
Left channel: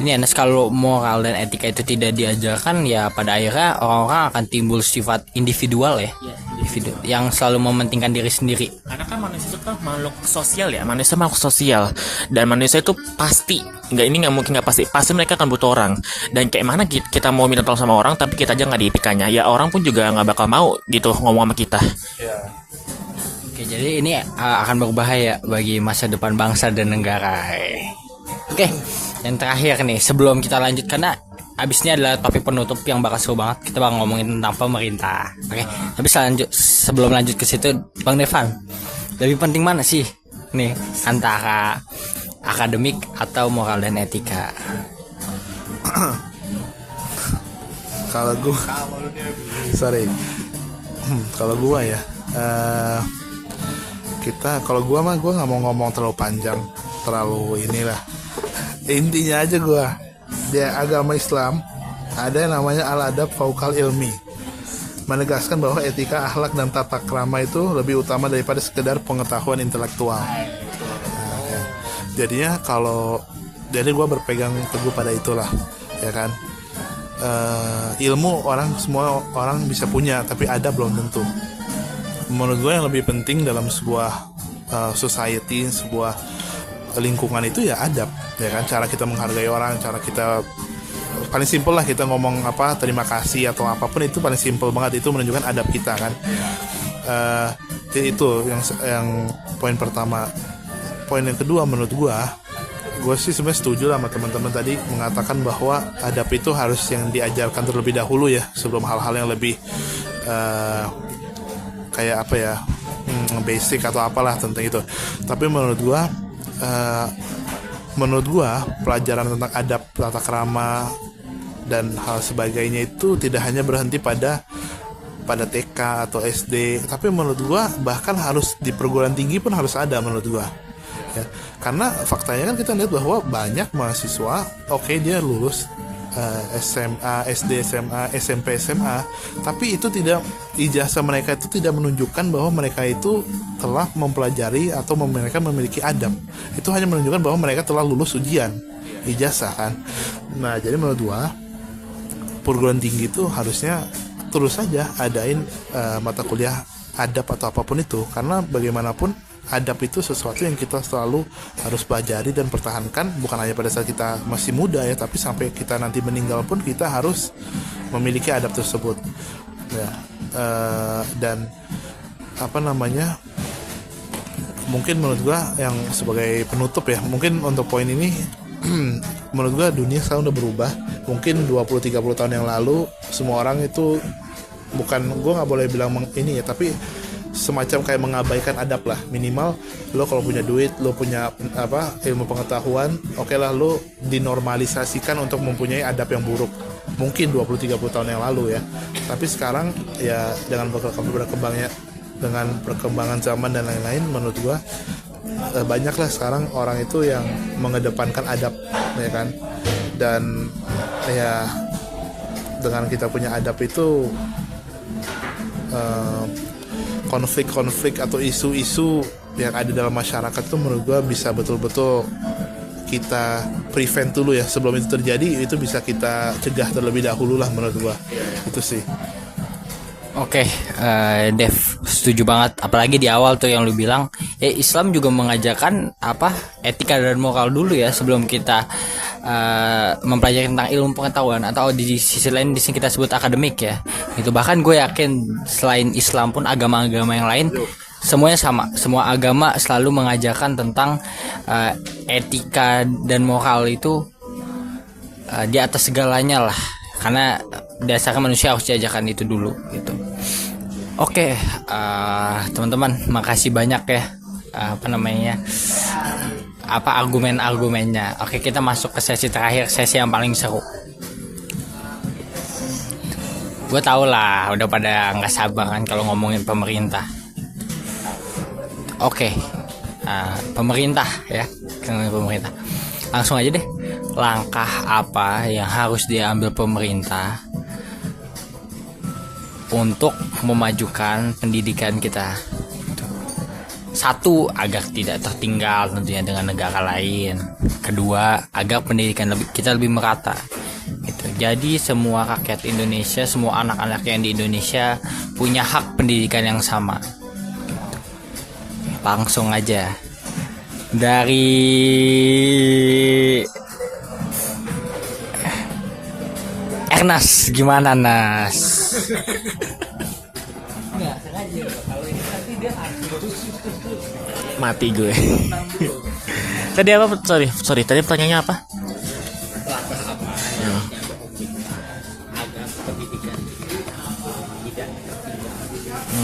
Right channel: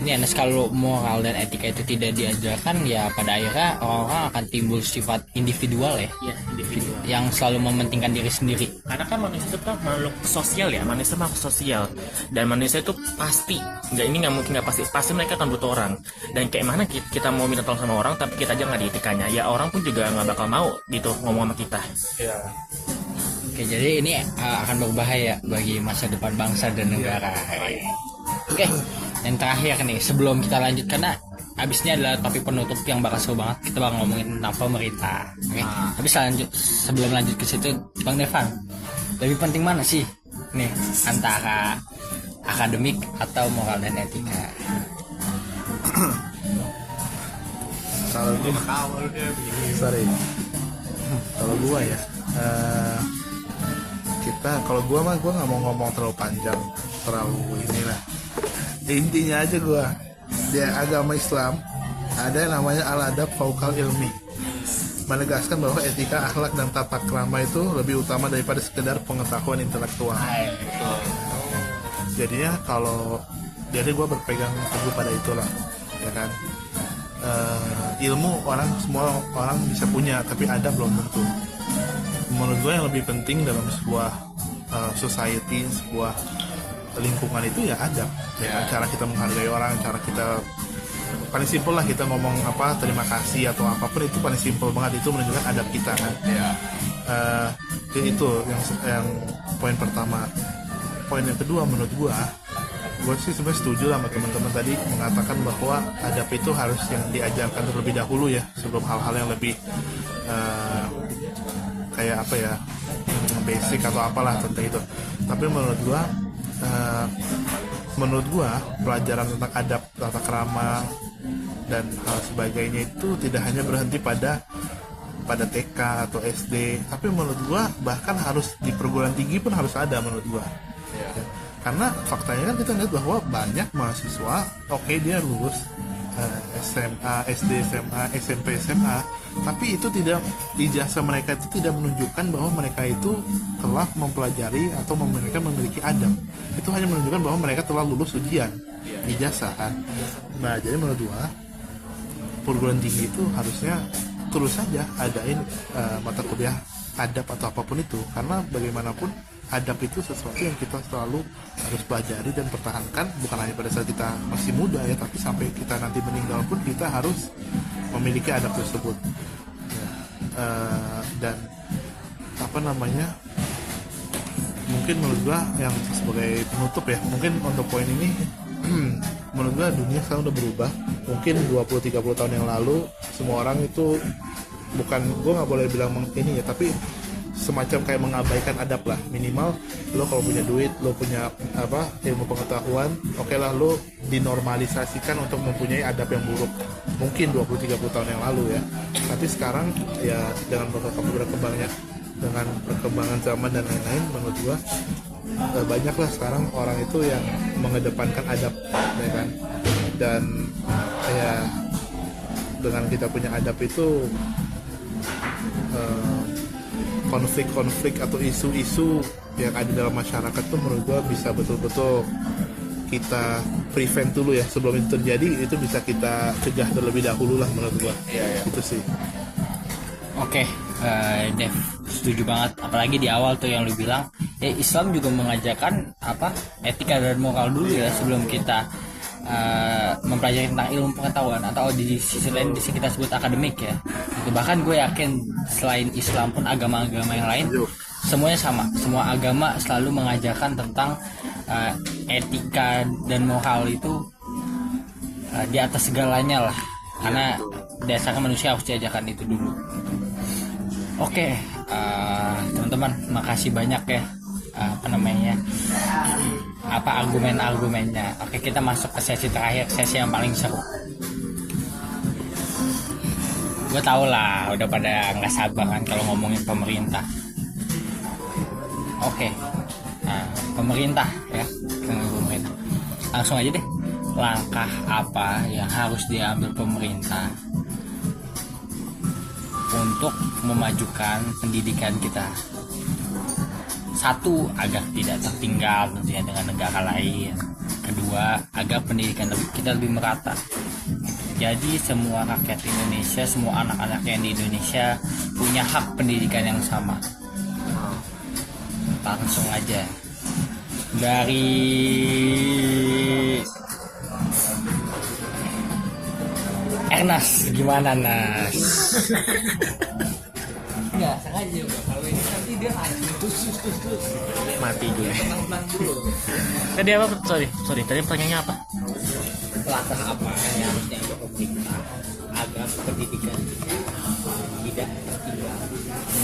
ini Ernest, kalau moral dan etika itu tidak diajarkan, ya pada akhirnya orang-orang akan timbul sifat individual ya, individu yang selalu mementingkan diri sendiri. Karena kan manusia itu tuh makhluk sosial ya, manusia makhluk sosial, dan manusia itu pasti nggak mungkin nggak pasti mereka akan butuh orang. Dan kayak mana kita mau minta tolong sama orang tapi kita aja nggak ada etikanya, ya orang pun juga nggak bakal mau gitu ngomong sama kita. Oke, jadi ini akan berbahaya bagi masa depan bangsa dan negara. Oke, yang terakhir nih sebelum kita lanjut, karena abis ini adalah topik penutup yang bakal seru banget. Kita bakal ngomongin tentang pemerintah. Oke, tapi sebelum lanjut ke situ, Bang Devan, lebih penting mana sih nih antara akademik atau moral dan etika? Kalau gue, kalau gue ya, kalau gue nggak mau ngomong terlalu panjang, terlalu inilah. Intinya aja gue, di agama Islam ada yang namanya al-adab faukal ilmi, menegaskan bahwa etika, akhlak dan tata krama itu lebih utama daripada sekedar pengetahuan intelektual. Jadinya jadi gue berpegang teguh pada itulah, ya kan. Ilmu semua orang bisa punya, tapi ada belum tentu. Menurut gue yang lebih penting dalam sebuah society, sebuah lingkungan itu ya adab, ya kan. Cara kita menghargai orang, cara kita paling simpel lah, kita ngomong apa terima kasih atau apapun itu paling simpel banget, itu menunjukkan adab kita kan. Itu yang poin pertama. Poin yang kedua, menurut gue sih sebenarnya setuju sama teman-teman tadi mengatakan bahwa adab itu harus yang diajarkan terlebih dahulu ya, sebelum hal-hal yang lebih kayak apa ya, basic atau apalah tentang itu. Tapi menurut gua pelajaran tentang adab, tata krama dan hal sebagainya itu tidak hanya berhenti pada TK atau SD, tapi menurut gua bahkan harus di perguruan tinggi pun harus ada menurut gua. Ya. Karena faktanya kan kita lihat bahwa banyak mahasiswa, oke, dia lulus SMA, SD, SMA, SMP, SMA, tapi itu tidak, ijazah mereka itu tidak menunjukkan bahwa mereka itu telah mempelajari atau mereka memiliki adab. Itu hanya menunjukkan bahwa mereka telah lulus ujian ijazah kan. Nah, jadi menurut gua perguruan tinggi itu harusnya terus saja adain mata kuliah adab atau apapun itu, karena bagaimanapun adab itu sesuatu yang kita selalu harus pelajari dan pertahankan, bukan hanya pada saat kita masih muda ya, tapi sampai kita nanti meninggal pun kita harus memiliki adab tersebut ya. Dan apa namanya, mungkin menurut gua yang sebagai penutup ya, mungkin untuk poin ini menurut gua dunia sekarang udah berubah. Mungkin 20-30 tahun yang lalu semua orang itu, bukan, gua nggak boleh bilang ini ya, tapi semacam kayak mengabaikan adab lah. Minimal lo kalau punya duit, lo punya ilmu pengetahuan, oke lah, lo dinormalisasikan untuk mempunyai adab yang buruk. Mungkin 20-30 tahun yang lalu ya. Tapi sekarang ya dengan perkembangan zaman dan lain-lain, menurut gua banyaklah sekarang orang itu yang mengedepankan adab ya kan. Dan ya dengan kita punya adab itu, konflik-konflik atau isu-isu yang ada dalam masyarakat itu menurut gue bisa betul-betul kita prevent dulu ya, sebelum itu terjadi. Itu bisa kita cegah terlebih dahulu lah menurut gue. Itu sih. Oke, Dev, setuju banget. Apalagi di awal tuh yang lu bilang, Islam juga mengajarkan etika dan moral dulu ya sebelum kita mempelajari tentang ilmu pengetahuan, atau di sisi lain di sini kita sebut akademik ya. Itu bahkan gue yakin selain Islam pun agama-agama yang lain semuanya sama. Semua agama selalu mengajarkan tentang etika dan moral itu di atas segalanya lah. Karena dasarnya manusia harus diajarkan itu dulu gitu. Oke, teman-teman, makasih banyak ya argumen-argumennya. Oke, kita masuk ke sesi terakhir, sesi yang paling seru. Gue tau lah udah pada nggak sabar kan kalau ngomongin pemerintah. Oke, pemerintah ya, pemerintah. Langsung aja deh, langkah apa yang harus diambil pemerintah untuk memajukan pendidikan kita? Satu, agar tidak tertinggal tentunya dengan negara lain. Kedua, agar pendidikan kita lebih merata gitu. Jadi semua rakyat Indonesia, semua anak-anak yang di Indonesia punya hak pendidikan yang sama. Langsung aja dari Ernest, gimana Nas? Mati gue. Tadi apa? Sorry. Tadi pertanyaannya apa? Agar pendidikan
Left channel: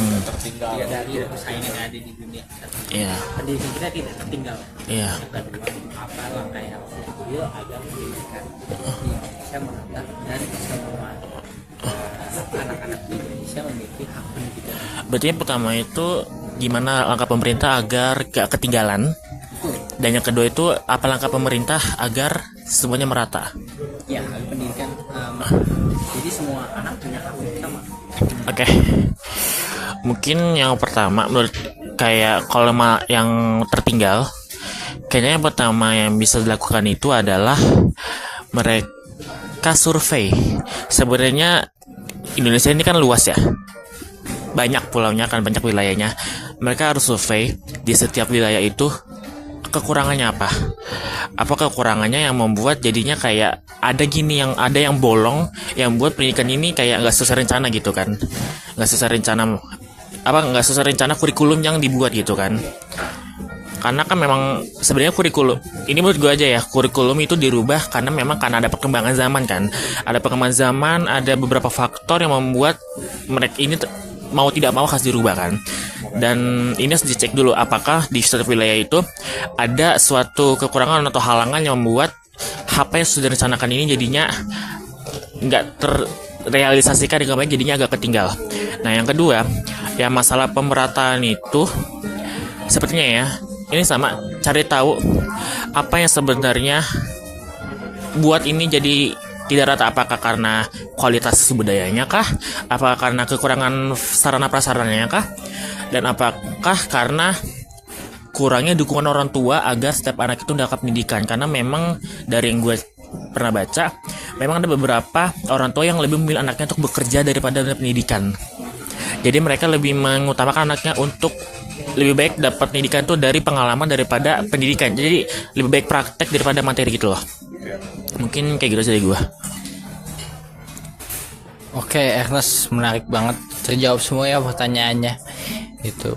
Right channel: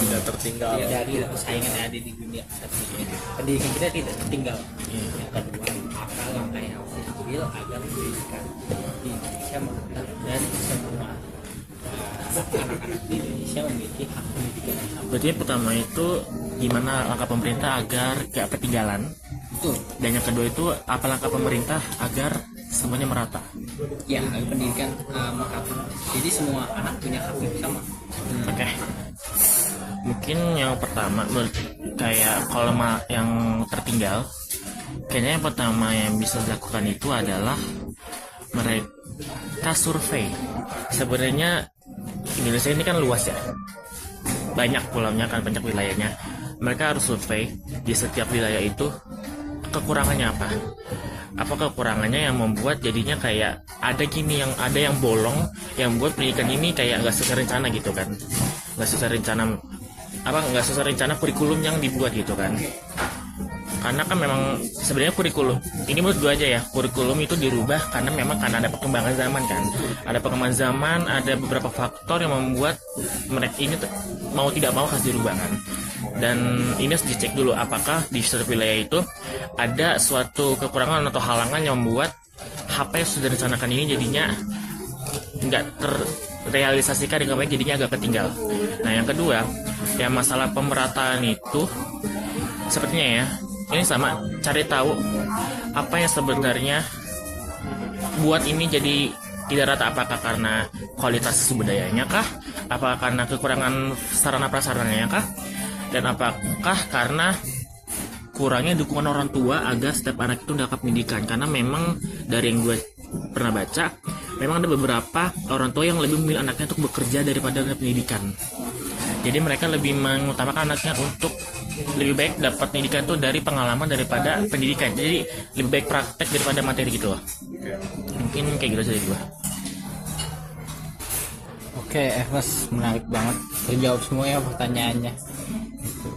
Tidak tertinggal. dari persaingan yang ada di dunia. Iya. Pendidikan kita tidak tertinggal. Iya. Yang kedua, apa langkah yang harus diambil agar pendidikan di Indonesia merata dan semua anak-anak di Indonesia memiliki hak pendidikan. Berarti yang pertama itu gimana langkah pemerintah agar gak ketinggalan? Dan yang kedua itu apa langkah pemerintah agar semuanya merata? Ya, pendidikan jadi semua anak punya hak yang sama. Oke. Mungkin yang pertama menurut kayak kalau yang tertinggal, kayaknya yang pertama yang bisa dilakukan itu adalah mereka survei. Sebenarnya Indonesia ini kan luas ya, banyak pulaunya kan, banyak wilayahnya. Mereka harus survei di setiap wilayah itu kekurangannya apa kekurangannya yang membuat jadinya kayak ada yang bolong yang buat pendidikan ini kayak nggak sesuai rencana gitu kan, nggak sesuai rencana kurikulum yang dibuat gitu kan. Karena kan memang sebenarnya kurikulum ini menurut gue aja ya, kurikulum itu dirubah karena ada perkembangan zaman kan, ada perkembangan zaman, ada beberapa faktor yang membuat mereka ini mau tidak mau harus dirubah kan. Dan ini harus dicek dulu apakah di suatu wilayah itu ada suatu kekurangan atau halangan yang membuat apa yang sudah direncanakan ini jadinya nggak terrealisasikan dengan baik, jadinya agak ketinggal. Nah yang kedua, ya masalah pemerataan itu sepertinya ya ini sama cari tahu apa yang sebenarnya buat ini jadi tidak rata, apakah karena kualitas budayanya kah, apakah karena kekurangan sarana prasarananya kah, dan apakah karena kurangnya dukungan orang tua agar setiap anak itu mendapat pendidikan. Karena memang dari yang gue pernah baca, memang ada beberapa orang tua yang lebih memilih anaknya untuk bekerja daripada pendidikan. Jadi mereka lebih mengutamakan anaknya untuk lebih baik dapat pendidikan itu dari pengalaman daripada pendidikan. Jadi lebih baik praktek daripada materi gitu loh. Mungkin kayak gitu aja dari gue. Oke, Ernest, menarik banget, terjawab semua ya pertanyaannya. Itu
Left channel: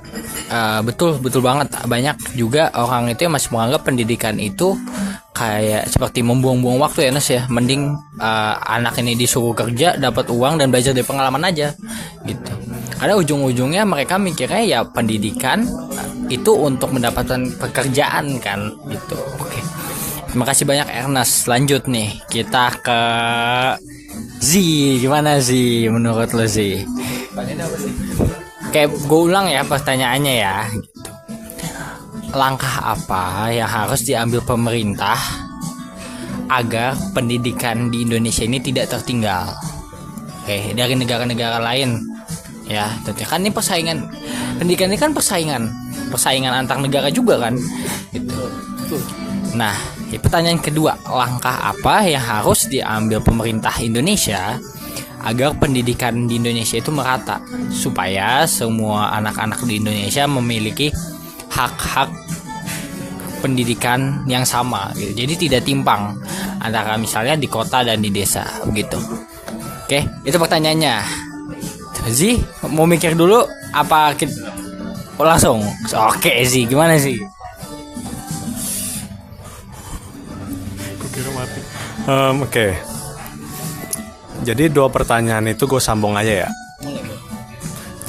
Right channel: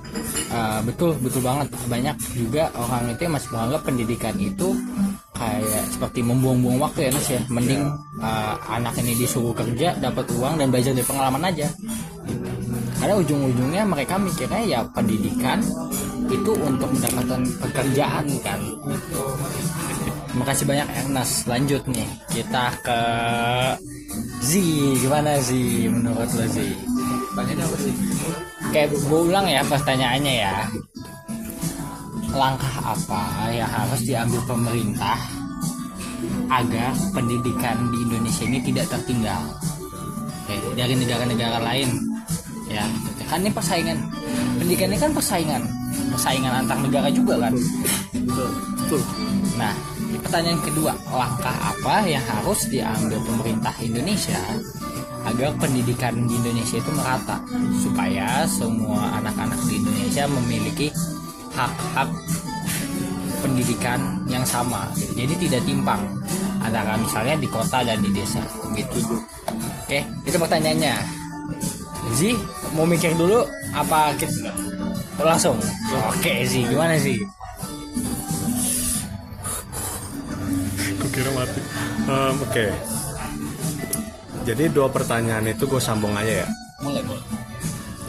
betul banget. Banyak juga orang itu yang masih menganggap pendidikan itu kayak seperti membuang-buang waktu ya, Ernest ya. Mending anak ini disuruh kerja, dapat uang dan belajar dari pengalaman aja gitu. Karena ujung-ujungnya mereka mikirnya ya pendidikan itu untuk mendapatkan pekerjaan kan gitu. Oke. Terima kasih banyak Ernest. Lanjut nih, kita ke Z. Gimana sih menurut lo sih? Kayak gue ulang ya pertanyaannya ya. Langkah apa yang harus diambil pemerintah agar pendidikan di Indonesia ini tidak tertinggal? Oke, dari negara-negara lain ya. Kan ini persaingan. Pendidikan ini kan persaingan antar negara juga kan. Gitu. Nah, pertanyaan kedua, langkah apa yang harus diambil pemerintah Indonesia agar pendidikan di Indonesia itu merata, supaya semua anak-anak di Indonesia memiliki hak-hak pendidikan yang sama gitu. Jadi tidak timpang antara misalnya di kota dan di desa begitu. Oke, itu pertanyaannya. Zi, mau mikir dulu apa kita langsung? Oke Zi, gimana sih? Kira mati. Oke. Jadi dua pertanyaan itu gue sambung aja ya.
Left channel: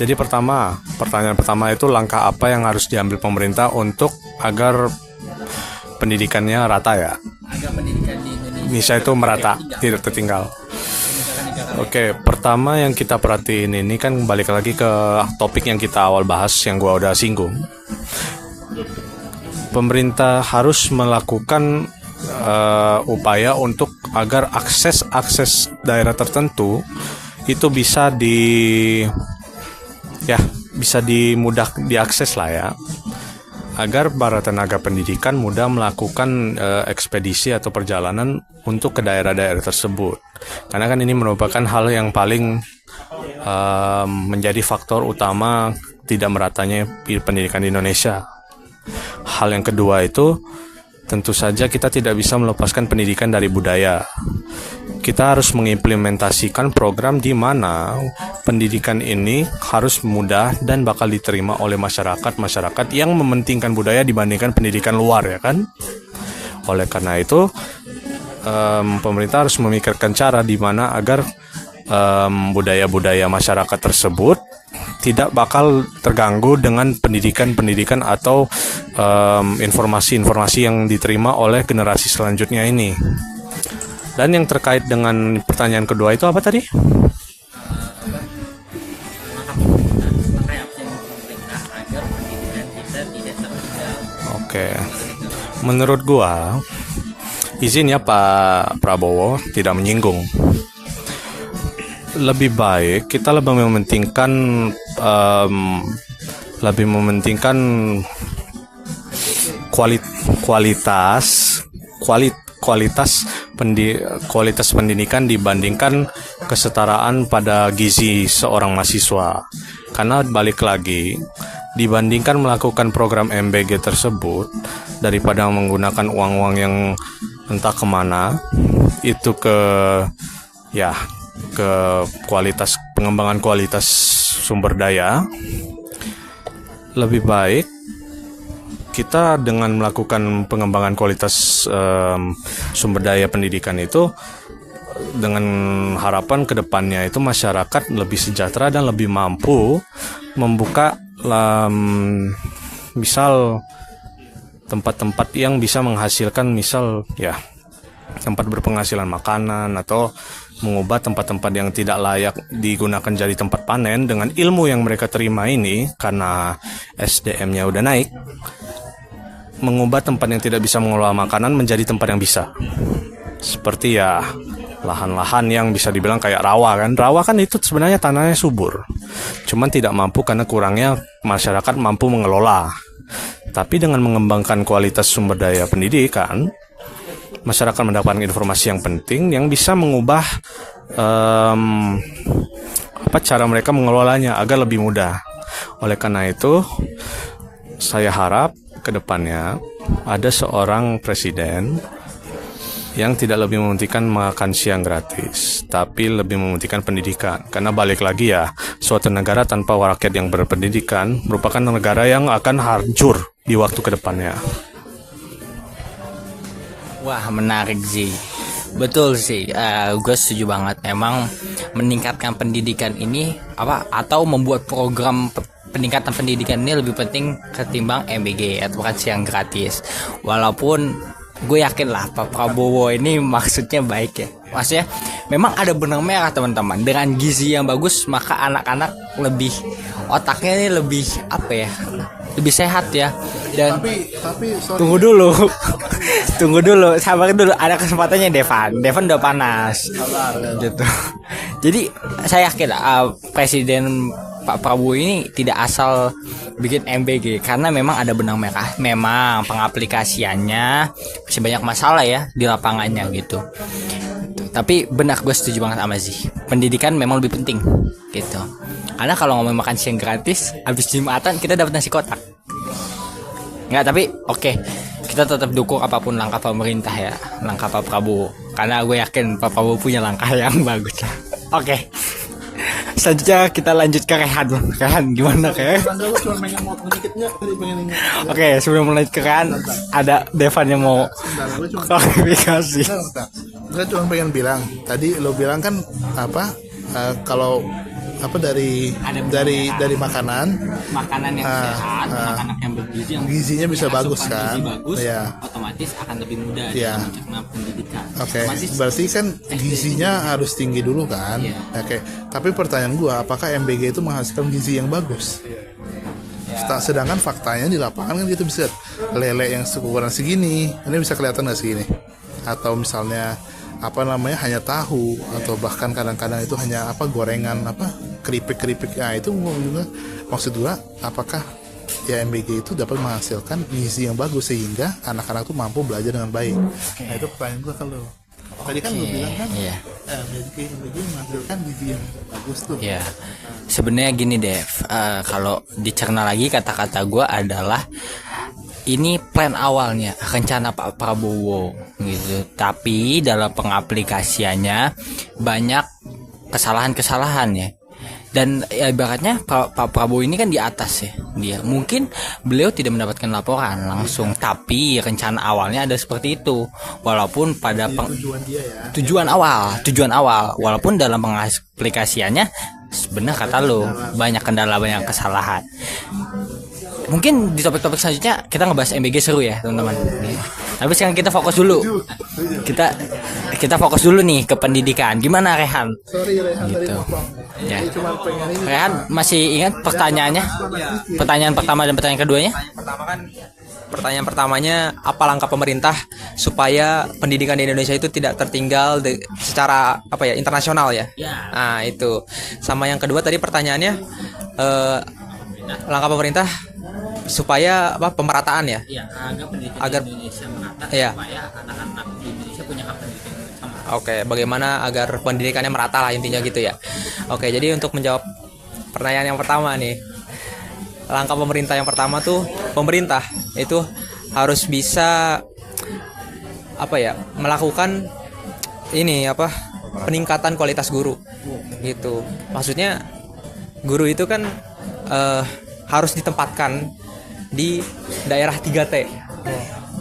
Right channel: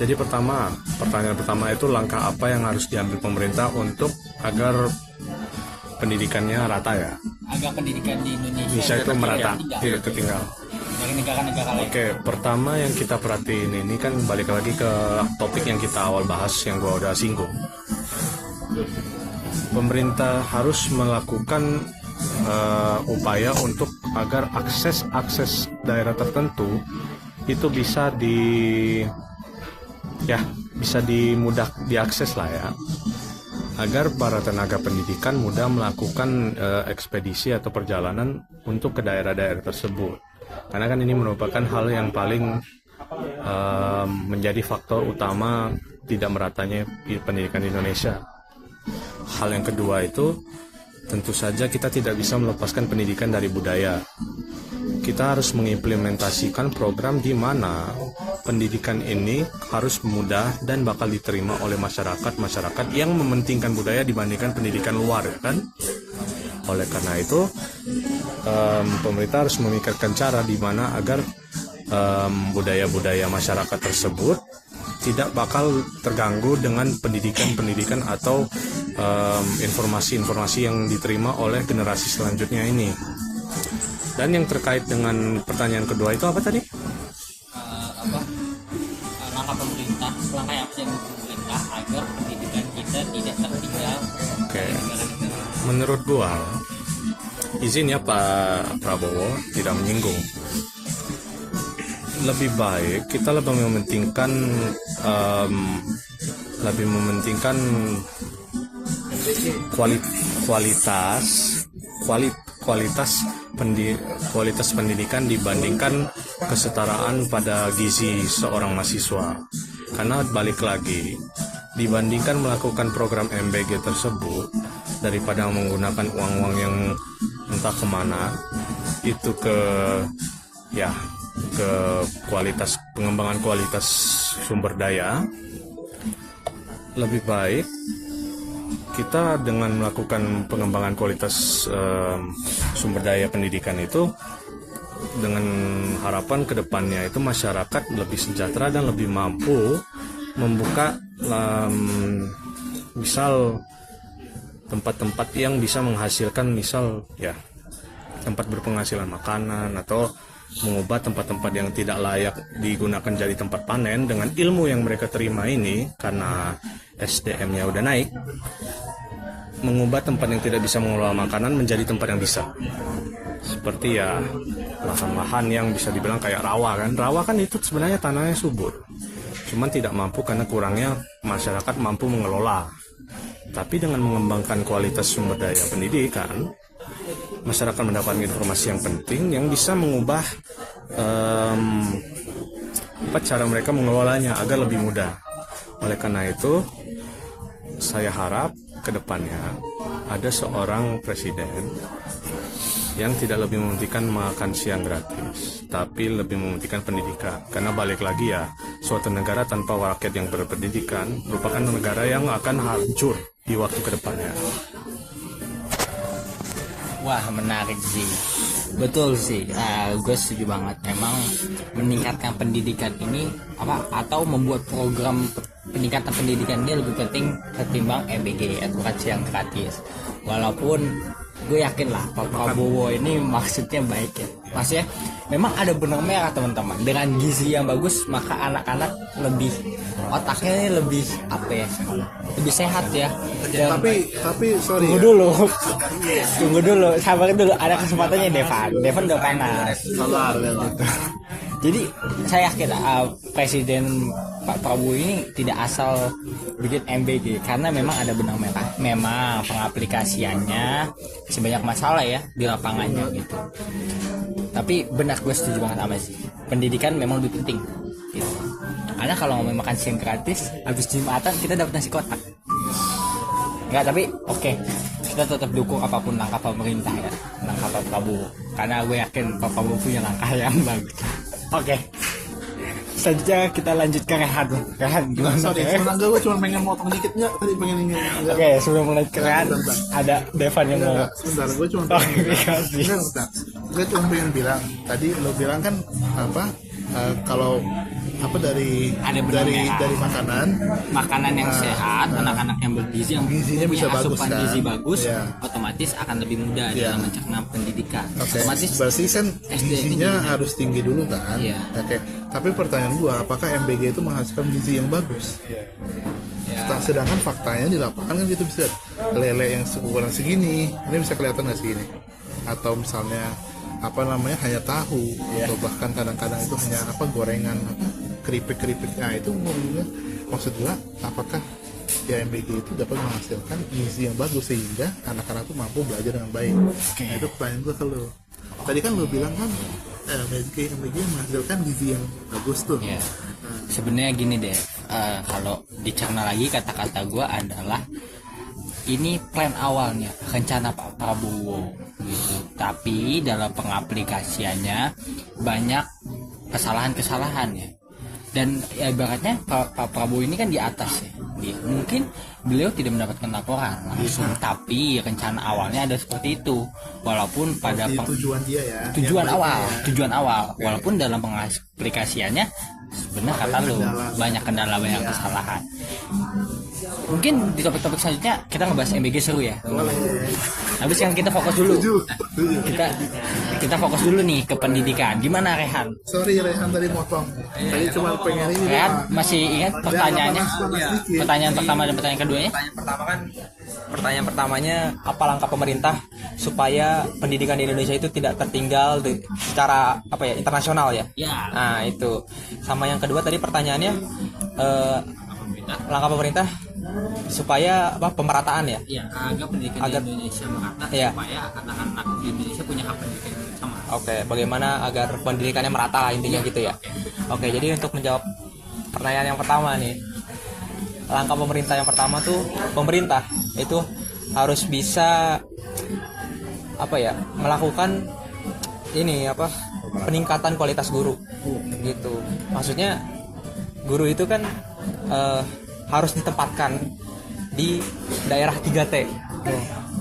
Jadi pertanyaan pertama itu langkah apa yang harus diambil pemerintah untuk agar pendidikannya rata ya? Agar pendidikan di Indonesia itu merata, tidak tertinggal. Oke, pertama yang kita perhatiin ini kan balik lagi ke topik yang kita awal bahas yang gue udah singgung. Pemerintah harus melakukan upaya untuk agar akses daerah tertentu itu bisa dimudah diakses lah ya, agar para tenaga pendidikan mudah melakukan ekspedisi atau perjalanan untuk ke daerah-daerah tersebut, karena kan ini merupakan hal yang paling menjadi faktor utama tidak meratanya pendidikan di Indonesia. Hal yang kedua itu tentu saja kita tidak bisa melepaskan pendidikan dari budaya. Kita harus mengimplementasikan program di mana pendidikan ini harus mudah dan bakal diterima oleh masyarakat yang mementingkan budaya dibandingkan pendidikan luar ya kan. Oleh karena itu pemerintah harus memikirkan cara di mana agar budaya-budaya masyarakat tersebut tidak bakal terganggu dengan pendidikan atau informasi-informasi yang diterima oleh generasi selanjutnya ini. Dan yang terkait dengan pertanyaan kedua itu apa tadi? Langkah apa yang pemerintah agar pendidikan kita tidak tertinggal? Oke. Menurut gua, izin ya Pak Prabowo tidak menyinggung. Lebih baik kita lebih mementingkan kualitas pendidikan dibandingkan kesetaraan pada gizi seorang mahasiswa. Karena balik lagi, dibandingkan melakukan program MBG tersebut daripada menggunakan uang-uang yang entah kemana itu ke pengembangan kualitas sumber daya, lebih baik kita dengan melakukan pengembangan kualitas sumber daya pendidikan itu dengan harapan kedepannya itu masyarakat lebih sejahtera dan lebih mampu membuka misal tempat-tempat yang bisa menghasilkan misal ya tempat berpenghasilan makanan atau mengubah tempat-tempat yang tidak layak digunakan jadi tempat panen dengan ilmu yang mereka terima ini karena SDM-nya udah naik. mengubah tempat yang tidak bisa mengelola makanan menjadi tempat yang bisa. Seperti ya lahan-lahan yang bisa dibilang kayak rawa kan. Rawa kan itu sebenarnya tanahnya subur. Cuman tidak mampu karena kurangnya masyarakat mampu mengelola. Tapi dengan mengembangkan kualitas sumber daya pendidikan, masyarakat mendapatkan informasi yang penting yang bisa mengubah cara mereka mengelolanya agar lebih mudah. Oleh karena itu, saya harap ke depannya ada seorang presiden yang tidak lebih mementingkan makan siang gratis, tapi lebih mementingkan pendidikan. Karena balik lagi ya, suatu negara tanpa rakyat yang berpendidikan merupakan negara yang akan hancur di waktu ke depannya. Wah, menarik sih. Betul sih, gue setuju banget. Memang meningkatkan pendidikan ini atau membuat program peningkatan pendidikan ini lebih penting ketimbang MBG atau makan siang gratis. Walaupun gue yakin lah Pak Prabowo ini maksudnya baik ya. Maksudnya memang ada benang merah teman-teman. Dengan gizi yang bagus maka anak-anak lebih otaknya ini lebih lebih sehat ya. Dan Tapi sorry. Tunggu dulu, sabar dulu. Ada kesempatannya Devan udah panas. Sabar gitu. Jadi saya yakin Presiden Pak Prabowo ini tidak asal bikin MBG karena memang ada benang merah. Memang pengaplikasiannya masih banyak masalah ya di lapangannya gitu. Tapi benar, gue setuju banget sama Zee. Pendidikan memang lebih penting gitu. Karena kalau ngomong makan siang gratis, habis Jumatan kita dapat nasi kotak. Nggak, tapi oke, kita tetap dukung apapun langkah pemerintah ya, langkah Pak Prabowo. Karena gue yakin Pak Prabowo punya langkah yang bagus. Oke. Selanjutnya kita lanjut ke Rehan. Rehan gimana Rehan? Gue cuma pengen motong dikitnya, tadi pengen Oke, sebelum lanjut ke Rehan, ada Devan yang mau sebentar, gue cuma klarifikasi. Gue cuma pengen bilang, tadi lo bilang kan kalau dari makanan yang sehat, anak-anak yang bergizi, yang gizinya bisa punya bagus asupan kan? gizi bagus, Iya. otomatis akan lebih mudah dalam mencerna pendidikan. Oke, Otomatis berarti kan gizinya harus tinggi dulu kan? Iya. Oke, tapi pertanyaan gua, apakah MBG itu menghasilkan gizi yang bagus? Sedangkan faktanya di lapangan kan kita bisa lele yang ukuran segini, ini bisa kelihatan nggak segini? Atau misalnya hanya tahu, atau bahkan kadang-kadang itu hanya gorengan keripik-keripik. Nah itu maksud gua, apakah ya MBG itu dapat menghasilkan gizi yang bagus sehingga anak-anak tuh mampu belajar dengan baik? Nah, itu pertanyaan gua kalau tadi kan lu bilang kan MBG menghasilkan gizi yang bagus tuh. ya. Sebenarnya gini Dev, kalau dicerna lagi kata-kata gue adalah ini plan awalnya, rencana Pak Prabowo gitu. Tapi dalam pengaplikasiannya banyak kesalahan-kesalahan ya. Dan ya, ibaratnya Pak Prabowo ini kan di atas ya. Dia mungkin beliau tidak mendapatkan laporan langsung, tapi rencana awalnya ada seperti itu. Walaupun pada tujuan awal, walaupun dalam pengaplikasiannya sebenarnya kata lo banyak kendala, banyak kesalahan. Mungkin di topik-topik selanjutnya kita ngebahas MBG seru ya teman-teman. Tapi sekarang kita fokus dulu. Kita fokus dulu nih ke pendidikan. Gimana Rehan? Sorry Rehan tadi potong. Saya cuma pengen ini. Rehan masih ingat pertanyaannya? Pertanyaan pertama dan pertanyaan keduanya? Pertanyaan pertamanya, apa langkah pemerintah supaya pendidikan di Indonesia itu tidak tertinggal secara internasional ya? Ya. Nah itu. Sama yang kedua tadi pertanyaannya, langkah pemerintah supaya pemerataan ya? Ya, agar pendidikan Agar- di Indonesia merata Iya. supaya anak-anak di Indonesia punya hak pendidikan yang sama. Oke, bagaimana agar pendidikannya merata lah intinya gitu ya. Oke, jadi untuk menjawab pertanyaan yang pertama nih, langkah pemerintah yang pertama tuh, pemerintah itu harus bisa melakukan peningkatan kualitas guru gitu. Maksudnya guru itu kan harus ditempatkan di daerah 3T.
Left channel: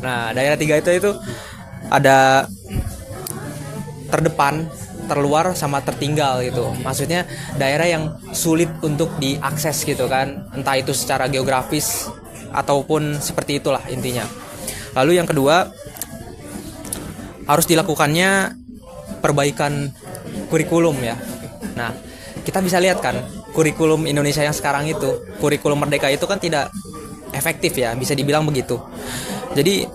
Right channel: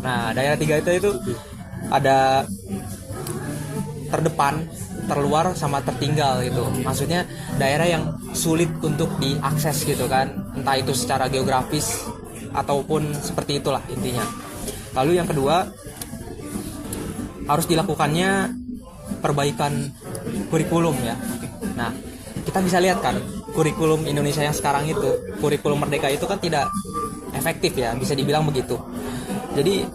Nah, daerah 3T itu ada terdepan, terluar, sama tertinggal gitu. Maksudnya daerah yang sulit untuk diakses gitu kan, entah itu secara geografis ataupun seperti itulah intinya. Lalu yang kedua, harus dilakukannya perbaikan kurikulum ya. Nah, kita bisa lihat kan kurikulum Indonesia yang sekarang itu, kurikulum Merdeka itu kan tidak efektif ya, bisa dibilang begitu. Jadi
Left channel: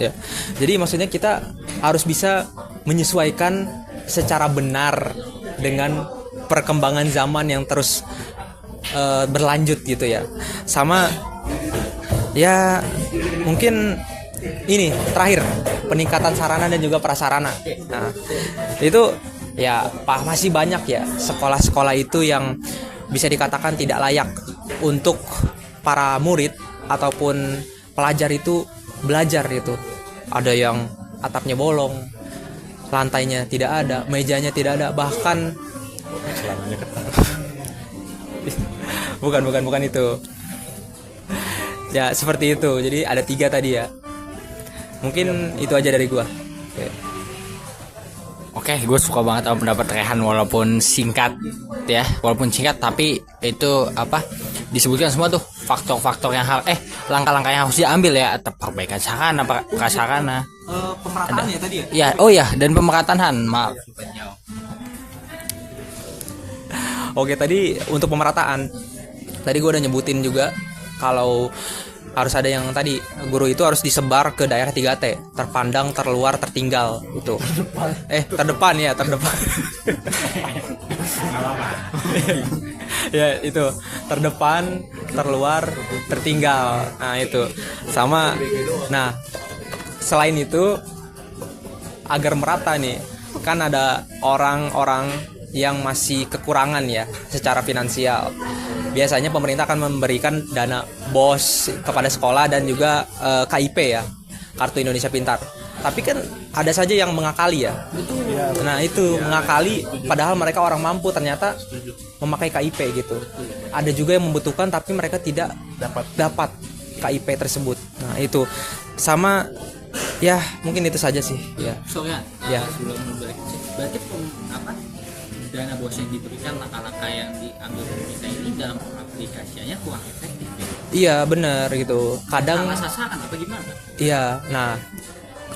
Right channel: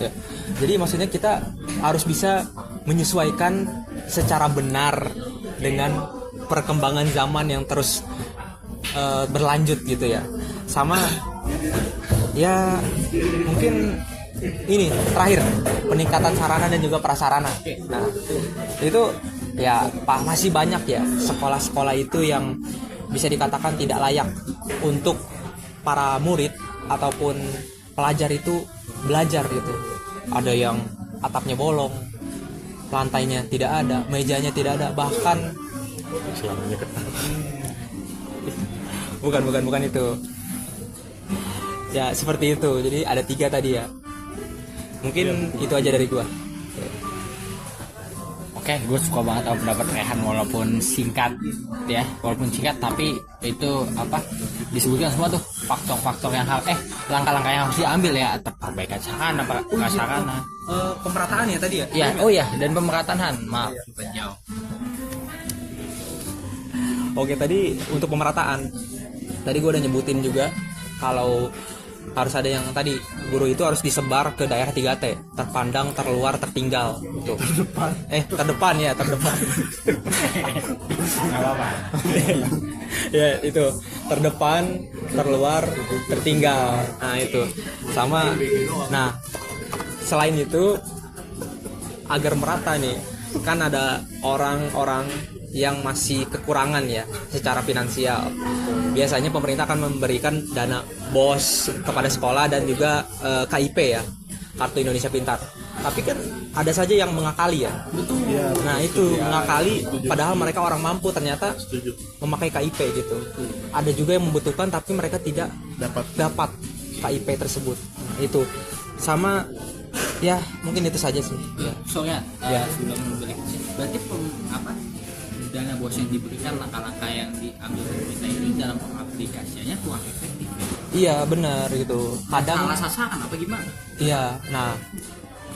ya, jadi maksudnya kita harus bisa menyesuaikan secara benar dengan perkembangan zaman yang terus berlanjut gitu ya. Sama ya mungkin ini terakhir, peningkatan sarana dan juga prasarana. Nah, itu ya masih banyak ya sekolah-sekolah itu yang bisa dikatakan tidak layak untuk para murid ataupun pelajar itu belajar itu. Ada yang atapnya bolong, lantainya tidak ada, mejanya tidak ada, bahkan bukan itu. Ya seperti itu. Jadi ada 3 tadi ya. Mungkin itu aja dari gua. Oke, gue suka banget sama pendapat Rehan walaupun singkat ya, tapi itu apa disebutkan semua tuh faktor-faktor yang langkah-langkah yang harus diambil ya, perbaikan sarana, prasarana, Pemerataan ya tadi ya. ya, oh ya, dan pemerataan, maaf. Oke, tadi untuk pemerataan, tadi gue udah nyebutin juga kalau harus ada yang tadi guru itu harus disebar ke daerah 3T, terpandang, terluar, tertinggal gitu. Terdepan. Ya itu terdepan, terluar, tertinggal. Nah itu sama. Nah selain itu agar merata nih, kan ada orang-orang yang masih kekurangan ya secara finansial. Biasanya pemerintah akan memberikan dana BOS kepada sekolah dan juga KIP ya, Kartu Indonesia Pintar. Tapi kan ada saja yang mengakali ya. Betul. Nah itu mengakali padahal mereka orang mampu ternyata memakai KIP gitu. Ada juga yang membutuhkan tapi mereka tidak dapat KIP tersebut. Nah itu sama ya, mungkin itu saja sih ya. Ya, sebelum balik berarti dana BOS yang diberikan, langkah-langkah yang diambil pemerintah ini dalam pengaplikasiannya kurang efektif ya? Iya benar gitu. Kadang salah sasaran apa gimana? Iya, nah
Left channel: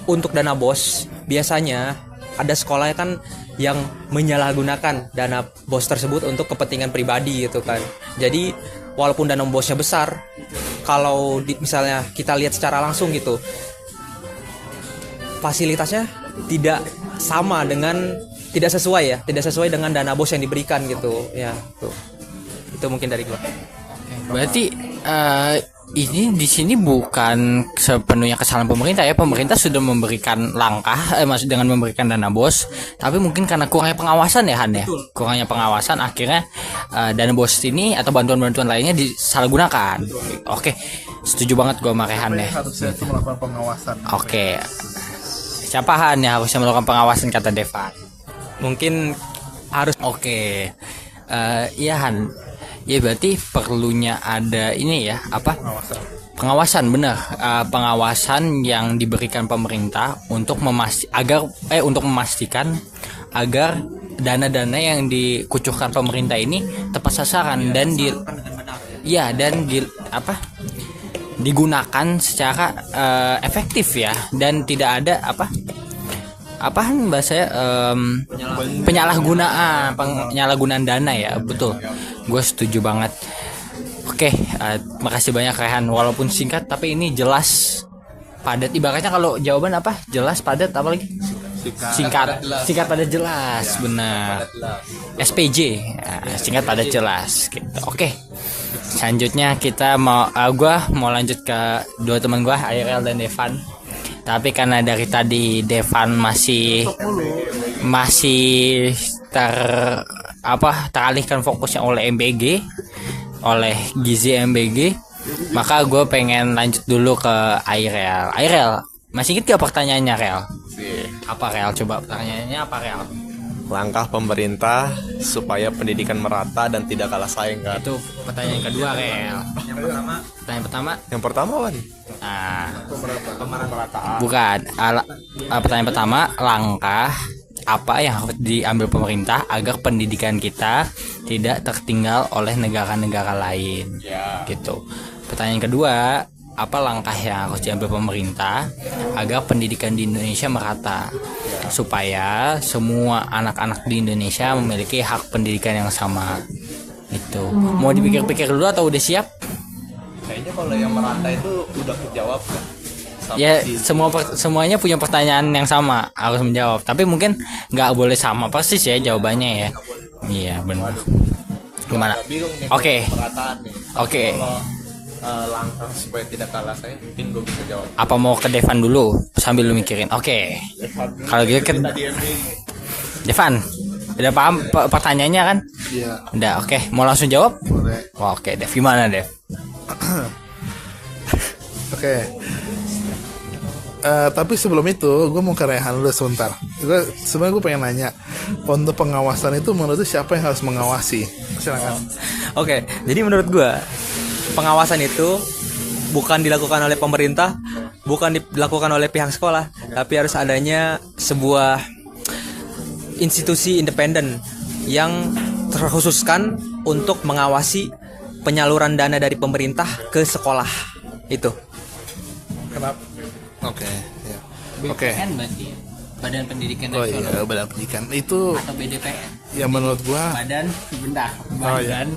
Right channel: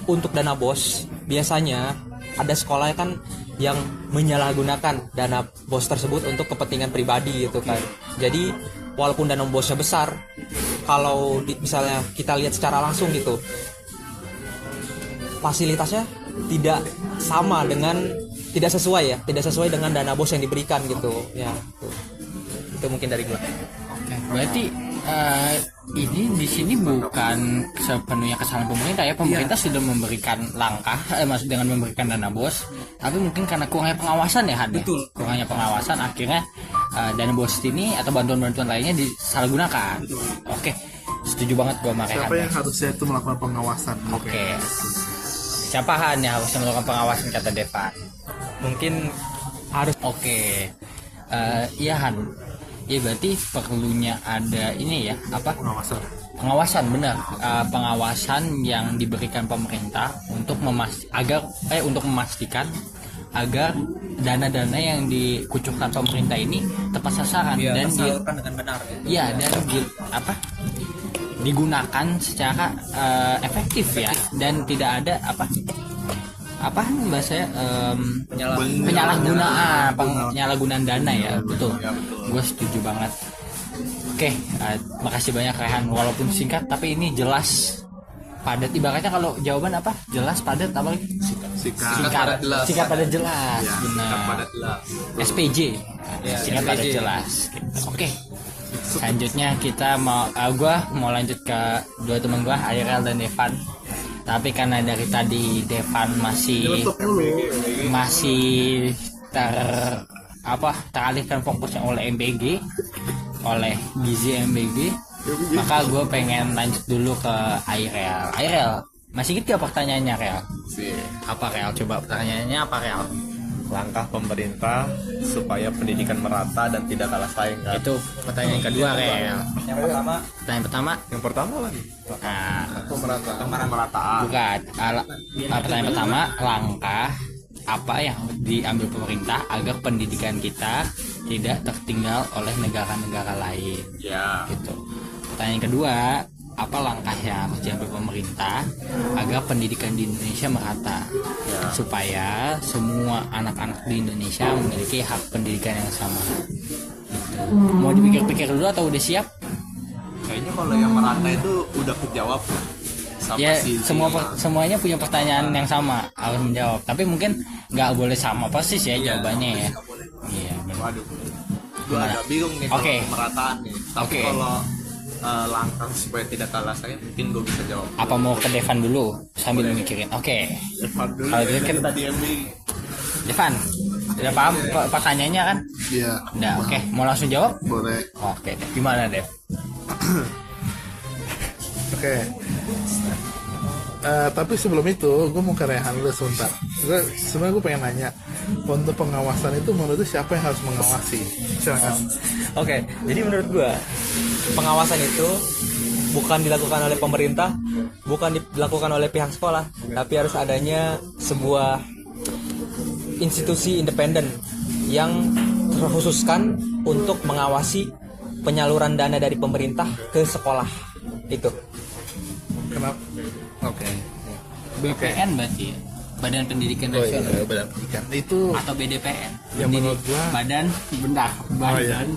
untuk dana BOS biasanya ada sekolah kan yang menyalahgunakan dana BOS tersebut untuk kepentingan pribadi gitu kan. Jadi walaupun dana BOS-nya besar, kalau misalnya kita lihat secara langsung gitu, fasilitasnya tidak sesuai dengan dana BOS yang diberikan gitu ya. Itu mungkin dari gua. Berarti ini di sini bukan sepenuhnya kesalahan pemerintah ya. Pemerintah sudah memberikan langkah, maksud dengan memberikan dana BOS, tapi mungkin karena kurangnya pengawasan ya Han ya. Kurangnya pengawasan akhirnya dana BOS ini atau bantuan-bantuan lainnya disalahgunakan. Oke, setuju banget gua sama Rehan ya. Harusnya itu melakukan pengawasan. Oke. Siapa Han yang harusnya melakukan pengawasan kata Devan? Mungkin harus Iya Han. Ya berarti perlunya ada ini ya, pengawasan benar, pengawasan yang diberikan pemerintah untuk memastikan agar dana-dana yang dikucurkan pemerintah ini tepat sasaran dan digunakan secara efektif ya, dan tidak ada penyalahgunaan dana ya. Betul, gue setuju banget. Oke, makasih banyak Rehan, walaupun singkat tapi ini jelas, padat. Ibaratnya kalau jawaban jelas, padat, apa lagi? Singkat padat jelas. Benar. SPJ, singkat padat jelas gitu. Oke, selanjutnya kita gue mau lanjut ke 2 teman gue, Airel dan Devan. Tapi karena dari tadi Devan masih teralihkan fokusnya oleh MBG, oleh Gizi MBG, maka gue pengen lanjut dulu ke Airel. Airel, masih inget gak pertanyaannya Rel? Apa Rel? Coba pertanyaannya apa Rel? Langkah pemerintah supaya pendidikan merata dan tidak kalah saing kan? Itu pertanyaan kedua Rel. Yang pertama kan? Pemerataan. Bukan. Pertanyaan pertama, langkah apa yang harus diambil pemerintah agar pendidikan kita tidak tertinggal oleh negara-negara lain? Ya. Gitu. Pertanyaan kedua, apa langkah yang harus diambil pemerintah agar pendidikan di Indonesia merata, supaya semua anak-anak di Indonesia memiliki hak pendidikan yang sama? Gitu. Mau dipikir-pikir dulu atau udah siap? kayaknya kalau yang merata itu udah kejawab sama Ya si- semuanya punya pertanyaan yang sama harus menjawab. Tapi mungkin nggak boleh sama persis ya jawabannya ya. Iya benar. Waduh, gua Gimana? agak bingung nih Oke. kalau pemerataan nih. Tapi Oke. kalau langkah supaya tidak kalah saya mungkin gue bisa jawab. Apa mau ke Devan dulu sambil lu mikirin? Oke. Kalau gitu kan Tadi MBG. Devan, udah paham pertanyaannya kan? Iya, Udah, oke. Mau langsung jawab? boleh. Oke, Dev. Gimana, Dev? Oke. Tapi sebelum itu, gue mau ke Rehan dulu sebentar. Sebenarnya gue pengen nanya, untuk pengawasan itu menurut lu siapa yang harus mengawasi? Silakan. Oke, jadi menurut gua pengawasan itu bukan dilakukan oleh pemerintah, bukan dilakukan oleh pihak sekolah, tapi harus adanya sebuah institusi independen yang terkhususkan untuk mengawasi penyaluran dana dari pemerintah ke sekolah. Itu. Kenapa? Oke. Ya. Oke. BPN berarti ya? Badan Pendidikan Oh iya, Nasional Badan Pendidikan itu atau BDPN? yang menurut gue Badan iya. Badan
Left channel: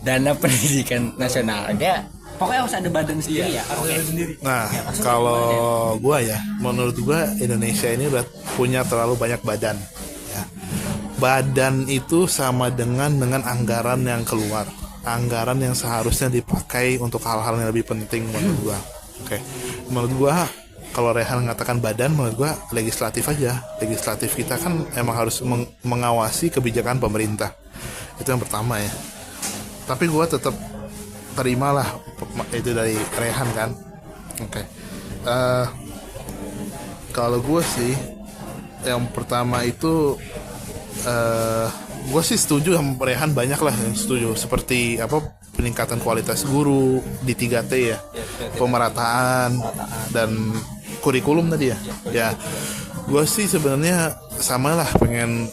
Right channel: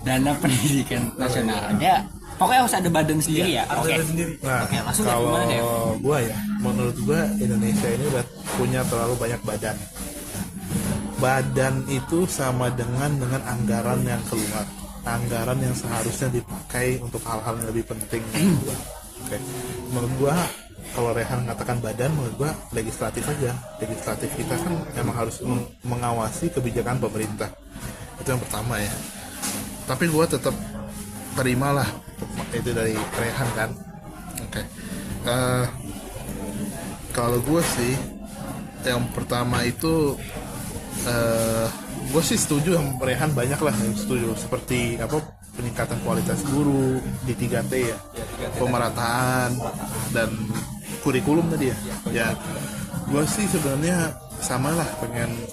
Dana Pendidikan Nasional. Ya, pokoknya harus ada badan sendiri ya. Oke. Nah, maksudnya kalau gimana, Dev? gua ya, menurut gua Indonesia ini udah punya terlalu banyak badan. Ya. Badan itu sama dengan anggaran yang keluar, anggaran yang seharusnya dipakai untuk hal-hal yang lebih penting menurut gua. Oke, menurut gua kalau Rehan mengatakan badan, menurut gua legislatif aja. Legislatif kita kan emang harus mengawasi kebijakan pemerintah. Itu yang pertama ya. Tapi gua tetap terimalah itu dari Rehan kan. Oke. Kalau gue sih yang pertama itu gue sih setuju sama Rehan, banyak lah yang setuju, seperti apa peningkatan kualitas guru di 3T ya, pemerataan dan kurikulum tadi ya. Ya, gue sih sebenarnya sama lah pengen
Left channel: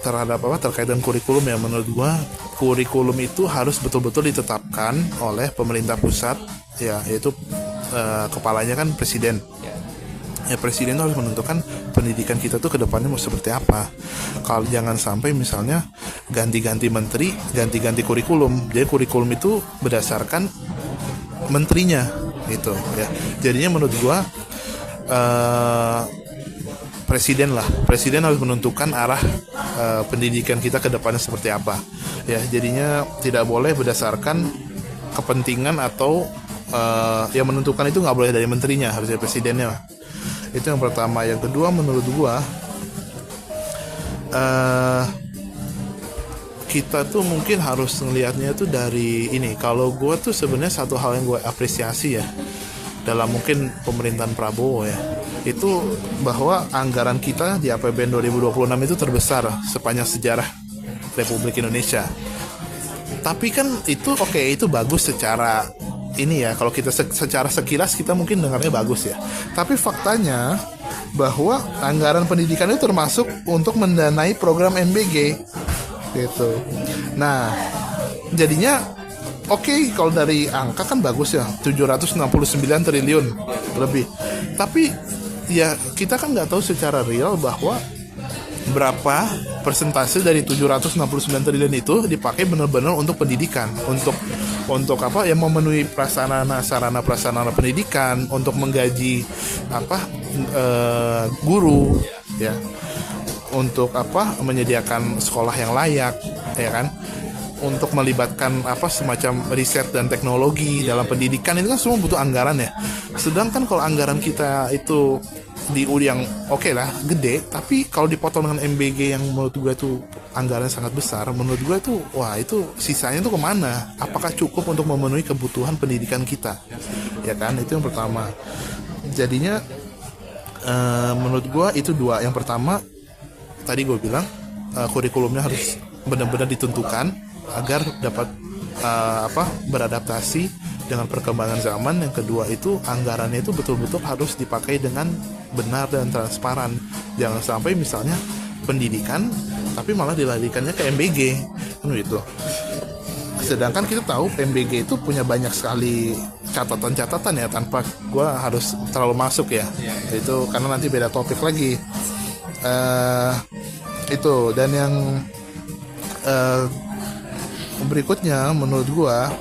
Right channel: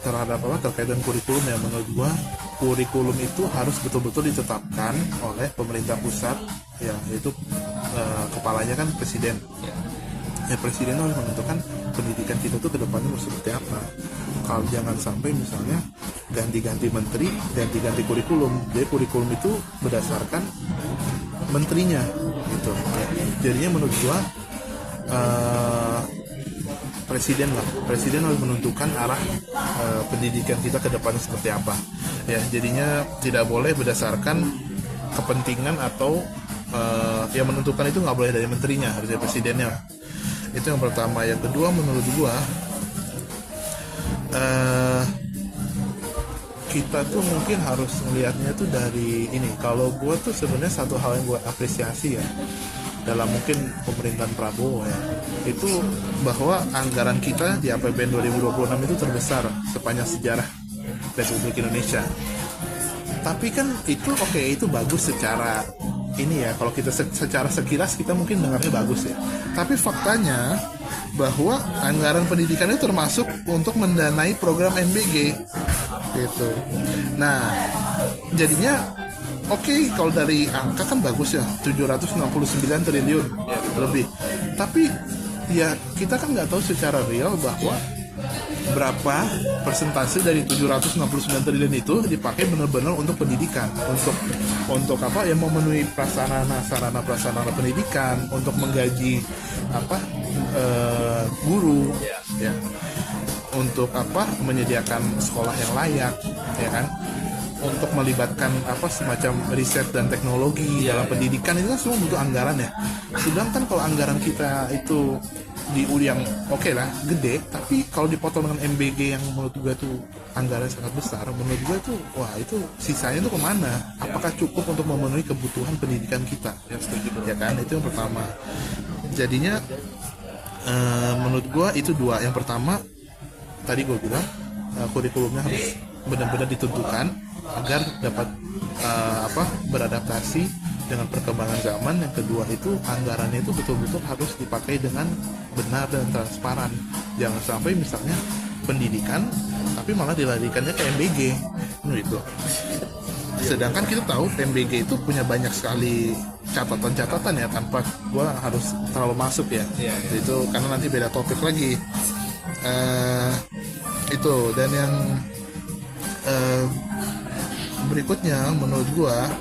terhadap apa terkait dengan kurikulum ya. Menurut gua kurikulum itu harus betul-betul ditetapkan oleh pemerintah pusat ya, yaitu kepalanya kan presiden ya. Presiden harus menentukan pendidikan kita tuh ke depannya mau seperti apa. Kalau jangan sampai misalnya ganti-ganti menteri, ganti-ganti kurikulum. Jadi kurikulum itu berdasarkan menterinya gitu ya. Jadinya menurut gua presiden harus menentukan arah pendidikan kita ke depannya seperti apa ya. Jadinya tidak boleh berdasarkan kepentingan atau yang menentukan itu nggak boleh dari menterinya, harus dari presidennya. Itu yang pertama. Yang kedua, menurut gua kita tuh mungkin harus melihatnya tuh dari ini. Kalau gua tuh sebenarnya satu hal yang gua apresiasi ya dalam mungkin pemerintahan Prabowo ya, itu bahwa anggaran kita di APBN 2026 itu terbesar sepanjang sejarah Republik Indonesia. Tapi kan itu oke, itu bagus secara ini ya, kalau kita secara sekilas kita mungkin dengarnya bagus ya. Tapi faktanya bahwa anggaran pendidikan itu termasuk untuk mendanai program MBG gitu. Nah, jadinya oke, kalau dari angka kan bagus ya, 769 triliun lebih. Tapi ya kita kan nggak tahu secara real bahwa berapa persentase dari 769 triliun itu dipakai benar-benar untuk pendidikan, untuk apa yang memenuhi sarana prasarana pendidikan, untuk menggaji apa guru ya, untuk apa menyediakan sekolah yang layak ya kan, untuk melibatkan apa semacam riset dan teknologi dalam pendidikan. Itu kan semua butuh anggaran ya. Sedangkan kalau anggaran kita itu di yang oke lah gede, tapi kalau dipotong dengan MBG yang menurut gue tuh anggaran sangat besar, menurut gue tuh wah, itu sisanya tuh kemana? Apakah cukup untuk memenuhi kebutuhan pendidikan kita ya kan? Itu yang pertama. Jadinya menurut gue itu dua. Yang pertama tadi gue bilang kurikulumnya harus benar-benar ditentukan agar dapat beradaptasi dengan perkembangan zaman. Yang kedua itu anggarannya itu betul-betul harus dipakai dengan benar dan transparan. Jangan sampai misalnya pendidikan tapi malah dilarikannya ke MBG gitu. Sedangkan kita tahu MBG itu punya banyak sekali catatan-catatan ya, tanpa gue harus terlalu masuk ya. Itu karena nanti beda topik lagi. Itu. Dan yang berikutnya menurut gua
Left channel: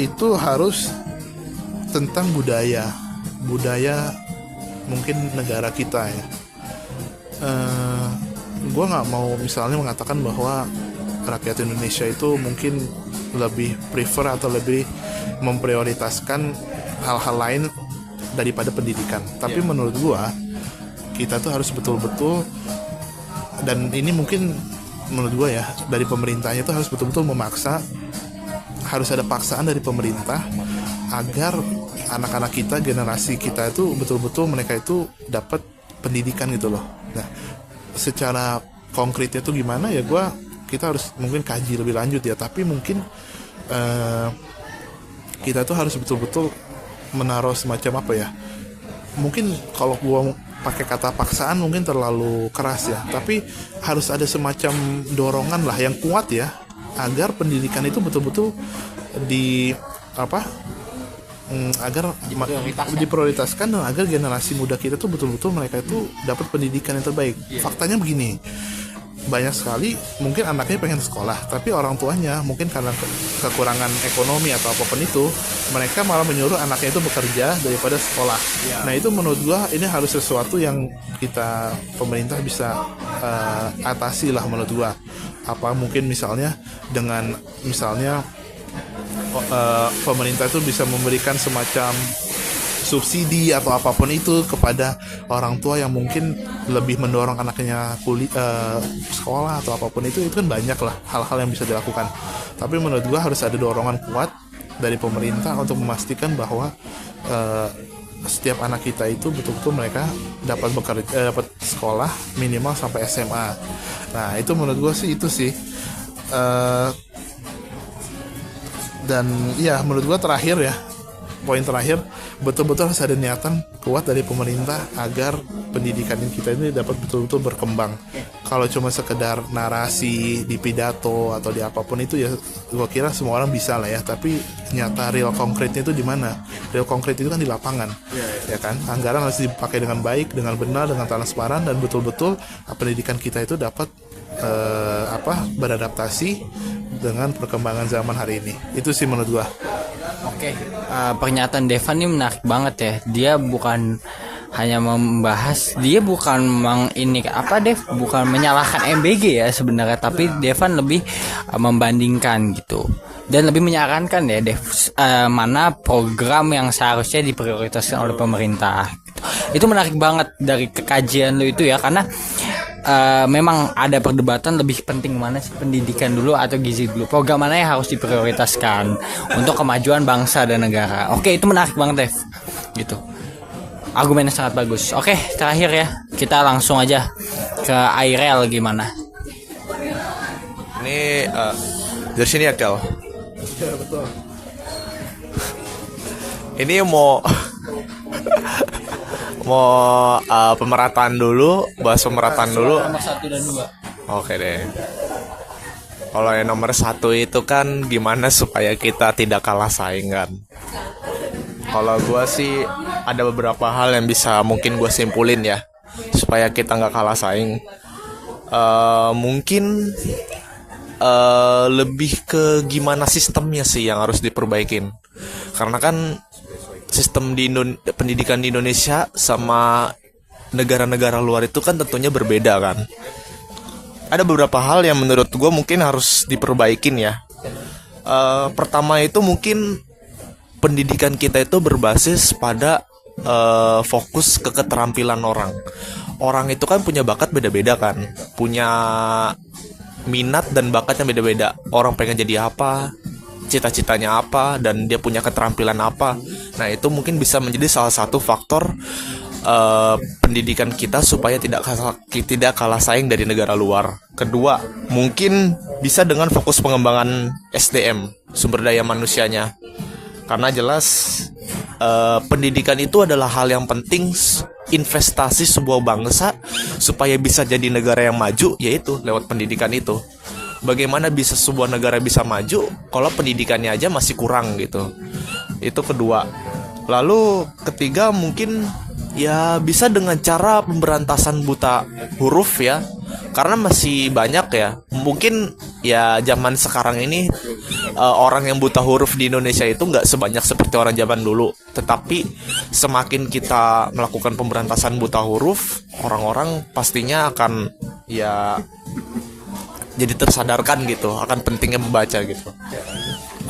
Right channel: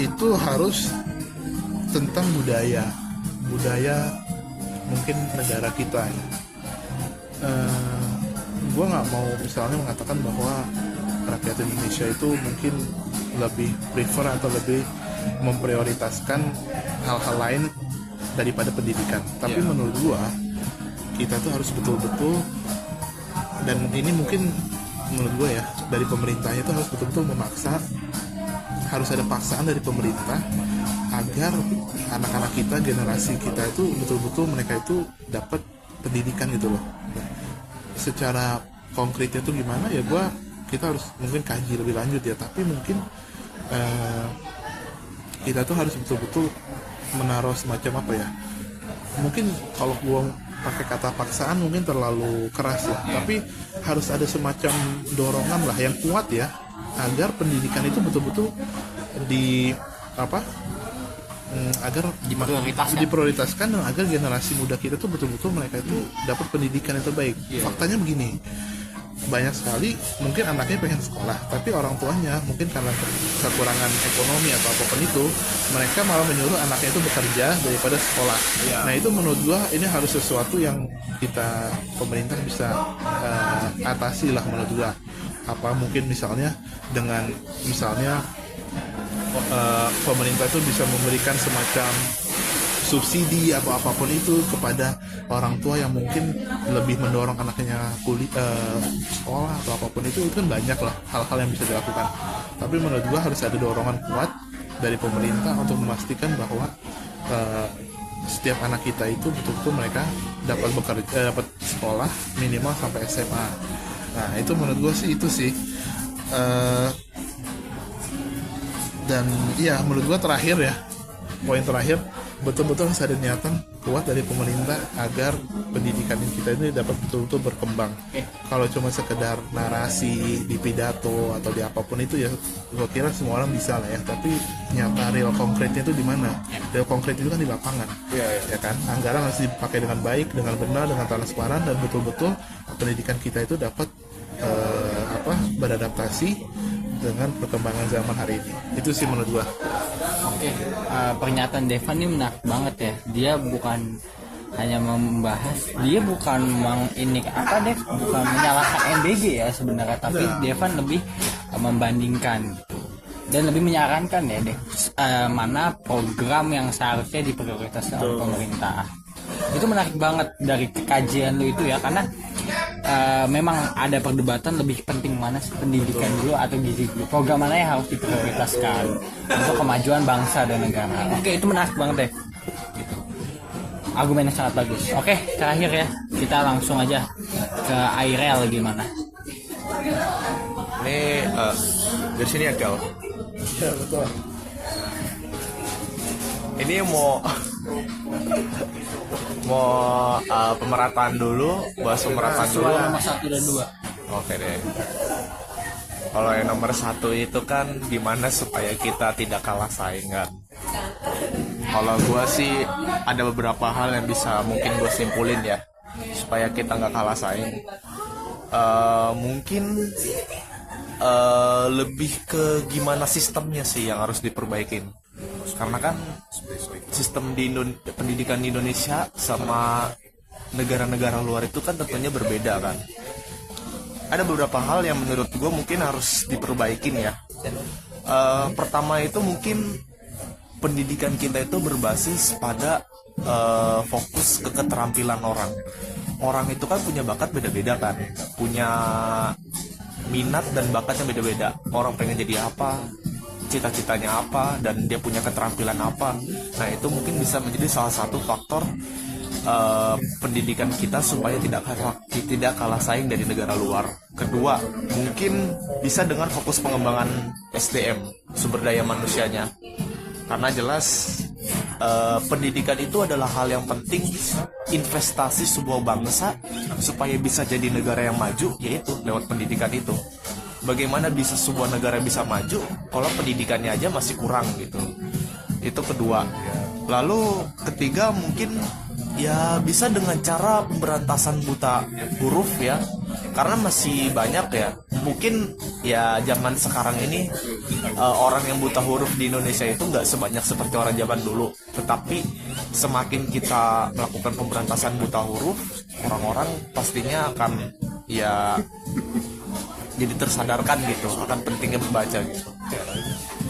itu harus tentang budaya mungkin negara kita ya. Gue nggak mau misalnya mengatakan bahwa rakyat Indonesia itu mungkin lebih prefer atau lebih memprioritaskan hal-hal lain daripada pendidikan. Tapi menurut gue kita tuh harus betul-betul, dan ini mungkin menurut gue ya, dari pemerintahnya itu harus betul-betul memaksa, harus ada paksaan dari pemerintah agar anak-anak kita, generasi kita itu betul-betul mereka itu dapat pendidikan gitu loh. Nah, secara konkretnya itu gimana ya, kita harus mungkin kaji lebih lanjut ya, tapi mungkin kita tuh harus betul-betul menaruh semacam apa ya, mungkin kalau gua pakai kata paksaan mungkin terlalu keras ya, tapi harus ada semacam dorongan lah yang kuat ya, agar pendidikan itu betul-betul agar diprioritaskan dan agar generasi muda kita tuh betul-betul mereka itu dapat pendidikan yang terbaik. Faktanya begini, banyak sekali mungkin anaknya pengen sekolah, tapi orang tuanya mungkin karena kekurangan ekonomi atau apapun itu, mereka malah menyuruh anaknya itu bekerja daripada sekolah. Nah, itu menurut gua ini harus sesuatu yang kita pemerintah bisa atasi lah menurut gua. Apa mungkin misalnya dengan pemerintah tuh bisa memberikan semacam subsidi atau apapun itu kepada orang tua yang mungkin lebih mendorong anaknya sekolah atau apapun itu kan banyak lah hal-hal yang bisa dilakukan. Tapi menurut gua harus ada dorongan kuat dari pemerintah untuk memastikan bahwa setiap anak kita itu betul-betul mereka dapat dapat sekolah minimal sampai SMA. Nah, itu menurut gua sih itu sih. Dan ya menurut gua poin terakhir betul-betul harus ada niatan kuat dari pemerintah agar pendidikan kita ini dapat betul-betul berkembang. Kalau cuma sekedar narasi di pidato atau di apapun itu ya gua kira semua orang bisa lah ya, tapi nyata real konkretnya itu di mana? Real konkret itu kan di lapangan. Ya kan? Anggaran harus dipakai dengan baik, dengan benar, dengan transparan, dan betul-betul pendidikan kita itu dapat beradaptasi dengan perkembangan zaman hari ini. Itu sih menurut gua. Oke, pernyataan Devan ini menarik banget ya. Dia bukan hanya membahas, dia bukan bukan menyalahkan MBG ya sebenarnya, tapi Devan lebih membandingkan gitu dan lebih menyarankan ya mana program yang seharusnya diprioritaskan oleh pemerintah gitu. Itu menarik banget dari kekajian lo itu ya, karena memang ada perdebatan lebih penting mana sih, pendidikan dulu atau gizi dulu, program mana yang harus diprioritaskan untuk kemajuan bangsa dan negara. Oke, itu menarik banget Dev gitu, argumennya sangat bagus. Oke, terakhir ya, kita langsung aja ke Airel gimana. Ini dari sini ya Kel. Ya, betul. Ini mau pemerataan dulu, bahas pemerataan dulu. Nomor 1 dan 2. Oke deh. Kalau yang nomor 1 itu kan gimana supaya kita tidak kalah saing kan. Kalau gue sih ada beberapa hal yang bisa mungkin gue simpulin ya, supaya kita nggak kalah saing. Mungkin lebih ke gimana sistemnya sih yang harus diperbaikin. Karena kan sistem pendidikan di Indonesia sama negara-negara luar itu kan tentunya berbeda kan. Ada beberapa hal yang menurut gue mungkin harus diperbaikin ya. Pertama itu mungkin pendidikan kita itu berbasis pada fokus ke keterampilan orang. Orang itu kan punya bakat beda-beda kan, punya minat dan bakatnya beda-beda. Orang pengen jadi apa, cita-citanya apa, dan dia punya keterampilan apa. Nah, itu mungkin bisa menjadi salah satu faktor pendidikan kita supaya tidak kalah saing dari negara luar. Kedua, mungkin bisa dengan fokus pengembangan SDM, sumber daya manusianya. Karena jelas pendidikan itu adalah hal yang penting, investasi sebuah bangsa supaya bisa jadi negara yang maju, yaitu lewat pendidikan itu. Bagaimana bisa sebuah negara bisa maju kalau pendidikannya aja masih kurang gitu. Itu kedua. Lalu ketiga mungkin Ya bisa dengan cara pemberantasan buta huruf ya. Karena masih banyak ya. Mungkin ya zaman sekarang ini orang yang buta huruf di Indonesia itu nggak sebanyak seperti orang zaman dulu. Tetapi semakin kita melakukan pemberantasan buta huruf, orang-orang pastinya akan ya jadi tersadarkan gitu akan pentingnya membaca gitu.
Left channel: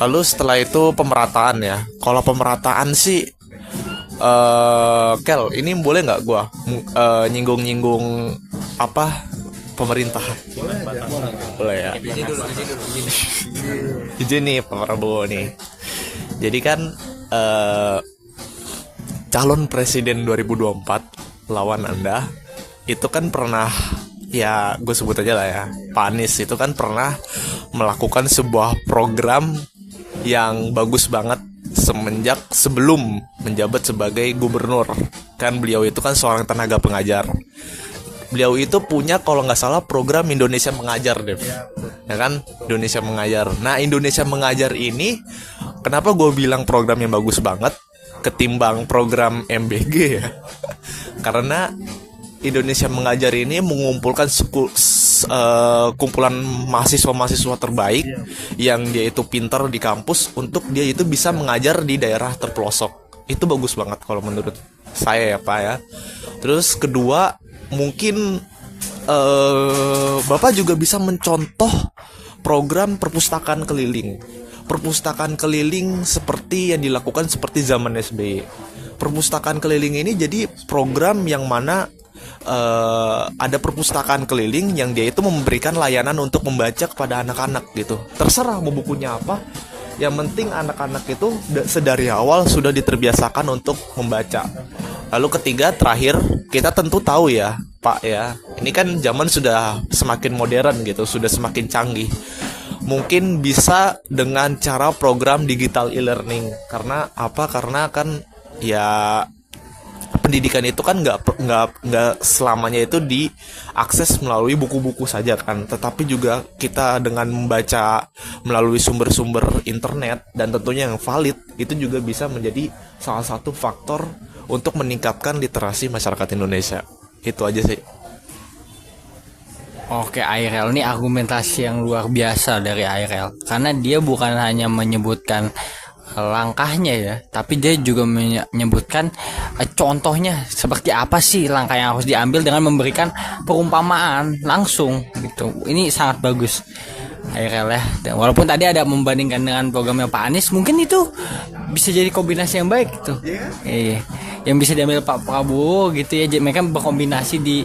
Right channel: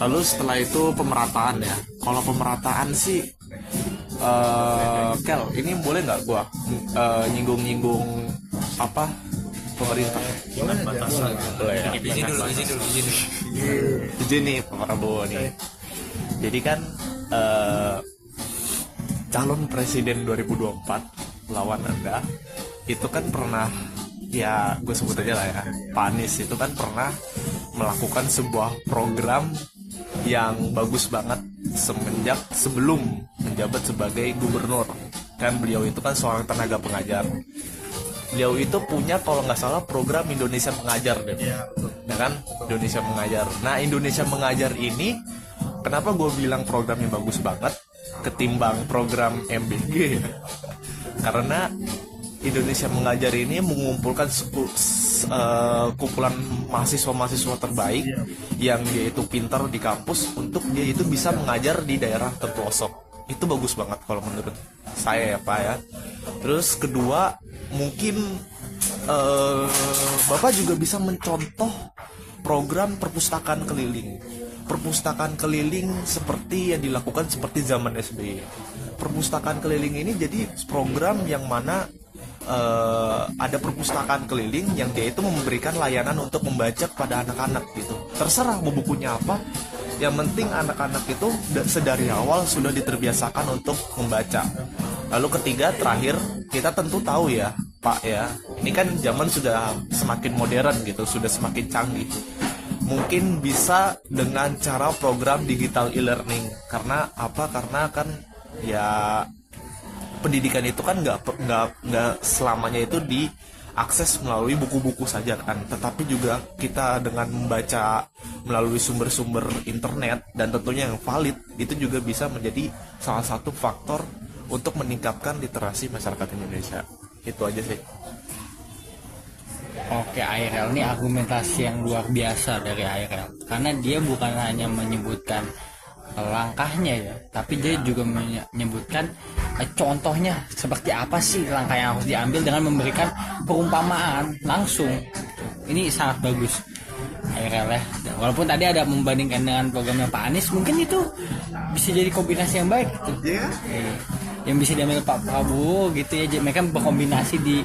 Lalu setelah itu pemerataan ya. Kalau pemerataan sih Kel, ini boleh nggak gua nyinggung-nyinggung apa pemerintahan? Boleh ya. Izin nih Pak Prabowo nih. Jadi kan calon presiden 2024 lawan Anda itu kan pernah, ya gue sebut aja lah ya, Pak Anies itu kan pernah melakukan sebuah program yang bagus banget sebelum menjabat sebagai gubernur. Kan beliau itu kan seorang tenaga pengajar. Beliau itu punya kalau nggak salah program Indonesia Mengajar deh, ya kan, Indonesia Mengajar. Nah, Indonesia Mengajar ini kenapa gue bilang program yang bagus banget ketimbang program MBG ya? Karena Indonesia Mengajar ini mengumpulkan kumpulan mahasiswa-mahasiswa terbaik yang dia itu pintar di kampus untuk dia itu bisa mengajar di daerah terpelosok. Itu bagus banget kalau menurut saya ya Pak ya. Terus kedua, mungkin Bapak juga bisa mencontoh program perpustakaan keliling. Perpustakaan keliling seperti yang dilakukan seperti zaman SBY. Perpustakaan keliling ini jadi program yang mana ada perpustakaan keliling yang dia itu memberikan layanan untuk membaca kepada anak-anak gitu. Terserah mau bukunya apa, yang penting anak-anak itu sedari awal sudah diterbiasakan untuk membaca. Lalu ketiga, terakhir, kita tentu tahu ya Pak ya, ini kan zaman sudah semakin modern gitu, sudah semakin canggih. Mungkin bisa dengan cara program digital e-learning. Karena apa? Karena kan ya pendidikan itu kan nggak selamanya itu diakses melalui buku-buku saja kan, tetapi juga kita dengan membaca melalui sumber-sumber internet dan tentunya yang valid itu juga bisa menjadi salah satu faktor untuk meningkatkan literasi masyarakat Indonesia. Itu aja sih. Oke, ARL ini argumentasi yang luar biasa dari ARL, karena dia bukan hanya menyebutkan langkahnya ya, tapi dia juga menyebutkan contohnya seperti apa sih langkah yang harus diambil dengan memberikan perumpamaan langsung gitu. Ini sangat bagus ARL ya. Dan walaupun tadi ada membandingkan dengan programnya Pak Anies, mungkin itu bisa jadi kombinasi yang baik gitu. Yang bisa diambil Pak Prabowo gitu ya. Mereka berkombinasi di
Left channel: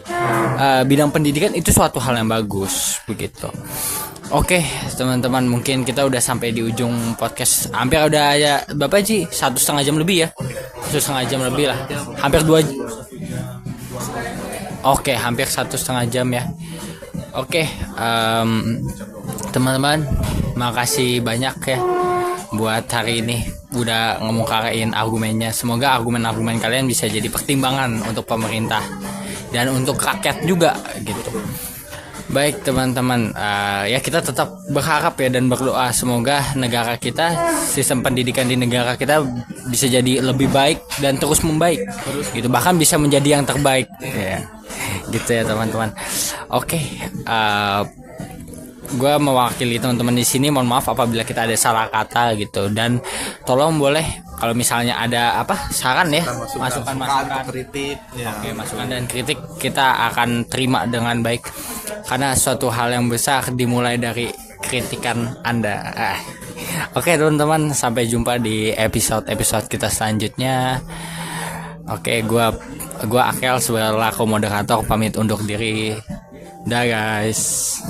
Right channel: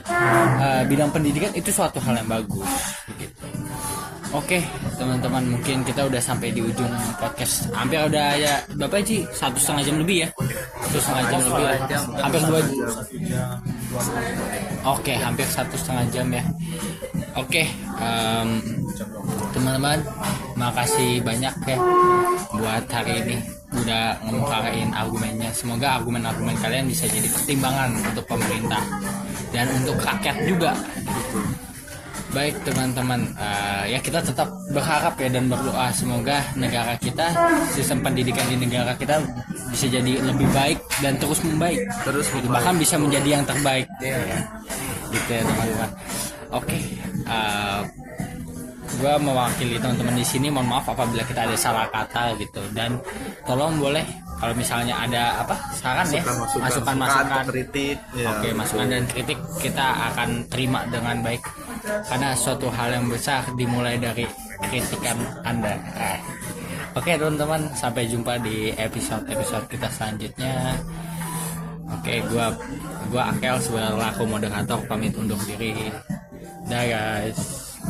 bidang pendidikan, itu suatu hal yang bagus begitu. Oke teman-teman, mungkin kita udah sampai di ujung podcast. Hampir udah ya Bapak Ji, 1,5 jam lebih ya. 1,5 jam lebih lah. Hampir 2. Oke, hampir 1,5 jam ya. Oke, teman-teman, makasih banyak ya buat hari ini udah ngomongin argumennya. Semoga argumen-argumen kalian bisa jadi pertimbangan untuk pemerintah dan untuk rakyat juga gitu. Baik teman-teman, ya kita tetap berharap ya dan berdoa semoga negara kita, sistem pendidikan di negara kita bisa jadi lebih baik dan terus membaik, gitu, bahkan bisa menjadi yang terbaik ya. Gitu ya teman-teman. Oke, gue mewakili teman-teman di sini, mohon maaf apabila kita ada salah kata gitu, dan tolong boleh kalau misalnya ada saran ya, masukan kritik ya. Oke, masukan dan kritik kita akan terima dengan baik, karena suatu hal yang besar dimulai dari kritikan Anda. Oke teman-teman, sampai jumpa di episode kita selanjutnya. Oke, gua Akel sebagai moderator pamit undur diri. Dah guys.